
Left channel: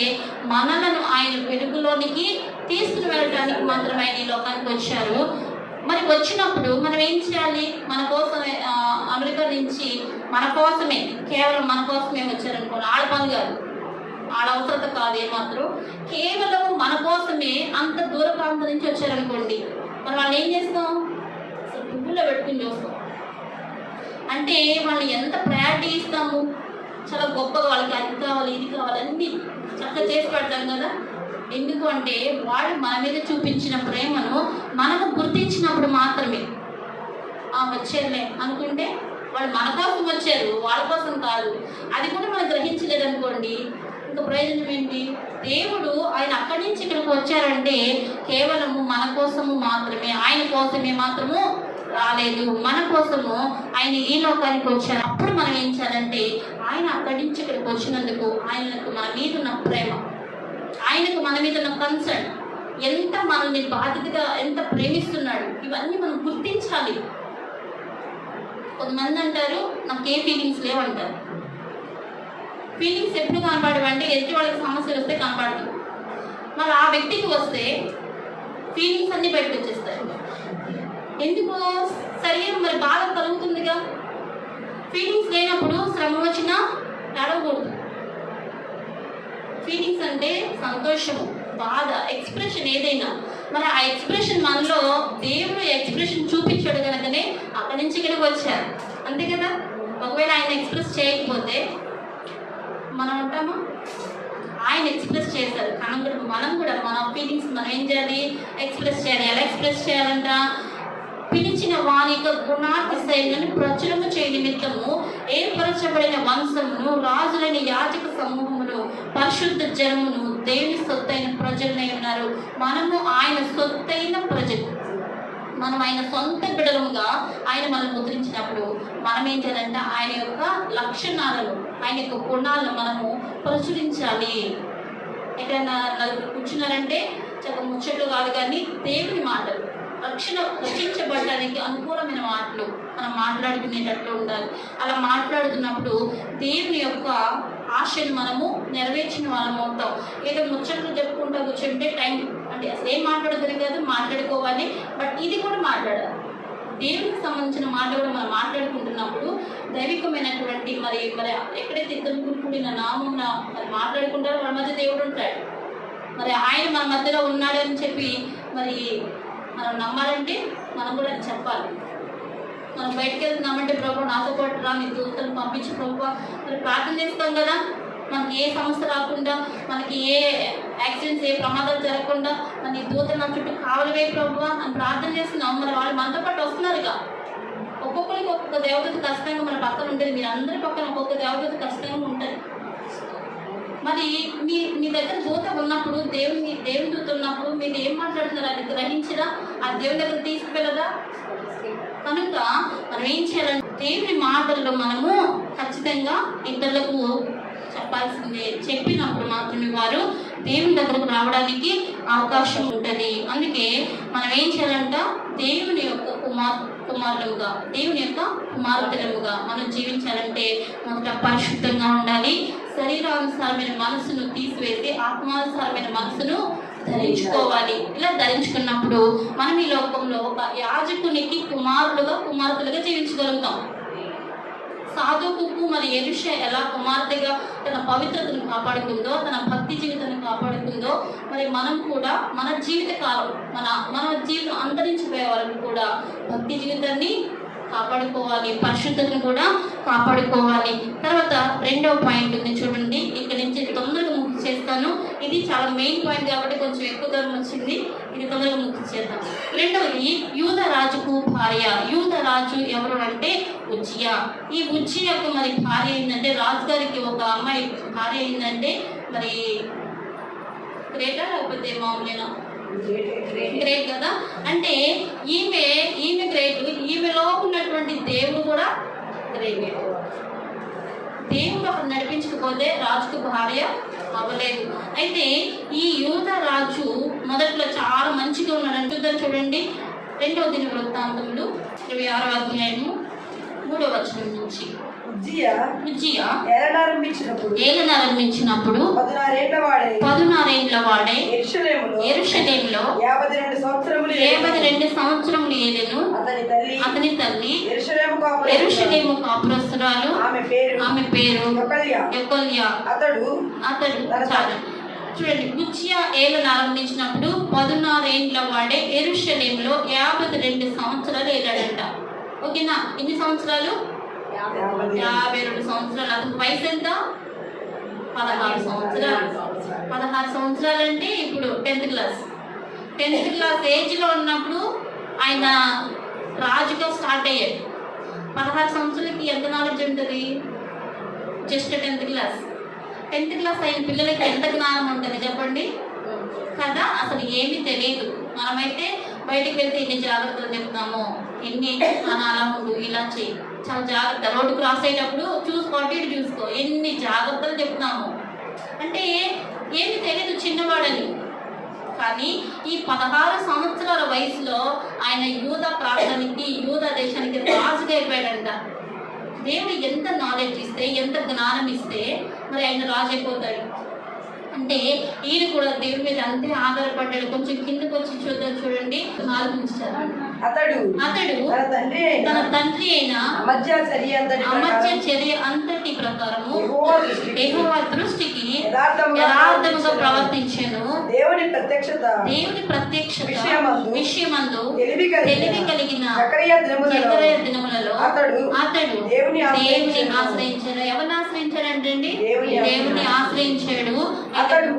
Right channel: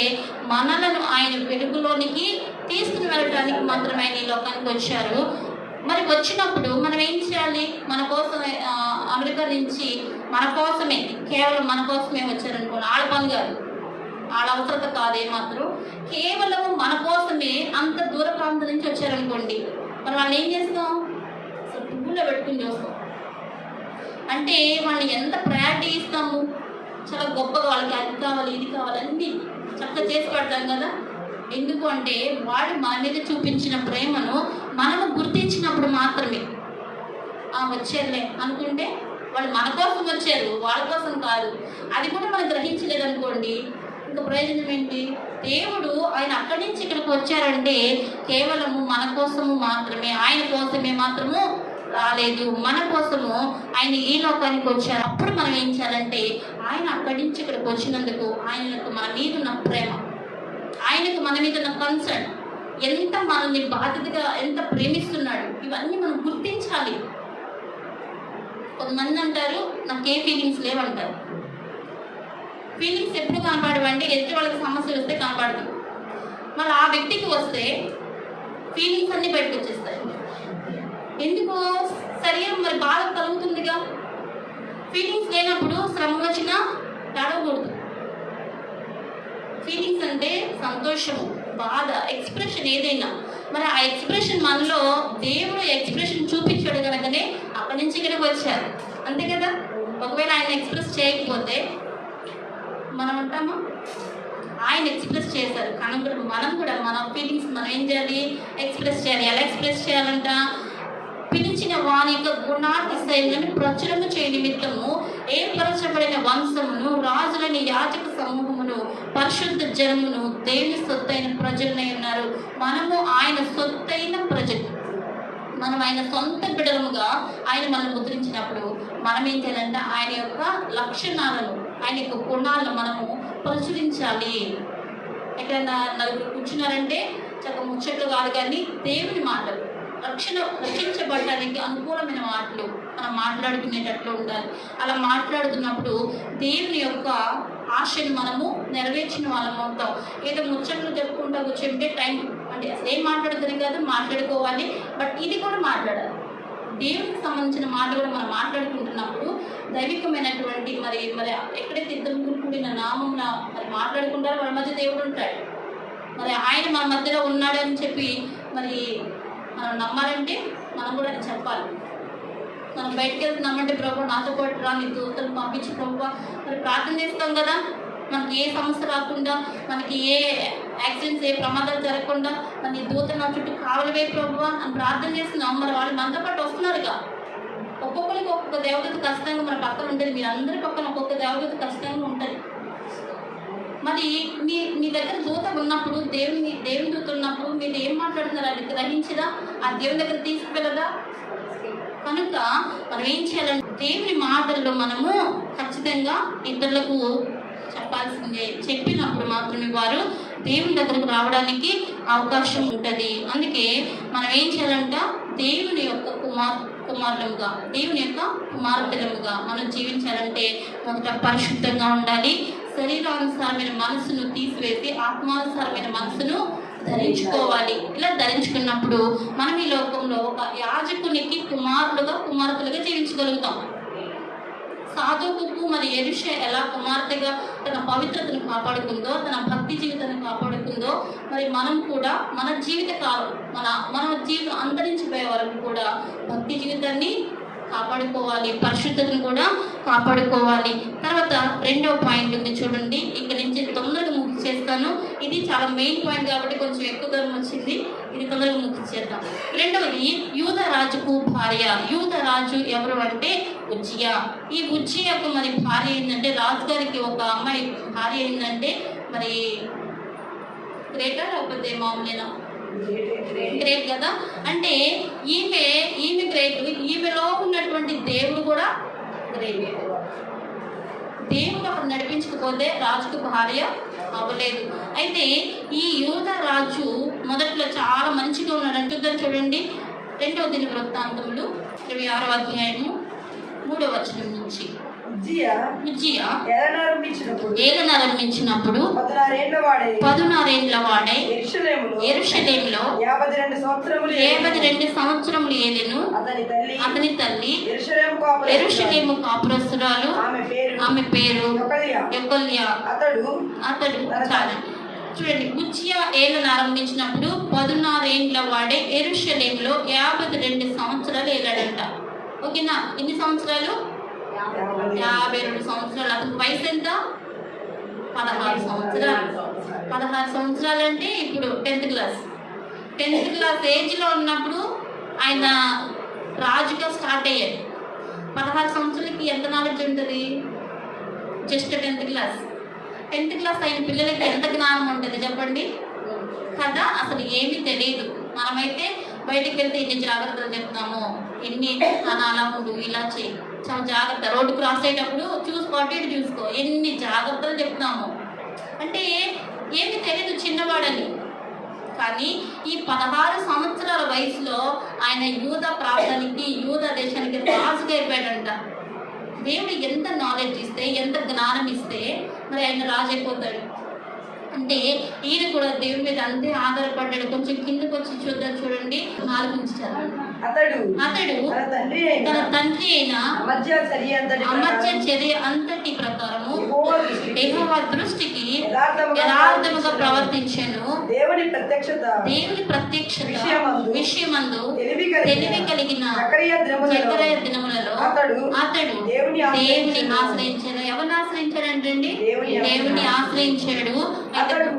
మనలను ఆయన వెలుగులోనికి తీసుకుని వెళ్ళడానికి మాత్రం ఆయన ఈ లోకానికి వచ్చారు. మరి వచ్చినప్పుడు మనం ఏం చేయాలి? మన కోసం అమెరికా నుంచి మన కోసమే, కేవలం మన కోసమే వచ్చారనుకోండి. ఆడ పని కాదు, ఆడ అవసరత కాదు ఏమాత్రం. కేవలం మన కోసమే అంత దూర ప్రాంతం నుంచి వచ్చారనుకోండి. మనం వాళ్ళు ఏం చేస్తాం? అసలు పువ్వులో పెట్టుకుని చూస్తాం. అంటే వాళ్ళు ఎంత ప్రయారిటీ ఇస్తాము? చాలా గొప్పగా వాళ్ళకి అది కావాలి, ఇది కావాలి, అన్నీ చక్కగా చేసి పెడతాం కదా. ఎందుకు అంటే వాడు మన మీద చూపించిన ప్రేమను మనము గుర్తించినప్పుడు మాత్రమే వచ్చారులే అనుకుంటే, వాళ్ళు మన కోసం వచ్చారు, వాళ్ళ కోసం కాదు, అది కూడా మనం గ్రహించలేదనుకోండి, ఇంకా ప్రయోజనం ఏంటి? దేవుడు ఆయన అక్కడి నుంచి ఇక్కడికి వచ్చారంటే కేవలము మన కోసము మాత్రమే, ఆయన కోసమే మాత్రము రాలేదు. మన కోసము ఆయన ఈ లోకానికి వచ్చారు. అప్పుడు మనం ఏం చేయాలంటే ఆయన అక్కడి నుంచి ఇక్కడికి వచ్చినందుకు ఆయనకు మన మీద ఉన్న ప్రేమ, ఆయనకు మన మీద ఉన్న కన్సర్న్, ఎంత మనల్ని బాధ్యతగా ఎంత ప్రేమిస్తున్నాడు, ఇవన్నీ మనం గుర్తించాలి. కొంతమంది అంటారు నాకే ఫీలింగ్స్ లేవంటారు. ఫీలింగ్స్ ఎప్పుడు కనపడవంటే ఎదుటి వాళ్ళకి సమస్య వస్తే కనపడదు. మళ్ళీ ఆ వ్యక్తికి వస్తే ఫీలింగ్స్ అన్ని బయటకు వచ్చేస్తాయి. ఎందుకు? శరీరం మరి బాధ కలుగుతుందిగా. ఫీలింగ్స్ లేనప్పుడు శ్రమ వచ్చినా నడవకూడదు. ఫీలింగ్స్ అంటే సంతోషము, బాధ, ఎక్స్ప్రెషన్ ఏదైనా. మరి ఆ ఎక్స్ప్రెషన్ మనలో దేవుడు ఎక్స్ప్రెషన్ చూపించాడు కనుకనే అక్కడి నుంచి ఇక్కడికి వచ్చారు, అంతే కదా. ఒకవేళ ఆయన ఎక్స్ప్రెస్ చేయకపోతే మనం అంటామా? ఆయన ఎక్స్ప్రెస్ చేశారు కనుక మనం కూడా మన ఫీలింగ్స్ మనం ఏం చేయాలి? ఎక్స్ప్రెస్ చేయాలి. ఎలా ఎక్స్ప్రెస్ చేయాలంట? పిలిచిన వాని యొక్క గుణాతిశయములను ప్రచురము చేయ నిమిత్తము ఏర్పరచబడిన వంశమును, రాజులని, యాజక సమూహమును, పరిశుద్ధ జనమును, దేవుని సొత్తైన ప్రజలనే ఉన్నారు. మనము ఆయన సొత్తైన ప్రజలు, మనం ఆయన సొంత బిడలముగా ఆయన మనం ముద్రించినప్పుడు మనం ఏం చేయాలంటే ఆయన యొక్క లక్షణాలను, ఆయన యొక్క గుణాలను మనము ప్రచురించాలి. ఎక్కడైనా నలుగురు కూర్చున్నారంటే చక్కగా ముచ్చట్లు కాదు, కానీ దేవుని మాటలు, రక్షించబడడానికి అనుకూలమైన మాటలు మనం మాట్లాడుకునేటట్లు ఉండాలి. అలా మాట్లాడుతున్నప్పుడు దేవుని యొక్క ఆశని మనము నెరవేర్చిన వాళ్ళం అవుతాం. ఏదో ముచ్చట్లు చెప్పుకుంటూ కూర్చుంటే టైం అంటే అసలు ఏం మాట్లాడుతుంది కాదు, మాట్లాడుకోవాలి. బట్ ఇది కూడా మాట్లాడాలి. దేవునికి సంబంధించిన మాట కూడా మనం మాట్లాడుకుంటున్నప్పుడు దైవికమైనటువంటి మరి ఎక్కడైతే ఇద్దరు కూడిన నామం మరి మాట్లాడుకుంటారో వాళ్ళ మధ్య దేవుడు ఉంటాడు. మరి ఆయన మన మధ్యలో ఉన్నాడు అని చెప్పి మరి మనం నమ్మాలంటే మనం కూడా అది చెప్పాలి. మనం బయటకు వెళ్తున్నామంటే ప్రభు నాతో పాటు రా, నీ దూతలను పంపించి ప్రభు మరి ప్రార్థన చేస్తాం కదా. మనకి ఏ సమస్య రాకుండా, మనకి ఏ యాక్సిడెంట్స్, ఏ ప్రమాదాలు జరగకుండా మన నీ దూతలు నా చుట్టూ కావలివే ప్రభు అని ప్రార్థన చేస్తున్నాం. మరి వాళ్ళు మనతో పాటు వస్తున్నారుగా. ఒక్కొక్కరికి ఒక్కొక్క దేవదూత ఖచ్చితంగా మన పక్కన ఉంటుంది. మీరు అందరి పక్కన ఒక్కొక్క దేవదూత ఖచ్చితంగా ఉంటుంది. మరి మీ దగ్గర దూత ఉన్నప్పుడు, దేవుని దూత ఉన్నప్పుడు మీరు ఏం మాట్లాడుతున్నారు అది గ్రహించదా? ఆ దేవుని దగ్గర తీసుకువెళ్ళదా? కనుక మనం ఏం చేయాలంటే దేవుని మాటల్లో మనము ఖచ్చితంగా ఇతరులకు చెప్పాల్సిందే. చెప్పినప్పుడు మాత్రమే వారు దేవుని దగ్గరకు రావడానికి అవకాశం ఉంటుంది. అందుకే మనం ఏం చేయాలంట? దేవుని యొక్క కుమారులుగా, దేవుని యొక్క కుమార్తెలుగా మనం జీవించాలంటే మొదట పరిశుద్ధంగా ఉండాలి. శరీరానుసారమైన మనసును తీసివేసి ఆత్మానుసారమైన మనసును ధరించుకోవాలి. ఇలా ధరించుకున్నప్పుడు మనం ఈ లోకంలో ఒక యాజకునికి కుమార్తెలుగా జీవించగలుగుతాం. సాధువుకు మరి ఎలీషా ఎలా కుమార్తెగా తన పవిత్రతను కాపాడుకుందో, తన భక్తి జీవితాన్ని కాపాడుకుందో, మరి మనం కూడా మన జీవిత కాలం మన జీవితం అంతరించిపోయే వరకు కూడా భక్తి జీవితాన్ని కాపాడుకోవాలి, పరిశుద్ధతను కూడా కాపాడుకోవాలి. తర్వాత రెండో పాయింట్ ఉంది చూడండి, ఇక్కడ నుంచి తొందరగా ముఖ్య చేస్తాను. ఇది చాలా మెయిన్ పాయింట్ కాబట్టి కొంచెం ఎక్కువ దూరం వచ్చింది, ఇది తొందరగా ముఖ్య చేద్దాం. రెండవది యూద రాజుకు భార్య. యూద రాజు ఎవరు అంటే ఉజ్జియా. ఈ ఉజ్జియాకు మరి భార్య ఏంటంటే, రాజుగారికి ఒక అమ్మాయి భార్య ఏంటంటే మరి గ్రేటా లేకపోతే మామూలేనా? గ్రేట్ కదా. అంటే ఈమె గ్రేట్. ఈమెలో ఉన్నటువంటి దేవుడు కూడా గ్రేట్. దేవుడు అక్కడ నడిపించకపోతే రాజుకు భార్య అవ్వలేదు. అయితే ఈ యూద రాజు మొదట్లో చాలా మంచిగా ఉన్నాడు. చూడండి, 2వ దినవృత్తాంతములు 26వ అధ్యాయము 3వ వచనం నుంచి. ఉజ్జియా ఏలనారంభించినప్పుడు 16 ఏళ్ల వాడే యెరూషలేములో 52 సంవత్సరములు ఏలెను. అతని తల్లి యెరూషలేము కాపురస్తురాలు, ఆమె పేరు యెకొల్యా. అతడు చూడండి, ఉజ్జియా ఏలును ఆరంభించినప్పుడు 16 ఏళ్ల వాడే యెరూషలేములో 52 సంవత్సరాలు ఏలాడంట. ఓకేనా? ఎన్ని సంవత్సరాలు? 52 సంవత్సరాలు. అతని వయసు ఎంత? 16 సంవత్సరాలు. 16 సంవత్సరాలు అంటే ఇప్పుడు 10th క్లాస్ ఏజ్ లో ఉన్నప్పుడు ఆయన రాజుగా స్టార్ట్ అయ్యాడు. 16 సంవత్సరాలకి ఎంత నాలెడ్జ్ ఉంటుంది? జస్ట్ 10th క్లాస్ అయిన పిల్లలకి ఎంత జ్ఞానం ఉంటుంది చెప్పండి కదా. అసలు ఏమీ తెలియదు. మనమైతే బయటకు వెళ్తే ఇన్ని జాగ్రత్తలు చెప్తాము, ఇన్ని అనాలముడు ఇలా చేయి, చాలా జాగ్రత్త. రోడ్డు క్రాస్ అయ్యేటప్పుడు చూసుకో, ఎన్ని జాగ్రత్తలు చెప్తున్నాము. అంటే ఏమి తెలియదు, చిన్నవాడని. కానీ ఈ 16 సంవత్సరాల వయసులో ఆయన యూద ప్రాంతానికి, యూద దేశానికి రాజుగా అయిపోయాడంట. దేవుడు ఎంత నాలెడ్జ్ ఇస్తే, ఎంత జ్ఞానం ఇస్తే మరి ఆయన రాజు అయిపోతాడు. అంటే ఈయన కూడా దేవుడి మీద అంతే ఆధారపడ్డాడు. కొంచెం కిందకు వచ్చి చూడండి, 4 నుంచి చదవండి. అతడు తన తండ్రి అయిన అమజ్యా చర్య అంతటి ప్రకారము యెహోవా దృష్టికి యథార్థముగా ప్రవర్తించాను. దేవుని ప్రత్యక్షత విషయమందు తెలివి కలిగిన జకరియా దినములలో అతడు దేవుని ఆశ్రయించాడు. ఎవరిని ఆశ్రయించాడంటే దేవుని ఆశ్రయించాడు. అతడు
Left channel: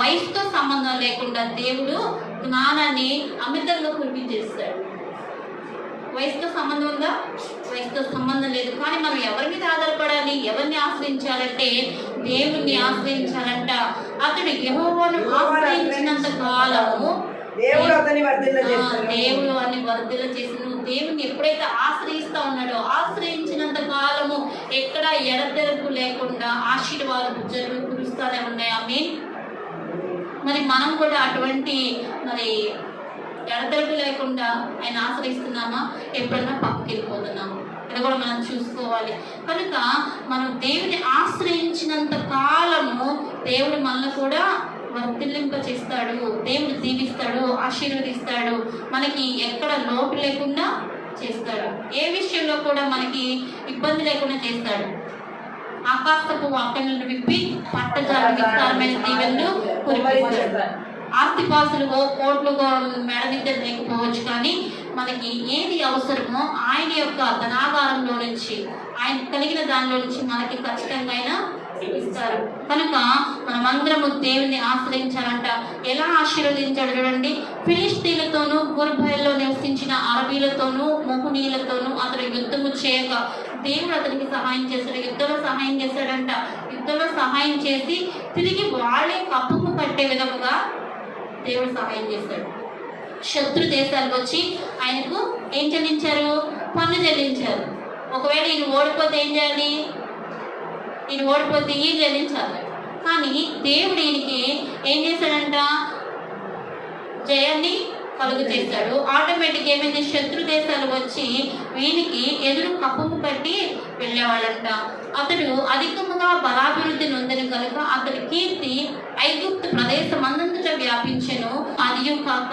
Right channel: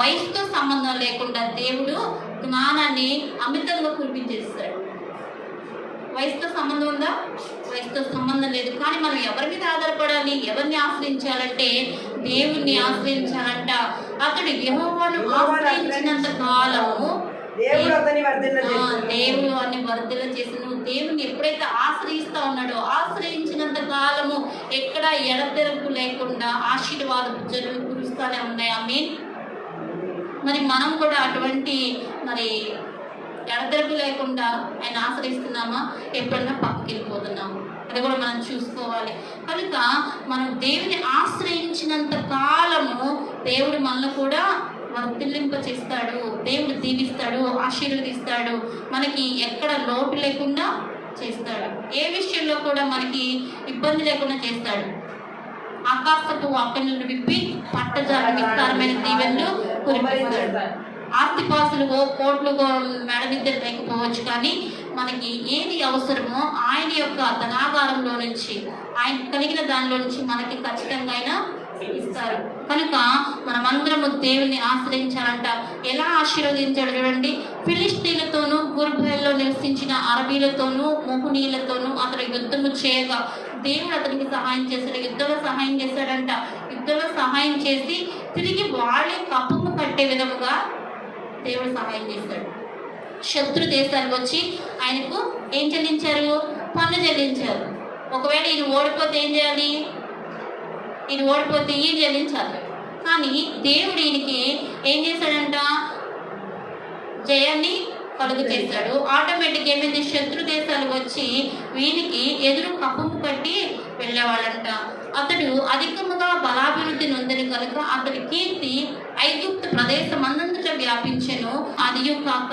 వయసుతో సంబంధం లేకుండా దేవుడు జ్ఞానాన్ని అమితంగా కురిపించేస్తాడు. వయసుతో సంబంధం ఉందా? వయసుతో సంబంధం లేదు. కానీ మనం ఎవరి మీద ఆధారపడాలి, ఎవరిని ఆశ్రయించాలంటే దేవుణ్ణి ఆశ్రయించాలంట. అతడు యెహోవాను ఆశ్రయించినంత కాలము దేవుడు అతన్ని వర్ధిల్ల చేసి, నువ్వు దేవుణ్ణి ఎప్పుడైతే ఆశ్రయిస్తా ఉన్నాడో, ఆశ్రయించినంత కాలము ఎక్కడ ఎడతెరపు లేకుండా ఆశీర్వాదపు జరులు కురుస్తానే ఉన్నాయి. ఆమేన్. మరి మనం కూడా అటువంటి మరి ఎడతెరపు లేకుండా ఆయన ఆశ్రయిస్తున్నామా? ఎప్పుడన్నా పక్కకి వెళ్ళిపోతున్నాము? అది కూడా మనం చూసుకోవాలి. కనుక మనం దేవుని ఆశ్రయించినంత కాలము దేవుడు మనల్ని కూడా వర్ధిల్లింప చేస్తాడు. దేవుడు దీవిస్తాడు, ఆశీర్వదిస్తాడు, మనకి ఎక్కడ లోటు లేకుండా చేస్తాడు. ఏ విషయంలో కూడా మనకి ఇబ్బంది లేకుండా చేస్తాడు. ఆకాశపు వాక్యలను విప్పి పట్టజాల విస్తారమైన దీవెనలు కురిపిస్తాడు. ఆస్తిపాస్తులు కోట్లు మెడ మీద లేకపోవచ్చు, కానీ మనకి ఏది అవసరమో ఆయన యొక్క ధనాగారంలో నుంచి, ఆయన కలిగిన దానిలో నుంచి మనకి ఖచ్చితంగా ఆయన ఇస్తారు. కనుక మనమందరము దేవుని ఆశ్రయించాలంట. ఎలా ఆశీర్వదించాడు చూడండి. ఫిలిష్తీయులతోనూ గుర్బయల్లో నివసించిన అరబీలతోనూ మొహనీయులతోనూ అతను యుద్ధము చేయగా దేవుడు అతనికి సహాయం చేశాడు. యుద్ధంలో సహాయం చేశాడంట. యుద్ధంలో సహాయం చేసి తిరిగి వాళ్ళే కప్పుకు కట్టే విధముగా దేవుడు సహాయం చేశాడు. శత్రు దేశాలకు వచ్చి ఆయనకు ఏం చెల్లించారు? పన్ను చెల్లించారు. ఒకవేళ ఈయన ఓడిపోతే ఏం చేయాలి? ఈయన ఓడిపోతే ఈయన చెల్లించాలి. కానీ దేవుడు ఈయనకి ఏం చేశాడంట? జయాన్ని కలుగు చేశాడు. ఆటోమేటిక్ ఏమైంది? శత్రు దేశాలు వచ్చి వీనికి ఎదురు కప్పుము కట్టి వెళ్ళేవాళ్ళంట. అతడు అధికముగా బలాభివృద్ధి నొందని కీర్తి ఐగుప్తు ప్రదేశం అందంతటా వ్యాపించెను. అదియు కాక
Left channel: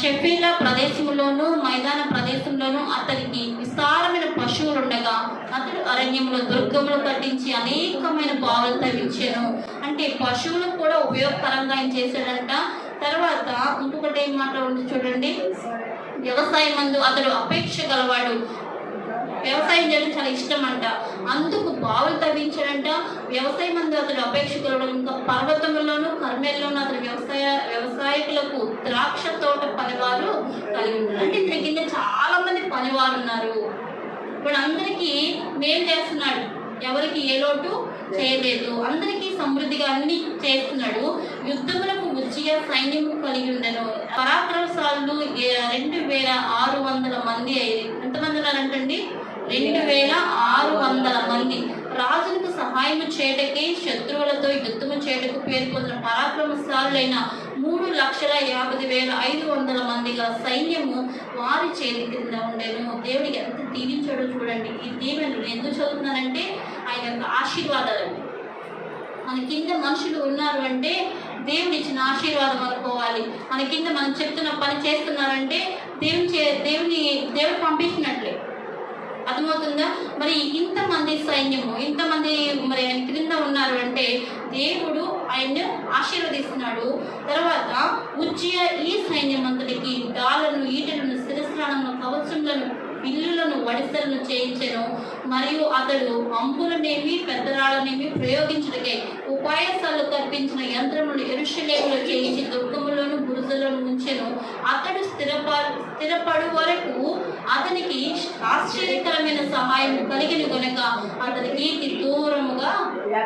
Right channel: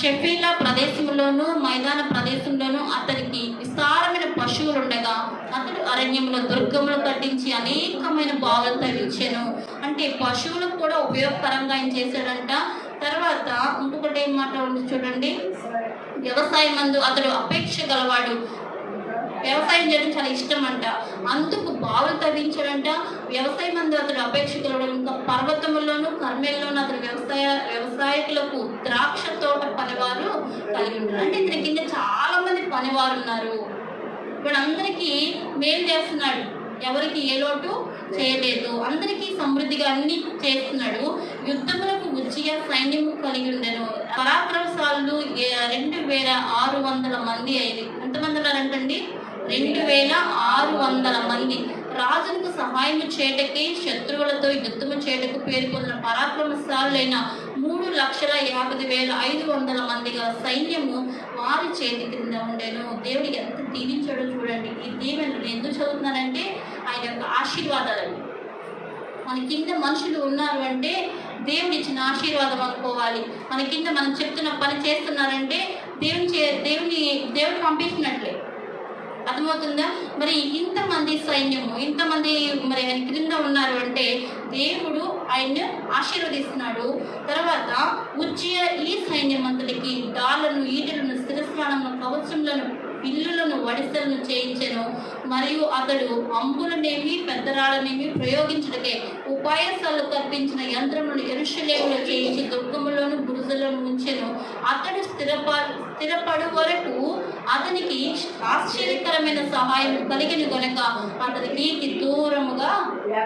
షెఫీలా ప్రదేశంలోను మైదాన ప్రదేశంలోను అతనికి విస్తారమైన పశువులు ఉండగా అతడు అరణ్యంలో దుర్గములు కట్టించి అనేకమైన బావులు తవ్వించాను. అంటే పశువులకు కూడా ఉపయోగకరంగా ఆయన చేశాడంట. తర్వాత ఇంకొకటి ఏం మాట ఉంది చూడండి, వ్యవసాయం మందు అతడు అపేక్ష గలవాడు. వ్యవసాయం చేయడం చాలా ఇష్టం అంట, అందుకు బావులు తవ్వించాడంట. వ్యవసాయం మందు అతడు అపేక్ష గలవాడు. ఇంకా పర్వతముల్లోను కర్మేల్లోనూ అతడు వ్యవసాయకులకు ద్రాక్ష తోట పనివారు కలిగి ఉన్నారు. అంటే ఇతని కింద చాలా మంది పనివారు ఉన్నారు. వీళ్ళందరికీ మేలు చేస్తున్నాడు, ఎవరికి ఏ లోటు చేయలేదు, అందరికీ సమృద్ధిగా అన్ని చేస్తున్నాడు. యుద్ధములకు ఉజ్జియా సైన్యము కలిగి ఉండను. పరాక్రమశాలులు 2600 మంది అయింది. ఎంతమంది ఉన్నారంటండి? 2600 మంది. రాజులకు సహాయము చేయటకి శత్రువులతో యుద్ధము చేయటకు పేరు పొందిన పరాక్రమశాలులైన 3,50,500 మందిగా సైన్యము వారి చేతి కింద ఉండేను. దేవుడు ఎంత దీవించాడో చూడండి. ఈ దీవెనలు ఎందుకు చదువుతున్నానంటే ఆయన యొక్క ఆశీర్వాదాలండి. మన కింద మనుషులు ఉన్నారు అంటే దేవుడు ఇచ్చిన ఆశీర్వాదం అనుకోవాలి. మన కింద మనం చెప్తున్న పని చేస్తున్నారంటే దేవుడు పంపించినట్లే. అర్థమవుతుందా? మరి ఇంతమంది సైన్యము, ఇంతమంది మరి ఆయన క్రింద ఉన్నారు అంటే దేవుడు ఆయన ఆశీర్వదిస్తున్నాడు. తర్వాత ఉజ్జియా ఈ సైన్యం అంతటికి డాళ్లను, ఈటలను, శిరస్త్రాలను, కవచములను, విల్లులను, వడిసెలను చేయించెను. మరియు అతడు అంబులనేమి పెద్దరాళ్ళనేమి ప్రయోగించడకే ఉపాయసాలు కల్పించిన యంత్రములను యెరూషలేములో చేయించి దుర్గములను బురుజులను ఉంచెను. అతడు స్థిరపడు వరకు అతనికి ఆశ్చర్యకరమైన సహాయం కలిగిన గనుక అతని కీర్తి దూరముగా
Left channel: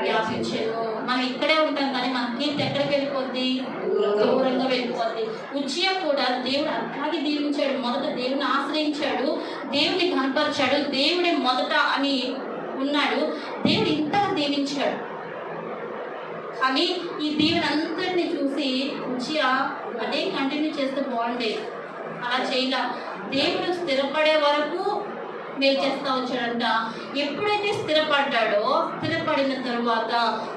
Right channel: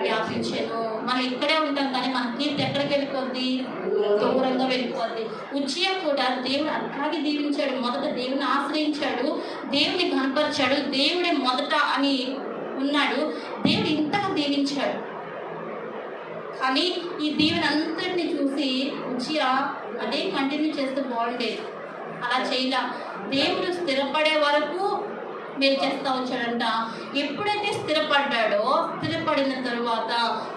వ్యాపించెను. మనం ఇక్కడే ఉంటాం కానీ మన కీర్తి ఎక్కడికి వెళ్ళిపోద్ది? దూరంగా వెళ్ళిపోద్ది. ఉజ్జియా కూడా దేవుడు అట్లాగే దీవించాడు. మొదట దేవుని ఆశ్రయించాడు, దేవుని కనపరిచాడు, దేవుడే మొదట అని ఉన్నాడు. దేవుడు ఇంతగా దీవించాడు. కానీ ఈ దీవెన అంతటిని చూసి ఉజ్జియా అదే కంటిన్యూ చేస్తే బాగుండేది. అలా చేయలా. దేవుడు స్థిరపడే వరకు మేలు చేస్తా వచ్చాడంట. ఎప్పుడైతే స్థిరపడిన తరువాత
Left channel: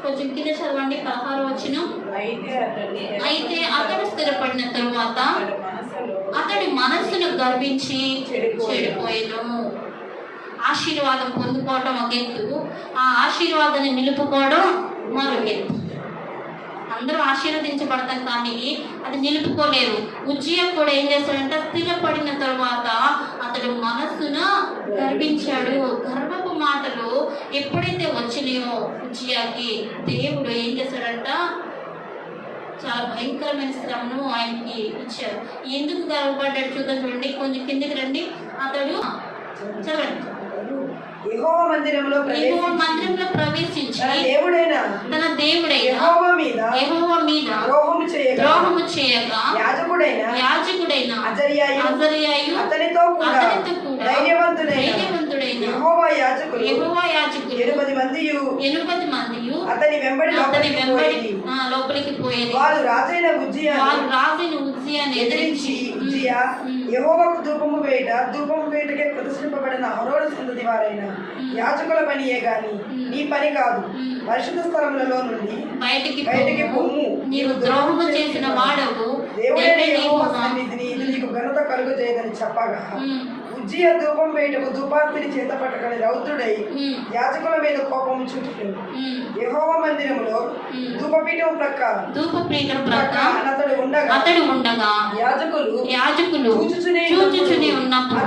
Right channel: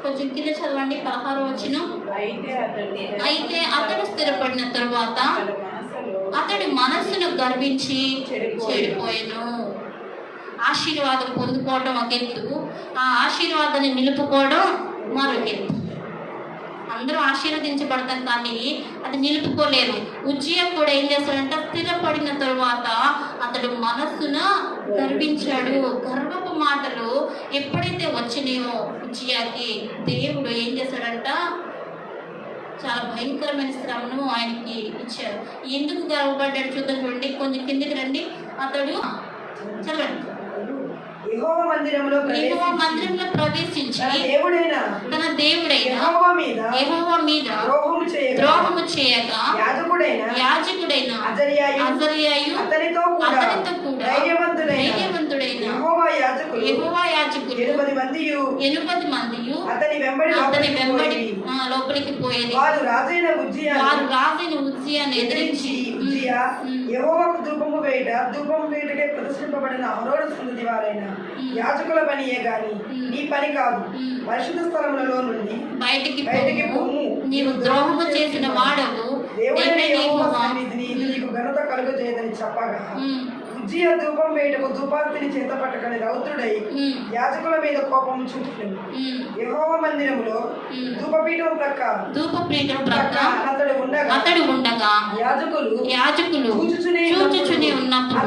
కొంచెం కింద చదవండి, 16వ వచనం. అయితే అతడు స్థిరపడిన తరువాత అతడి మనస్సును గర్వించి చెడిపోయాను. ఆశీర్వాదం పొందుకోవడం ఒక ఎత్తు, ఆ ఆశీర్వాదాన్ని నిలుపుకోవడం మరొక ఎత్తు. అందరూ ఆశీర్వదించబడతారు కానీ అది నిలుపుకోలేదు. ఉజ్జియా కూడా ఏం చేశాడంటే స్థిరపడిన తరువాత అతడు మనస్సున గర్వించాడు. గర్వపు మాటలు ఎప్పుడైతే వచ్చినాయో ఉజ్జియాకి దేవుడు ఏం చేశాడంట, చాలా భయంకరమైన శ్రమను ఆయనకి ఇచ్చారు. ఎందుకు గర్వపడ్డాడు చూద్దాం. చూడండి, కొంచెం కిందికి రండి. అతడు చదవండి. యెహోవా మందిరంలో ప్రవేశించి తన దేవుడైన యెహోవా మీద ద్రోహము చేయగా యాజకుడైన అజర్యాయు అతనితో కూడా ధైర్యవంతుడైన యెహోవా యాజకులు 8 మందియు అతని వెంబడి లోపలికి పోయేది. వారు రాజైన ఉజ్జియాను ఎదిరించి ఉజ్జియా యెహోవాకు ధూపము వేయటకే ప్రదర్శింపబడిన అహరోను సంతతి వారైన యాజకుల పనియే గాని నీ పని కాదు. పరిశుద్ధ స్థలములలో నుండి బయటికి పొమ్ము, నీవు ద్రోహము చేసిన వాడవు, దేవుడైన యెహోవా సన్నిధిని ఇది నీకు ఘనత కలుగజేయదని చెప్పగా ఉజ్జియా ధూపం వేయటకు ధూపార్తిని చేత పట్టుకొని రౌద్రుడై యాజకుల మీద కోపము చూపుతుంది. యెహోవా మందిరములో ధూపపీఠం ప్రక్క అతడు ఉండగా యాజకులు చూచుచునే ఉన్నప్పుడు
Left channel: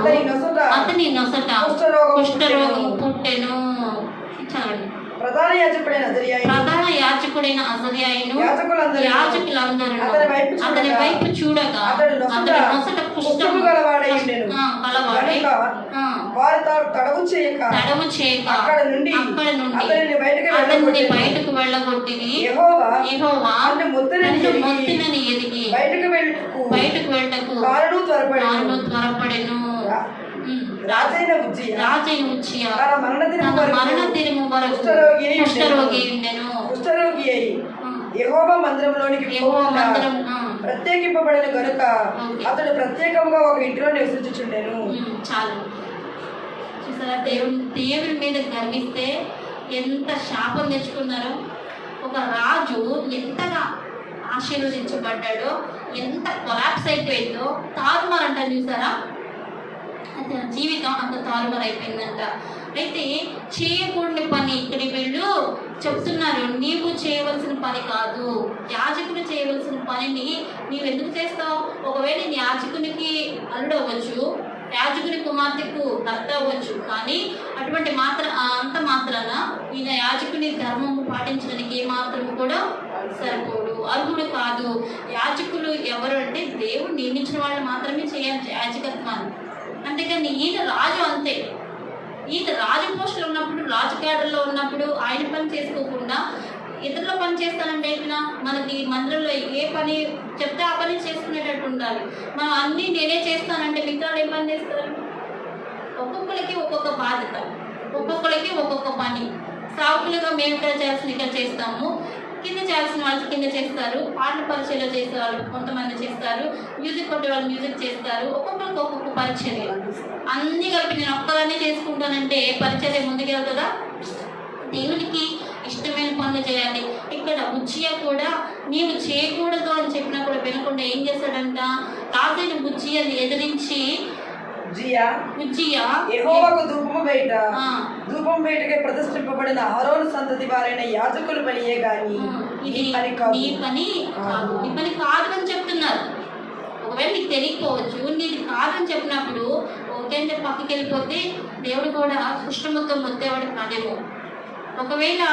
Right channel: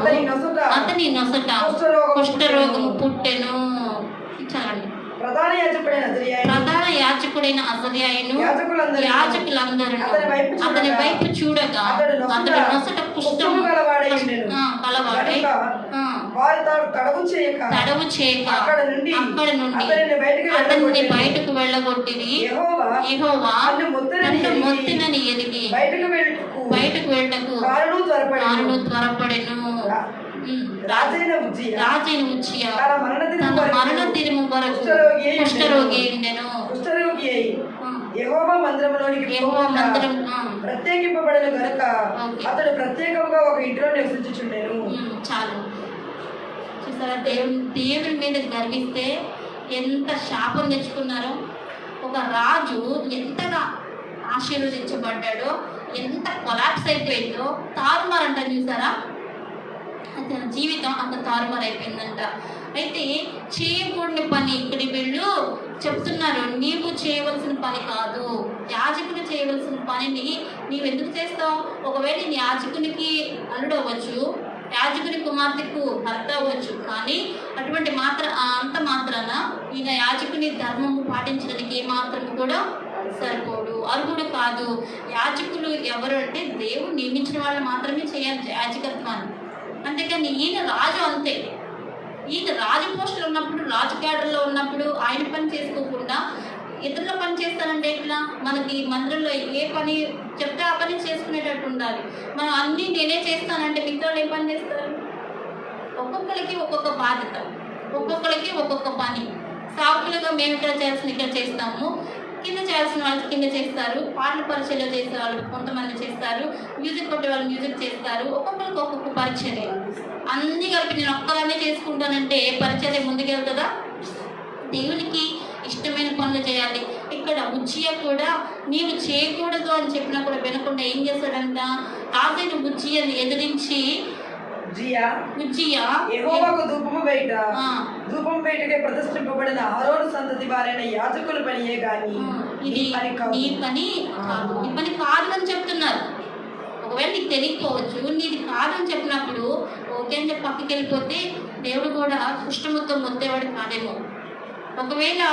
అతని నొసట కుష్ఠరోగము పుట్టెను. ప్రధాన యాజకుడైన అజర్యాయును యాజకులందరూ అతని వైపు చూడగా అతడు నొసట కుష్ఠము గలవాడై వారి తడవు చేయక అక్కడ నుండి అతనిని బయటకు వెళ్ళగొట్టిరి. యెహోవా నన్ను మొత్తినని ఎరిగి బయటకు వెళ్ళటకు కారును త్వరపడెను. రాజైన ఉజ్జియా తన మరణ దినము వరకు కుష్ఠరోగి అయి యెహోవా మందిరంలోనికి ప్రత్యేకింపబడిన గనుక అతడు ప్రత్యేకంగా ఒక ఇంటిలో నివసించుచుండెను. చాలు చూసారా, దేవుని మీద గర్విస్తే ఎంత శాపం తెచ్చుకున్నారో. ఒక రాజు ఎంతగా ఆశీర్వదించబడ్డాడో, ఎంత కొలాప్స్ అయిపోయిందో, తారుమారు అంటారు చూసారా, అతని జీవితం అంత తారుమారు అయిపోయిందంట. అయితే చేయకూడని పని ఇక్కడ వీళ్ళు చెప్తున్నారు, నీవు చేయవలసిన పని కాదు, యాజకుడు చేయవలసిన పనిని నీవు ఎందుకు చేస్తావు? ఒకవేళ నీ యాజకునికి అల్లుడు అవ్వచ్చు, యాజకుని కుమార్తెకు భర్త అవ్వచ్చు, కానీ అటువంటి అంత మాత్రాన ఈయన యాజకుని ధర్మము పాటించడానికి ఏమాత్రం కూడా సరిపోడు, అర్హుడు కాదు. యాజకులు ఎవరు అంటే దేవుడు నియమించిన వాళ్ళు మాత్రమే చేయాలి యాజకత్వాన్ని. అంతేకాని ఈయన రాజు అంతే, ఈయన రాజు పోస్టులు ఉన్నప్పుడు, రాజు కేడర్లో ఉన్నప్పుడు ఆయన పని చేసుకోకుండా ఇతరుల పని చేస్తానంటే ఇట్లా మనకి మందిరంలో ఏ పని చెప్తే ఆ పని చేసుకునేటట్టు ఉండాలి. మనం అన్నీ నేనే చేస్తానంటే మిగతా వాళ్ళు ఏం పని చేస్తారు? ఒక్కొక్కరికి ఒక్కొక్క బాధ్యత, ఒక్కొక్కరికి ఒక్కొక్క పని. సాకులుగా మేము ఇక్కడ చేయాల్సిన ఇక్కడ చేస్తాము, కింద చేయాల్సిన వాళ్ళు కింద చేస్తారు, పాటల పరిచయలు చేసే వాళ్ళు కొంతమంది చేస్తారు, మ్యూజిక్ కొట్టే వాళ్ళు మ్యూజిక్ చేస్తారు, ఒక్కొక్కరికి ఒక్కొక్క పరిచయం. అన్నీ కలిపి నేను ఒక్కదాన్ని చేసుకుంటానంటే పరిచయం ముందుకెళ్తుందా? దేవునికి ఇష్టమైన పనులు చేయాలి. ఇక్కడ బుజ్జియా కూడా నీవు చేయకూడదు అని చెప్పినా కూడా వినకుండా ఏం చేస్తాడంట, రాజైన బుజ్జియాని ఎదిరించి యెహోవాకు ధూపము బయటకే ప్రతిష్ఠింపబడిన అహరోను సంతతి వారైన యాజకుల పనియే గాని ఈ పని కాదు అని చెప్తున్నారు. ఒకవేళ నీకు తెలియకపోవచ్చు, నీది కాదని చెప్పినప్పుడు ఓకే అంటే పక్కకి వెళ్ళిపోతే దేవుడు కూడా కుష్ఠముతో ముద్దేవాడు కాదేమో. ఒకవేళ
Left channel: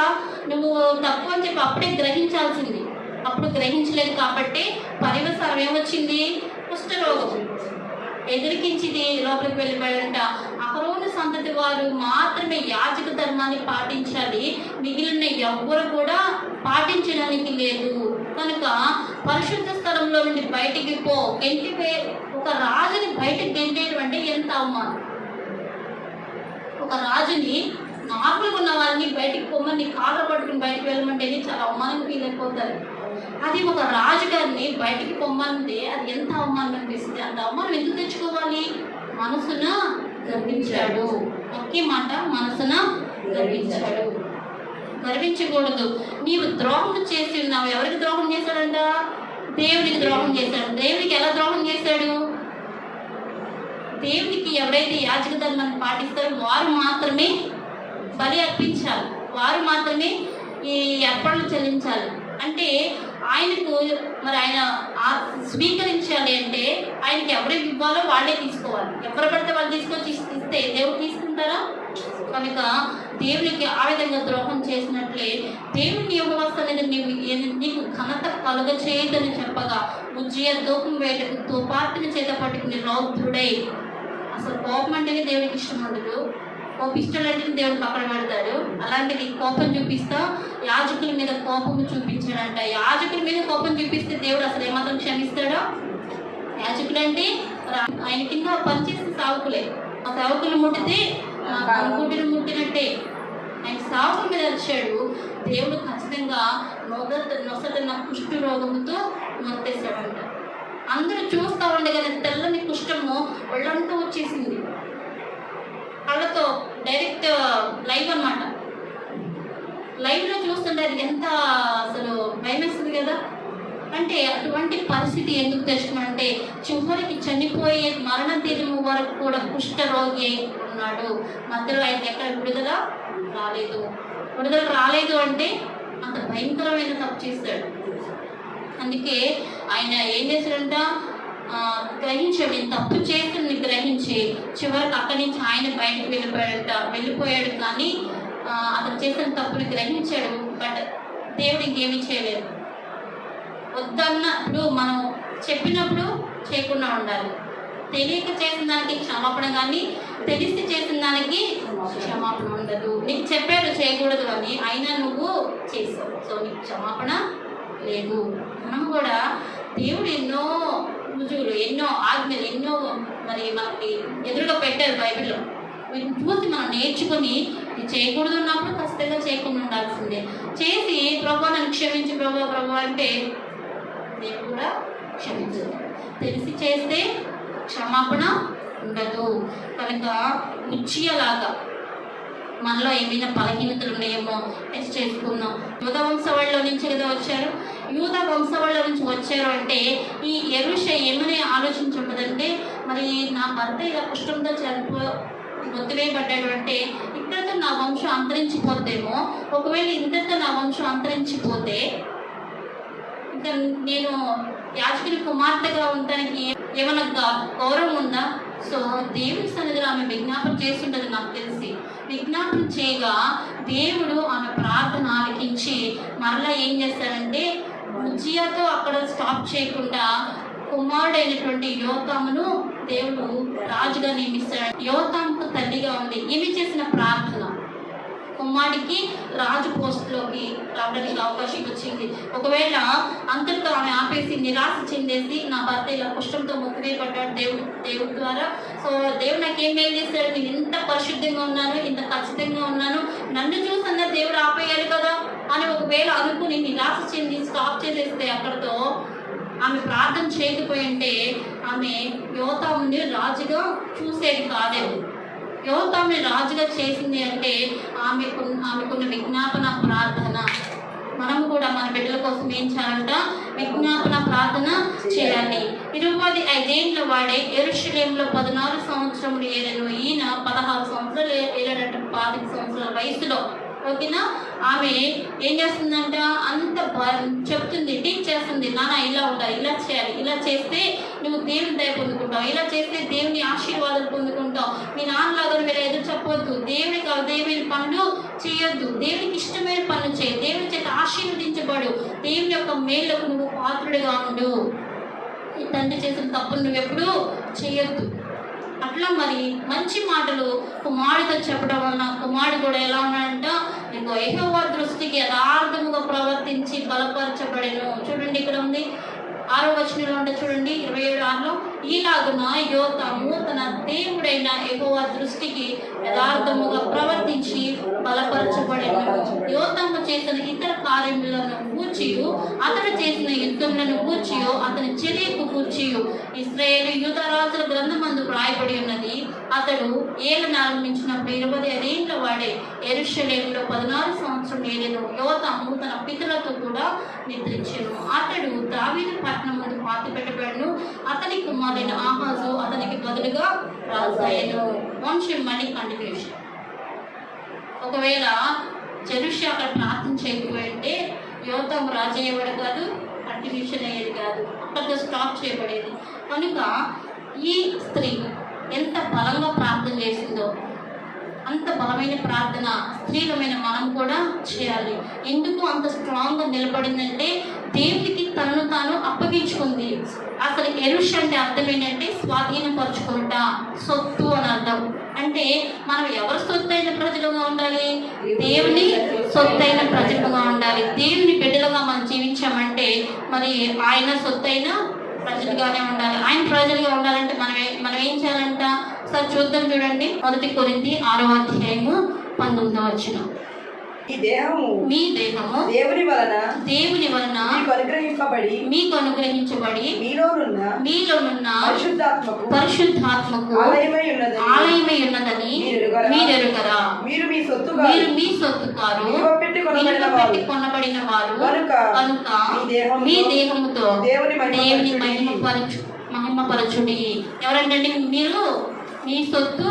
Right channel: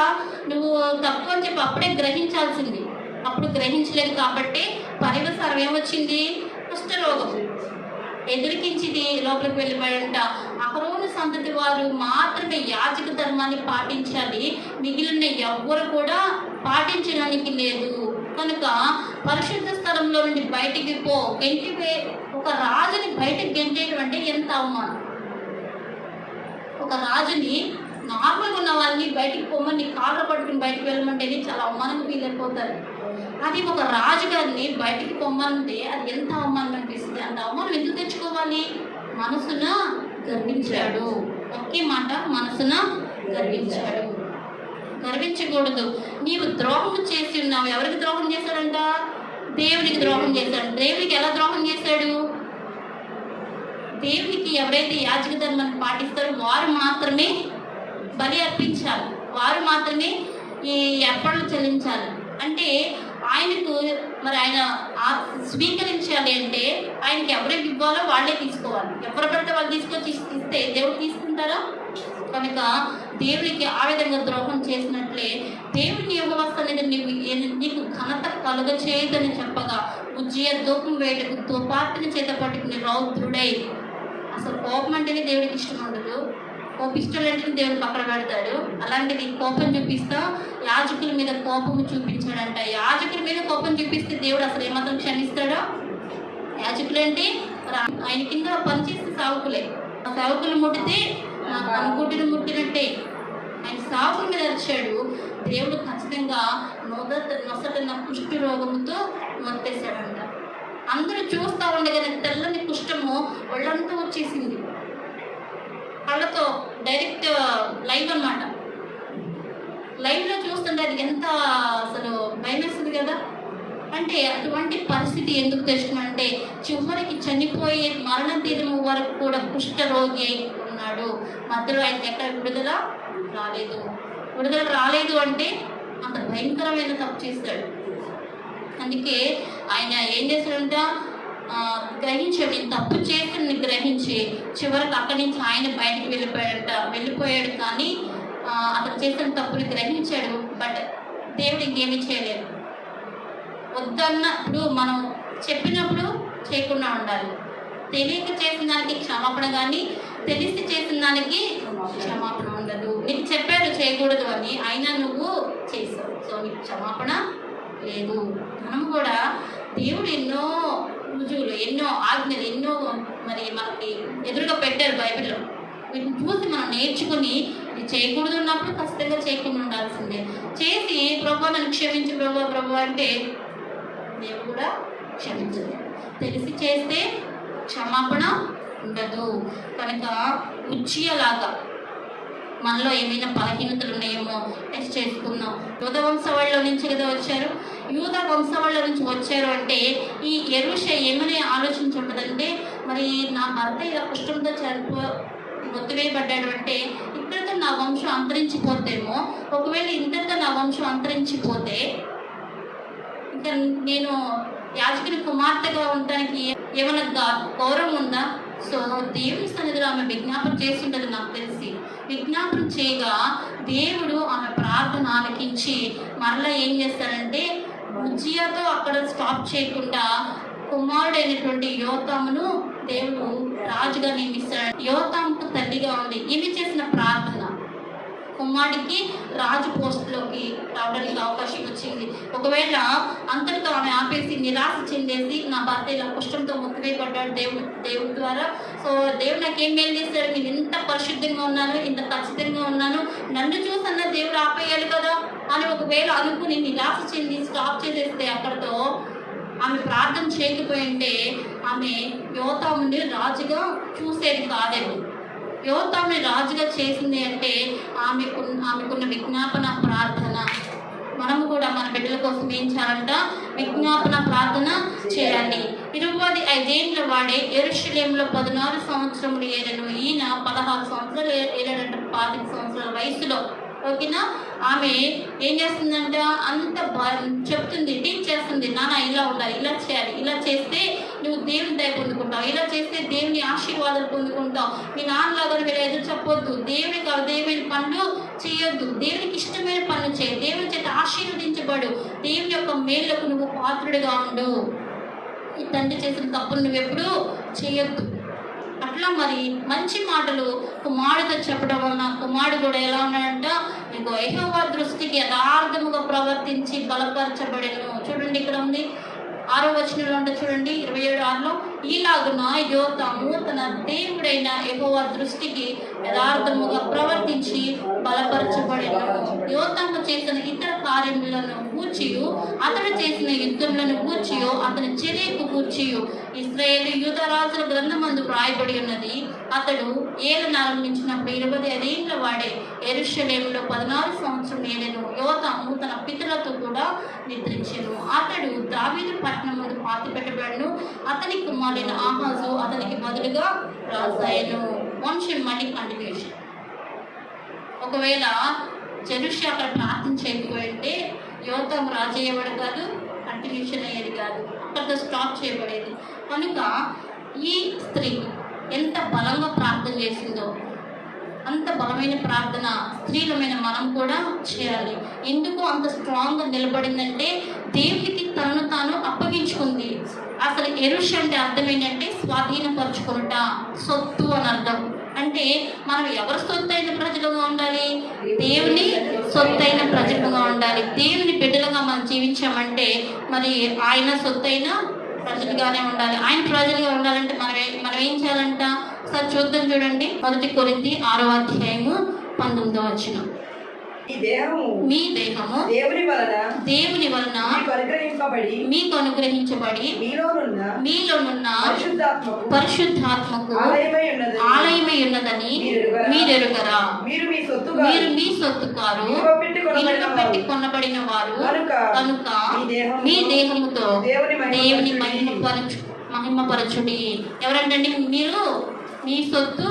నువ్వు తప్పు అని చెప్పి అప్పుడే గ్రహించాల్సింది, అప్పుడు గ్రహించలేదు కాబట్టి పర్యవసానం ఏమొచ్చింది? కుష్ఠరోగం ఎదురికించింది, లోపలికి వెళ్ళిపోయాడంట. అహరోను సంతతి వారు మాత్రమే యాజక ధర్మాన్ని పాటించాలి, మిగిలిన ఎవ్వరు కూడా పాటించడానికి లేదు. కనుక పరిశుద్ధ స్థలంలో నుండి బయటికి ఒక రాజుని బయటకు గెంటేయడం అంటే ఎంత అవమానం. ఒక రాజుని నార్మల్గా ఉన్న వాళ్ళని బయటికి పొమ్మని కాళ్ళ పట్టుకుని బయటకు వెళ్ళమంటేనే చాలా అవమానంగా ఫీల్ అయిపోతారు. అది ఒక రాజుగారిని బయటికి పొమ్మంటే అది ఎంత అవమానం అనిపిస్తుంది. అంత అవమానం ఎందుకు తెచ్చుకోవాలి? మనసున గర్వించాడు. ఒకే మాట, మనసున గర్వించాడు. గర్వించకూడదు. నీవు ద్రోహం చేసి ఉన్నావు. ఎవరికి ద్రోహం చేశాడంట? దేవునికి ద్రోహం చేశాడు. దేవునికి ఎలా ద్రోహం చేశాడు? దేవునికి ఎవరైతే యాజక ధర్మాన్ని పాటిస్తారో వారు మాత్రమే బలి అర్పించాలి, వారు మాత్రమే ఈ అర్పణలు చెల్లించాలి. అంటే ఆయనకు మరి ఆయన స్వీకరించాలి అంటే ఆయనకి ఎవరికి ఇవ్వాలో వాళ్ళే తీసుకోవాలి. ఎవరు పడితే వాళ్ళు తీసుకొచ్చి ఇస్తే దేవుడు తీసుకుంటారా? కనుక దేవునికి ఆ విధంగా ద్రోహం చేసినట్లే దేవుని వ్యవస్థ అనేది నీకు ఘనత కలుగ చేయదని చెప్పగా ఉజ్జియా ధూపం వేటకు తుపార్తిని చేత పట్టుకుని రౌద్రుడై, అసలు కోపం అంటేనే దేవుడికి ఇష్టం ఉండదు, కోపిష్టులంటే దేవుడు పక్కన పెడతాడు. అలాంటిది కోపం చూపిస్తా యాజకుల మీద కోపం చూపించాడంట. యాజకుల మీద కోపం చూపిస్తే దేవుడు అసలు ఏమాత్రం క్షమిస్తాడా? యాజకులంటే ఆయన కింద పనిచేసే సావుకులే. ఆ సావుకులు ముట్టితే అనుకుంటుని ముట్టినట్టే. ఆయన సావుకుల మీద వచ్చాడు. దేవుడు ఖచ్చితంగా నొసటన కుష్టు రోగంతో మొత్తేశాడంట. అందరూ చూస్తూ ఉండగానే తెల్లని కుష్టము ఒళ్ళంతా వచ్చేసింది. కళ్ళతో డైరెక్ట్ లైవ్ అన్నమాట. లైవ్లో చూస్తుంటే అది ఎంత అసలు భయం వేస్తుంది కదా. అంటే అటువంటి పరిస్థితి ఎందుకు తెచ్చుకున్నాడంటే చివరికి చనిపోయే మరణ తీరము వరకు కూడా కుష్ఠ రోగి ఉన్నాడు. మధ్యలో ఆయనకి ఎక్కడ విడుదల రాలేదు. విడుదల రాలేదు అంటే అంత భయంకరమైన తప్పు చేస్తాడు. అందుకే ఆయన ఏం చేశాడంట, గ్రహించాడు, నేను తప్పు చేసి గ్రహించి చివరికి అక్కడి నుంచి ఆయన బయటకు వెళ్ళిపోయాడు. కానీ అతను చేసిన తప్పుని గ్రహించాడు. బట్ దేవుడు ఇంకేమీ చేయలేదు. వద్దన్నప్పుడు మనం చెప్పినప్పుడు చేయకుండా ఉండాలి. తెలియక చేసిన దానికి క్షమాపణ, కానీ తెలిసి చేసిన దానికి క్షమాపణ ఉండదు. నీకు చెప్పాడు చేయకూడదు అని, అయినా నువ్వు చేసావు, సో నీకు క్షమాపణ లేదు. మనం కూడా దేవుడు ఎన్నో రుజువులు, ఎన్నో ఆజ్ఞలు, ఎన్నో మరి మనకి ఎదురుగా పెట్టారు బైబిల్లో. వీటిని చూసి మనం నేర్చుకుని ఇది చేయకూడదు ఉన్నప్పుడు ఖచ్చితంగా చేయకుండా ఉండాల్సిందే. చేసి ప్రభు నన్ను క్షమించి ప్రభు అంటే దేవుడు కూడా క్షమించదు. తెలిసి చేస్తే క్షమాపణ ఉండదు. కనుక ఉజ్జియాలాగా మనలో ఏమైనా బలహీనతలు ఉన్నాయేమో టెస్ట్ చేసుకుందాం. యూదా వంశం వాళ్ళ వంశావళిలో నుంచి కదా వచ్చారు, యూదా వంశావళిలో నుంచి వచ్చారు అంటే ఈ యెరూషా ఏమని ఆలోచించుంటుందంటే, మరి నా భర్త ఇలా కుష్ఠంతో మొత్తివేయబడ్డాడు అంటే ఇక్కడితో నా వంశం అంతరించిపోతేమో, ఒకవేళ ఇంతటితో నా వంశం అంతరించిపోతే ఇంకా నేను యాజకుని కుమార్తెగా ఉండటానికి ఏమైనా గౌరవం ఉందా? సో దేవుని సన్నిధిలో ఆమె విజ్ఞాపన చేస్తుంటది. నాకు తెలిసి విజ్ఞాపన చేయగా దేవుడు ఆమె ప్రార్థన ఆలకించి మరలా ఏం చేస్తాడంటే, ఉజ్జియాతో అక్కడ స్టాప్ చేయకుండా కుమారుడైనటువంటి యోతామును దేవుడు రాజుగా నియమిస్తాడు. యోతాముకు తల్లిగా ఉంది ఈమె చేసిన ప్రార్థన కుమారుడికి రాజు పోస్టులోకి రావడానికి అవకాశం వచ్చింది. ఒకవేళ అంతటితో ఆమె ఆపేసి నిరాశ చెందేసి నా భర్త ఇలా కుష్ఠంతో మొత్తివేయబడ్డాడు దేవుడి ద్వారా, సో దేవుడు నాకేం మేలు చేశాడు, నేను ఇంత పరిశుద్ధంగా ఉన్నాను, ఇంత ఖచ్చితంగా ఉన్నాను, నన్ను చూసన్న దేవుడు ఆపేయాలి కదా అని ఒకవేళ అనుకుని నిరాశ చెంది స్టాప్ చేసేస్తే అక్కడితో ఆమె ప్రార్థన చేయకపోయింటే ఆమె యోతాముని రాజుగా చూసేది కాదేమో. యోతాముని రాజుగా చేసింది అంటే ఆమెకున్న విజ్ఞాపన ప్రార్థన. మనము కూడా మన బిడ్డల కోసం ఏం చేయాలంట? విజ్ఞాపన ప్రార్థన చేయాలి. 25 ఏళ్ళ వాడే యెరూషలేములో 14 సంవత్సరములు ఏలను, ఈయన 16 సంవత్సరాలు ఏలేడంట, 25 సంవత్సరాల వయసులో. ఓకేనా? ఆమె ఏం చేస్తుందంట, అంత చెప్తుంది, టీచ్ చేస్తుంది, నాన్న ఇలా ఉండాలి, ఇలా చేయాలి, ఇలా చేస్తే నువ్వు దేవుని దయ పొందుకుంటావు, ఇలా చేస్తే దేవుని ఆశీర్వాదాలు పొందుకుంటావు, మీ నాన్నలాగా మీరు ఎదురు చెప్పొద్దు, దేవునికి అదేమైన పనులు చేయొద్దు, దేవునికి ఇష్టమైన పనులు చేయి, దేవుని చేత ఆశీర్వదించబడు, దేవుని యొక్క మేలులకు నువ్వు పాత్రుడిగా ఉండు, ఈ తండ్రి చేసిన తప్పులు నువ్వు ఎప్పుడూ చేయొద్దు. అట్లా మరి మంచి మాటలు కుమారుడితో చెప్పడం వలన కుమారుడు కూడా ఎలా ఉన్నాడంట, నీకు యెహోవా దృష్టికి యథార్థముగా ప్రవర్తించి బలపరచబడెను. చూడండి ఇక్కడ ఉంది 6వ వచనంలో ఉంటే చూడండి 27:6లో, ఈలాగున యోతాము తన దేవుడైన యెహోవా దృష్టికి యథార్థముగా ప్రవర్తించి బలపరచబడెను. యోతాము చేసిన ఇతర కార్యములను గూర్చియు అతడు చేసిన యుద్ధములను గూర్చియు అతని చర్యకు గూర్చియు ఇశ్రాయేలు యూదా రాజుల గ్రంథమందు వ్రాయబడి ఉన్నది. అతడు ఏలును ఆరంభించినప్పుడు 25 ఏళ్ల వాడే యెరూషలేములో 16 సంవత్సరం ఏలెను. యోతాము తన పితరులతో కూడా నిద్రించెను. అతడు దావీదు పట్టణం ముందు పాతి పెట్టబడను. అతని కుమారుడైన ఆహాజు అతనికి బదులుగా రాజయ్యను. వంశం మళ్ళీ కంటిన్యూషన్. ఒకవేళ యెరూషా అక్కడ ప్రార్థన చేయకపోయింటే యోతాము రాజు అయ్యేవాడు కాదు, కంటిన్యూషన్ అయ్యేది కాదు, అక్కడితో స్టాప్ చేయబడేది. కనుక ఈ స్త్రీ ఎంత బలంగా ప్రార్థన చేసిందో అంత బలమైన ప్రార్థన స్త్రీలమైన మనం కూడా చేయాలి. ఎందుకు అంత స్ట్రాంగ్గా నిలబడిందంటే దేవునికి తనను తాను అప్పగించుకుంది. అసలు యెరూషా అంటే అర్థం ఏంటంటే స్వాధీనపరుచుకుంటా, సొత్తు అని అర్థం. అంటే మనం ఎవరి సొత్తైన ప్రజలుగా ఉండాలి? దేవుని సొత్తైన ప్రజలుగా ఉండాలి. దేవుని బిడ్డలుగా మనం జీవించామంటే మరి ఆయన సొత్తైన ప్రజలుగానే ఉండాలి. ఆయన ప్రజలుగా ఉండాలంటే మనం ఏం చేయాలంట? సార్ చూద్దాం, చూడండి 1 కొరింథీ 6వ అధ్యాయము 19వ వచనం. మీ దేహము దేవుని వలన మీకు అనుగ్రహించబడి మీలోనున్న పరిశుద్ధాత్మకు ఆలయమై ఉన్నదని మీరెరుగరా? మీరు మీ సొత్తు కారు, పెట్టి కొనబడిన వారు కనుక మీ దేహముతో దేవుని మహిమపరచుడి. ఎవరంటే మీరు మీ సొత్తు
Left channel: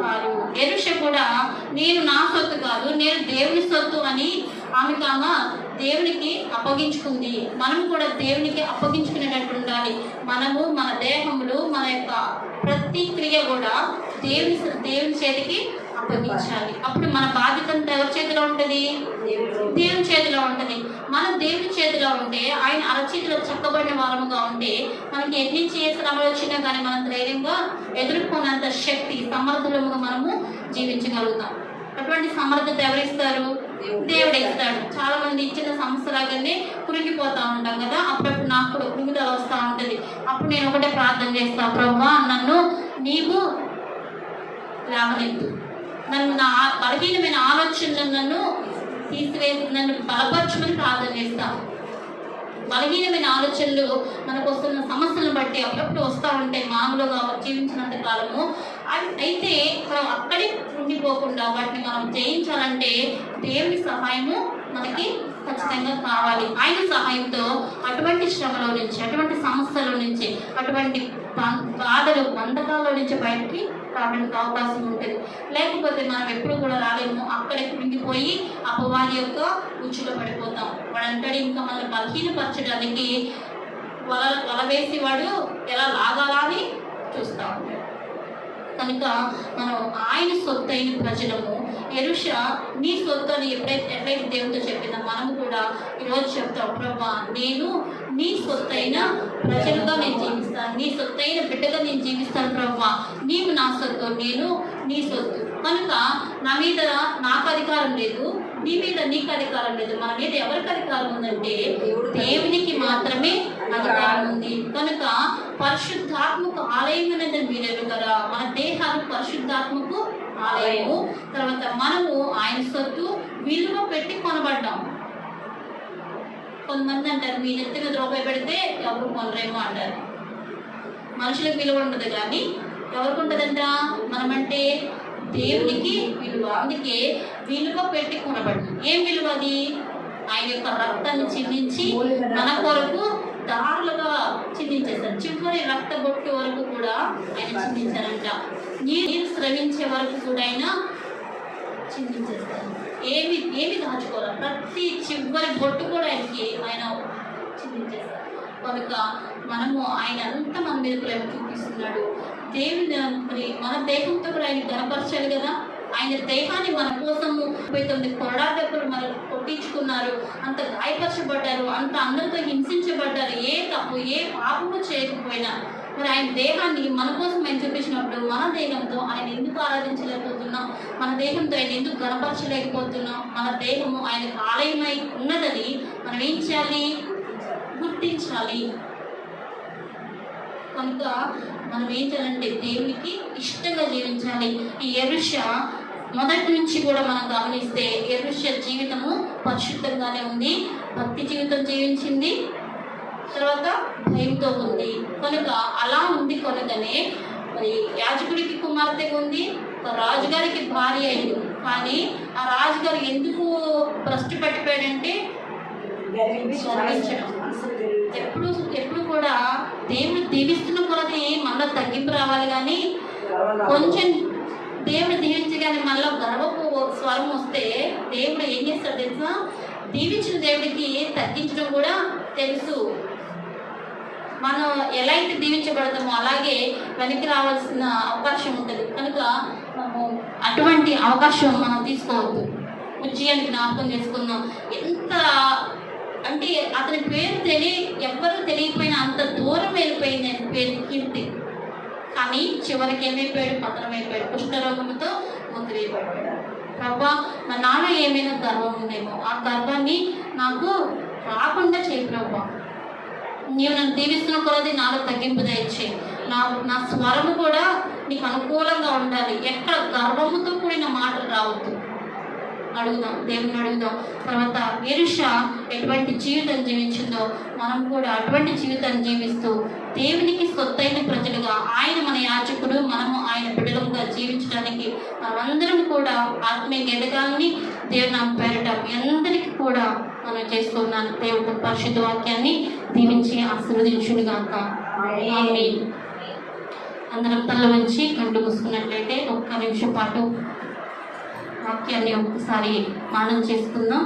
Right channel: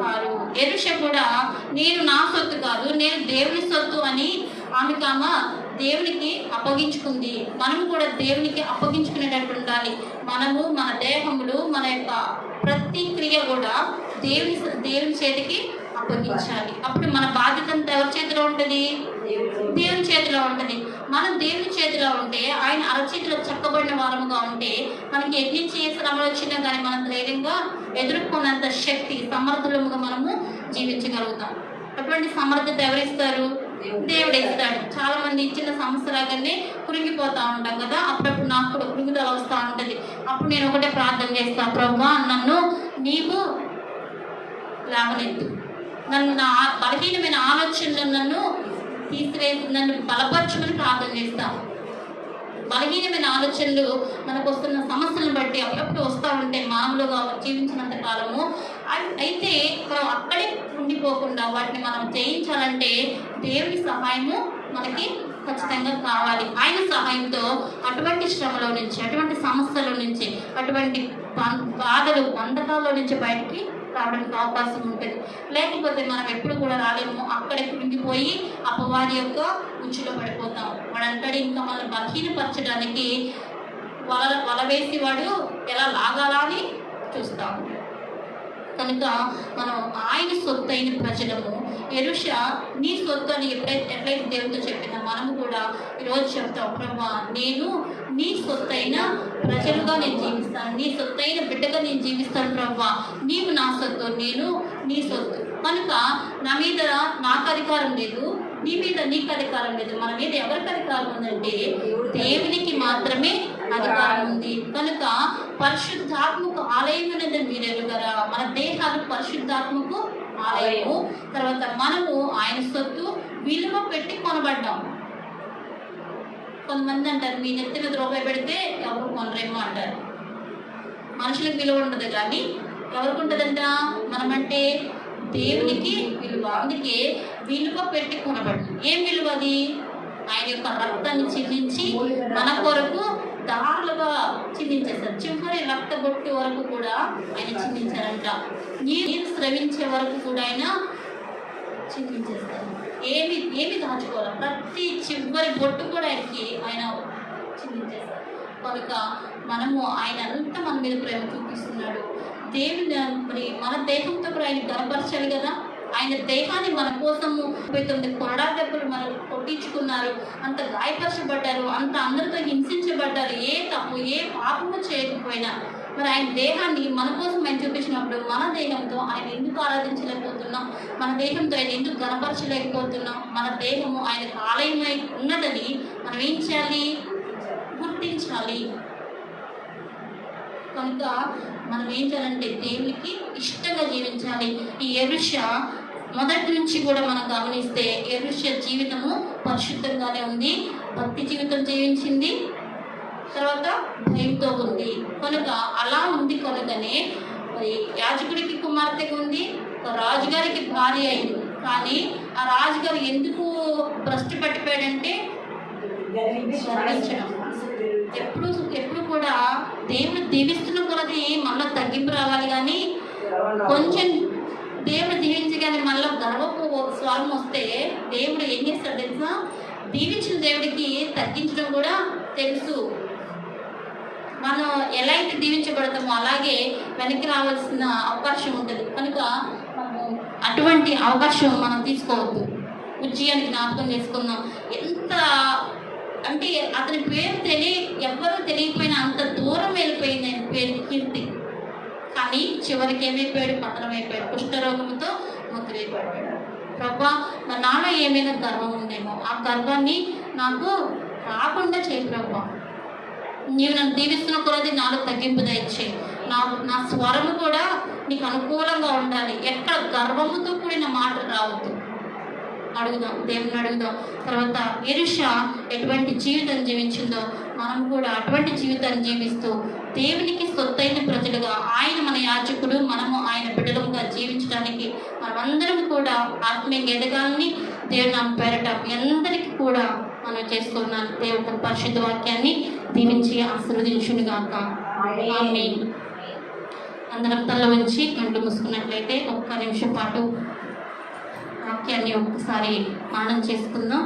కాదు. యెరూషా కూడా నేను నా సొత్తు కాదు, నేను దేవుని సొత్తు అని ఆమెకు దేవునికి అప్పగించుకుంది. మనము కూడా దేవునికి అప్పగించుకునేటట్టు ఉండాలి. మనము మన దేహములు, మన యొక్క ప్రతి క్రియ కూడా దేవుని చేతికి అప్పగించాలి. అప్పుడు మన బాధ్యత అంతా ఎవరి చేతిలో ఉంటుంది? దేవుని చేతిలో ఉంటుంది. మనం దేవుని చేతిలో ఉంటే, ఆయన అరచేతిలో చక్కబడిన వారముగా ఉంటే మనకి ఎన్ని శ్రమలు వచ్చినా కానీ మనం ధైర్యంగా ఎదుర్కొన్నంత శక్తి, సమర్థులముగా మనము జీవించగలుగుతాం. అటువంటి సమర్థత ఎవరిస్తారు? దేవుడు ఇస్తాడు. చాలా మంది ఇచ్చిన సంవత్సరాలనే కృంగిపోతా ఉంటాం కదా, అప్పుడప్పుడు నాకు కూడా కృంగిదల వస్తూ ఉంటుంది. అప్పుడు నేను ఒకటే ప్రార్థన చేస్తాను, ప్రభువా నన్ను నీవు లేవనెత్తు, నన్ను నా బలహీనమైన ఆలోచనలను తీసివేసి నన్ను బలపరచుమని ప్రార్థన చేస్తాను. బలహీనమైన ఆలోచనలు మనకు వస్తున్న సమస్యలను బట్టి అప్పుడప్పుడు వస్తూ ఉంటాయి మామూలుగా జీవించినంత కాలము. అయితే మనం అక్కడే ఉండిపోకుండా వాటిని మనం జయించాలంటే దేవుని సహాయము మనకి ఖచ్చితంగా కావాలి. ఆయన సహాయంతో అటువంటి శ్రమలో నుంచి, అటువంటి సమస్యల నుంచి, అటువంటి బాధలు బంధకాల నుంచి బయటికి రావడానికి అవకాశం ఉంటుంది. లేకపోతే మనం ఎప్పుడు కూడా రాలేము. అక్కడే కృంగిపోయి అపవాది యొక్క ఉచ్చులో పడిపోతాం. వాడు అంటాడు ఇంకా మనం బలహీనపరచడానికి వల వేసి వాడు ఎలా లాగాలా అని చూస్తా ఉంటాడు. కనుక మనం ఆయన సొత్తు అయిన ప్రజలము. యెరూషా నీ సొత్తు అని ఎట్లయితే దేవుడితో చెప్పిందో మనము కూడా ఈరోజు చెప్తాం, ప్రభా నేను నీ సొత్తైన ప్రజలుగా నేను జీవిస్తాను, నీ సొత్తైన బిడ్డగా నేను జీవిస్తాను ప్రభా, నీవు నా సొత్తు, నేను నీ సొత్తు. కనుక నా మీద నాకు అధికారం లేదు, నీ మీద నీకు అధికారం లేదు. మన మీద ఎవరికి అధికారం ఉందంటే దేవునికి మాత్రమే అధికారం ఉంది. కనుక పరిశుద్ధాత్మకు ఆలయం అనేది మీరు ఎరుగరా, మన దేహాలు పరిశుద్ధాత్మకు ఆలయము. తర్వాత మనము ఆయన సొత్తు, విలువ పెట్టి కొనబడ్డాము. కొంతమంది అంటారు మీ నెత్తి మీద రూపాయి పెడితే ఎవరు కొనరేమో అంటారు. మనుషులకు విలువ ఉండదు కానీ ఎవరికి ఉంటుందంట? మనమంటే దేవునికి విలువ. అందుకే విలువ పెట్టి కొనబడ్డాం. ఏం విలువ అది? ఆయన యొక్క రక్తాన్ని చిందించి మన కొరకు దారులుగా చిందించేశారు. చివరి రక్త బొట్టు వరకు కూడా ఆయన చిందించారంట. నీరు స్రవించే వరకు కూడా ఆయన చిందించేస్తారు. ఏమి దాచుకోవాలి, ప్రతి చివరి బొట్టు కూడా ఆయన చిందించేస్తారు. కనుక మనము ఆయన అంతా మన మీద ప్రేమ చూపిస్తున్నాడు. దేవుని మరి మన దేహంతో కూడా ఆయన గనపరచాలి కదా. ఆయన దేహాన్ని మన కోసము 39 కొరడా దెబ్బలు మనం కొట్టించుకున్నారు, అంత గాయపరచబడ్డారు, అంత అందరితో హింసించబడ్డారు. ఏ తప్పు ఏ పాపము చేయకపోయినా మరి ఆయన దేహాన్ని మన కోసం ఆయన చూపించినప్పుడు మన దేహంతో ఆయన ఎందుకు ఆరాధించలేకపోతున్నాం? మన దేహంతో ఆయన ఎందుకు గనపరచలేకపోతున్నాం? మన దేహము ఆయనకు ఆలయమై ఉన్నదని మనం ఏం చేయాలి? గుర్తించాలి. కనుక మనం ఏం చేయాలంటే దేవునికి ఇష్టంగా జీవించాలి. ఈ యెరూషా మొదటి నుంచి కూడా మనం గమనిస్తే యెరూషా జీవితము పరిశుద్ధంగానే ఉంది, భక్తి జీవితం జీవించింది, తర్వాత భయంతో ఉంది. కనుక అలా ఉంది కనుకనే మరి యాజకుడికి కుమార్తెగా ఉంది, రాజుగారికి భార్య అయింది. కానీ ఆ రాజుగారు ఎందుకు భ్రష్టు పట్టిపోయాడంటే ఎప్పుడు కూడా దేవుడు దీవిస్తున్న కొలది మనలో తగ్గింపు రావాలి. కానీ కొంచెం దేవుడు దీవించగానే మనలో గర్వపు స్వరం వస్తే దేవుడు ఏం చేస్తాడు తెలుసా? దీవించిన దేవుడికి తగ్గించడం కూడా తెలుసు. మనం ఎలా అయితే దీవించబడతామో అలాగే వెనక్కి రావాల్సిన అవకాశం ఉంటుంది. కనుక మనము అటువంటి అవకాశం మనం తీసుకోవద్దు. ఉజ్జయాన్ని జ్ఞాపకం చేసుకుందాం. ఎంత అంటే అతని పేరు ఎవ్వరూ తెలియకపోయినా అంత దూరం వెళ్ళిపోయింది ఆయన పేరు, కీర్తి. కానీ చివరికి ఏమైపోయాడు? పతనం అయిపోయాడు, కుష్ఠరోగంతో ముద్రైపోయాడు. ప్రభా నాలో ఏమైనా గర్వం ఉందేమో, ఆ గర్వాన్ని నాకు రాకుండా చేయి ప్రభా. నీవు నన్ను దీవిస్తున్న కొలది నాలో తగ్గింపు దయచేయి. నా స్వరము కూడా నీకు అనుకూలంగా ఉండాలి. ఎక్కడ గర్వముతో కూడిన మాటలు రావద్దు. అడుగుదాం, దేవుని అడుగుదాం. తర్వాత యెరూషా ఎటువంటి జీవితం జీవించిందో మనం కూడా అటువంటి జీవితాన్ని జీవిస్తూ దేవునికి సొత్తైన ప్రజలుగా, ఆయన మన యాజకుడు, మనము ఆయన బిడ్డలుగా జీవించడానికి మనమందరం కూడా ఆత్మీయంగా ఎదగాలని దేవుని పేరట మీ అందరికీ కూడా మనం చేస్తున్నాను. దేవుడు పరిశుద్ధ వాక్యాన్ని దీవించి ఆశీర్వదించుగాక. ఆమేన్. అందరం తల ఉంచి కళ్ళు మూసుకున్నట్లయితే ఒక్క నిమిషం పాటు వాక్యాన్ని ఒక్కసారి మానం చేసుకుందాం.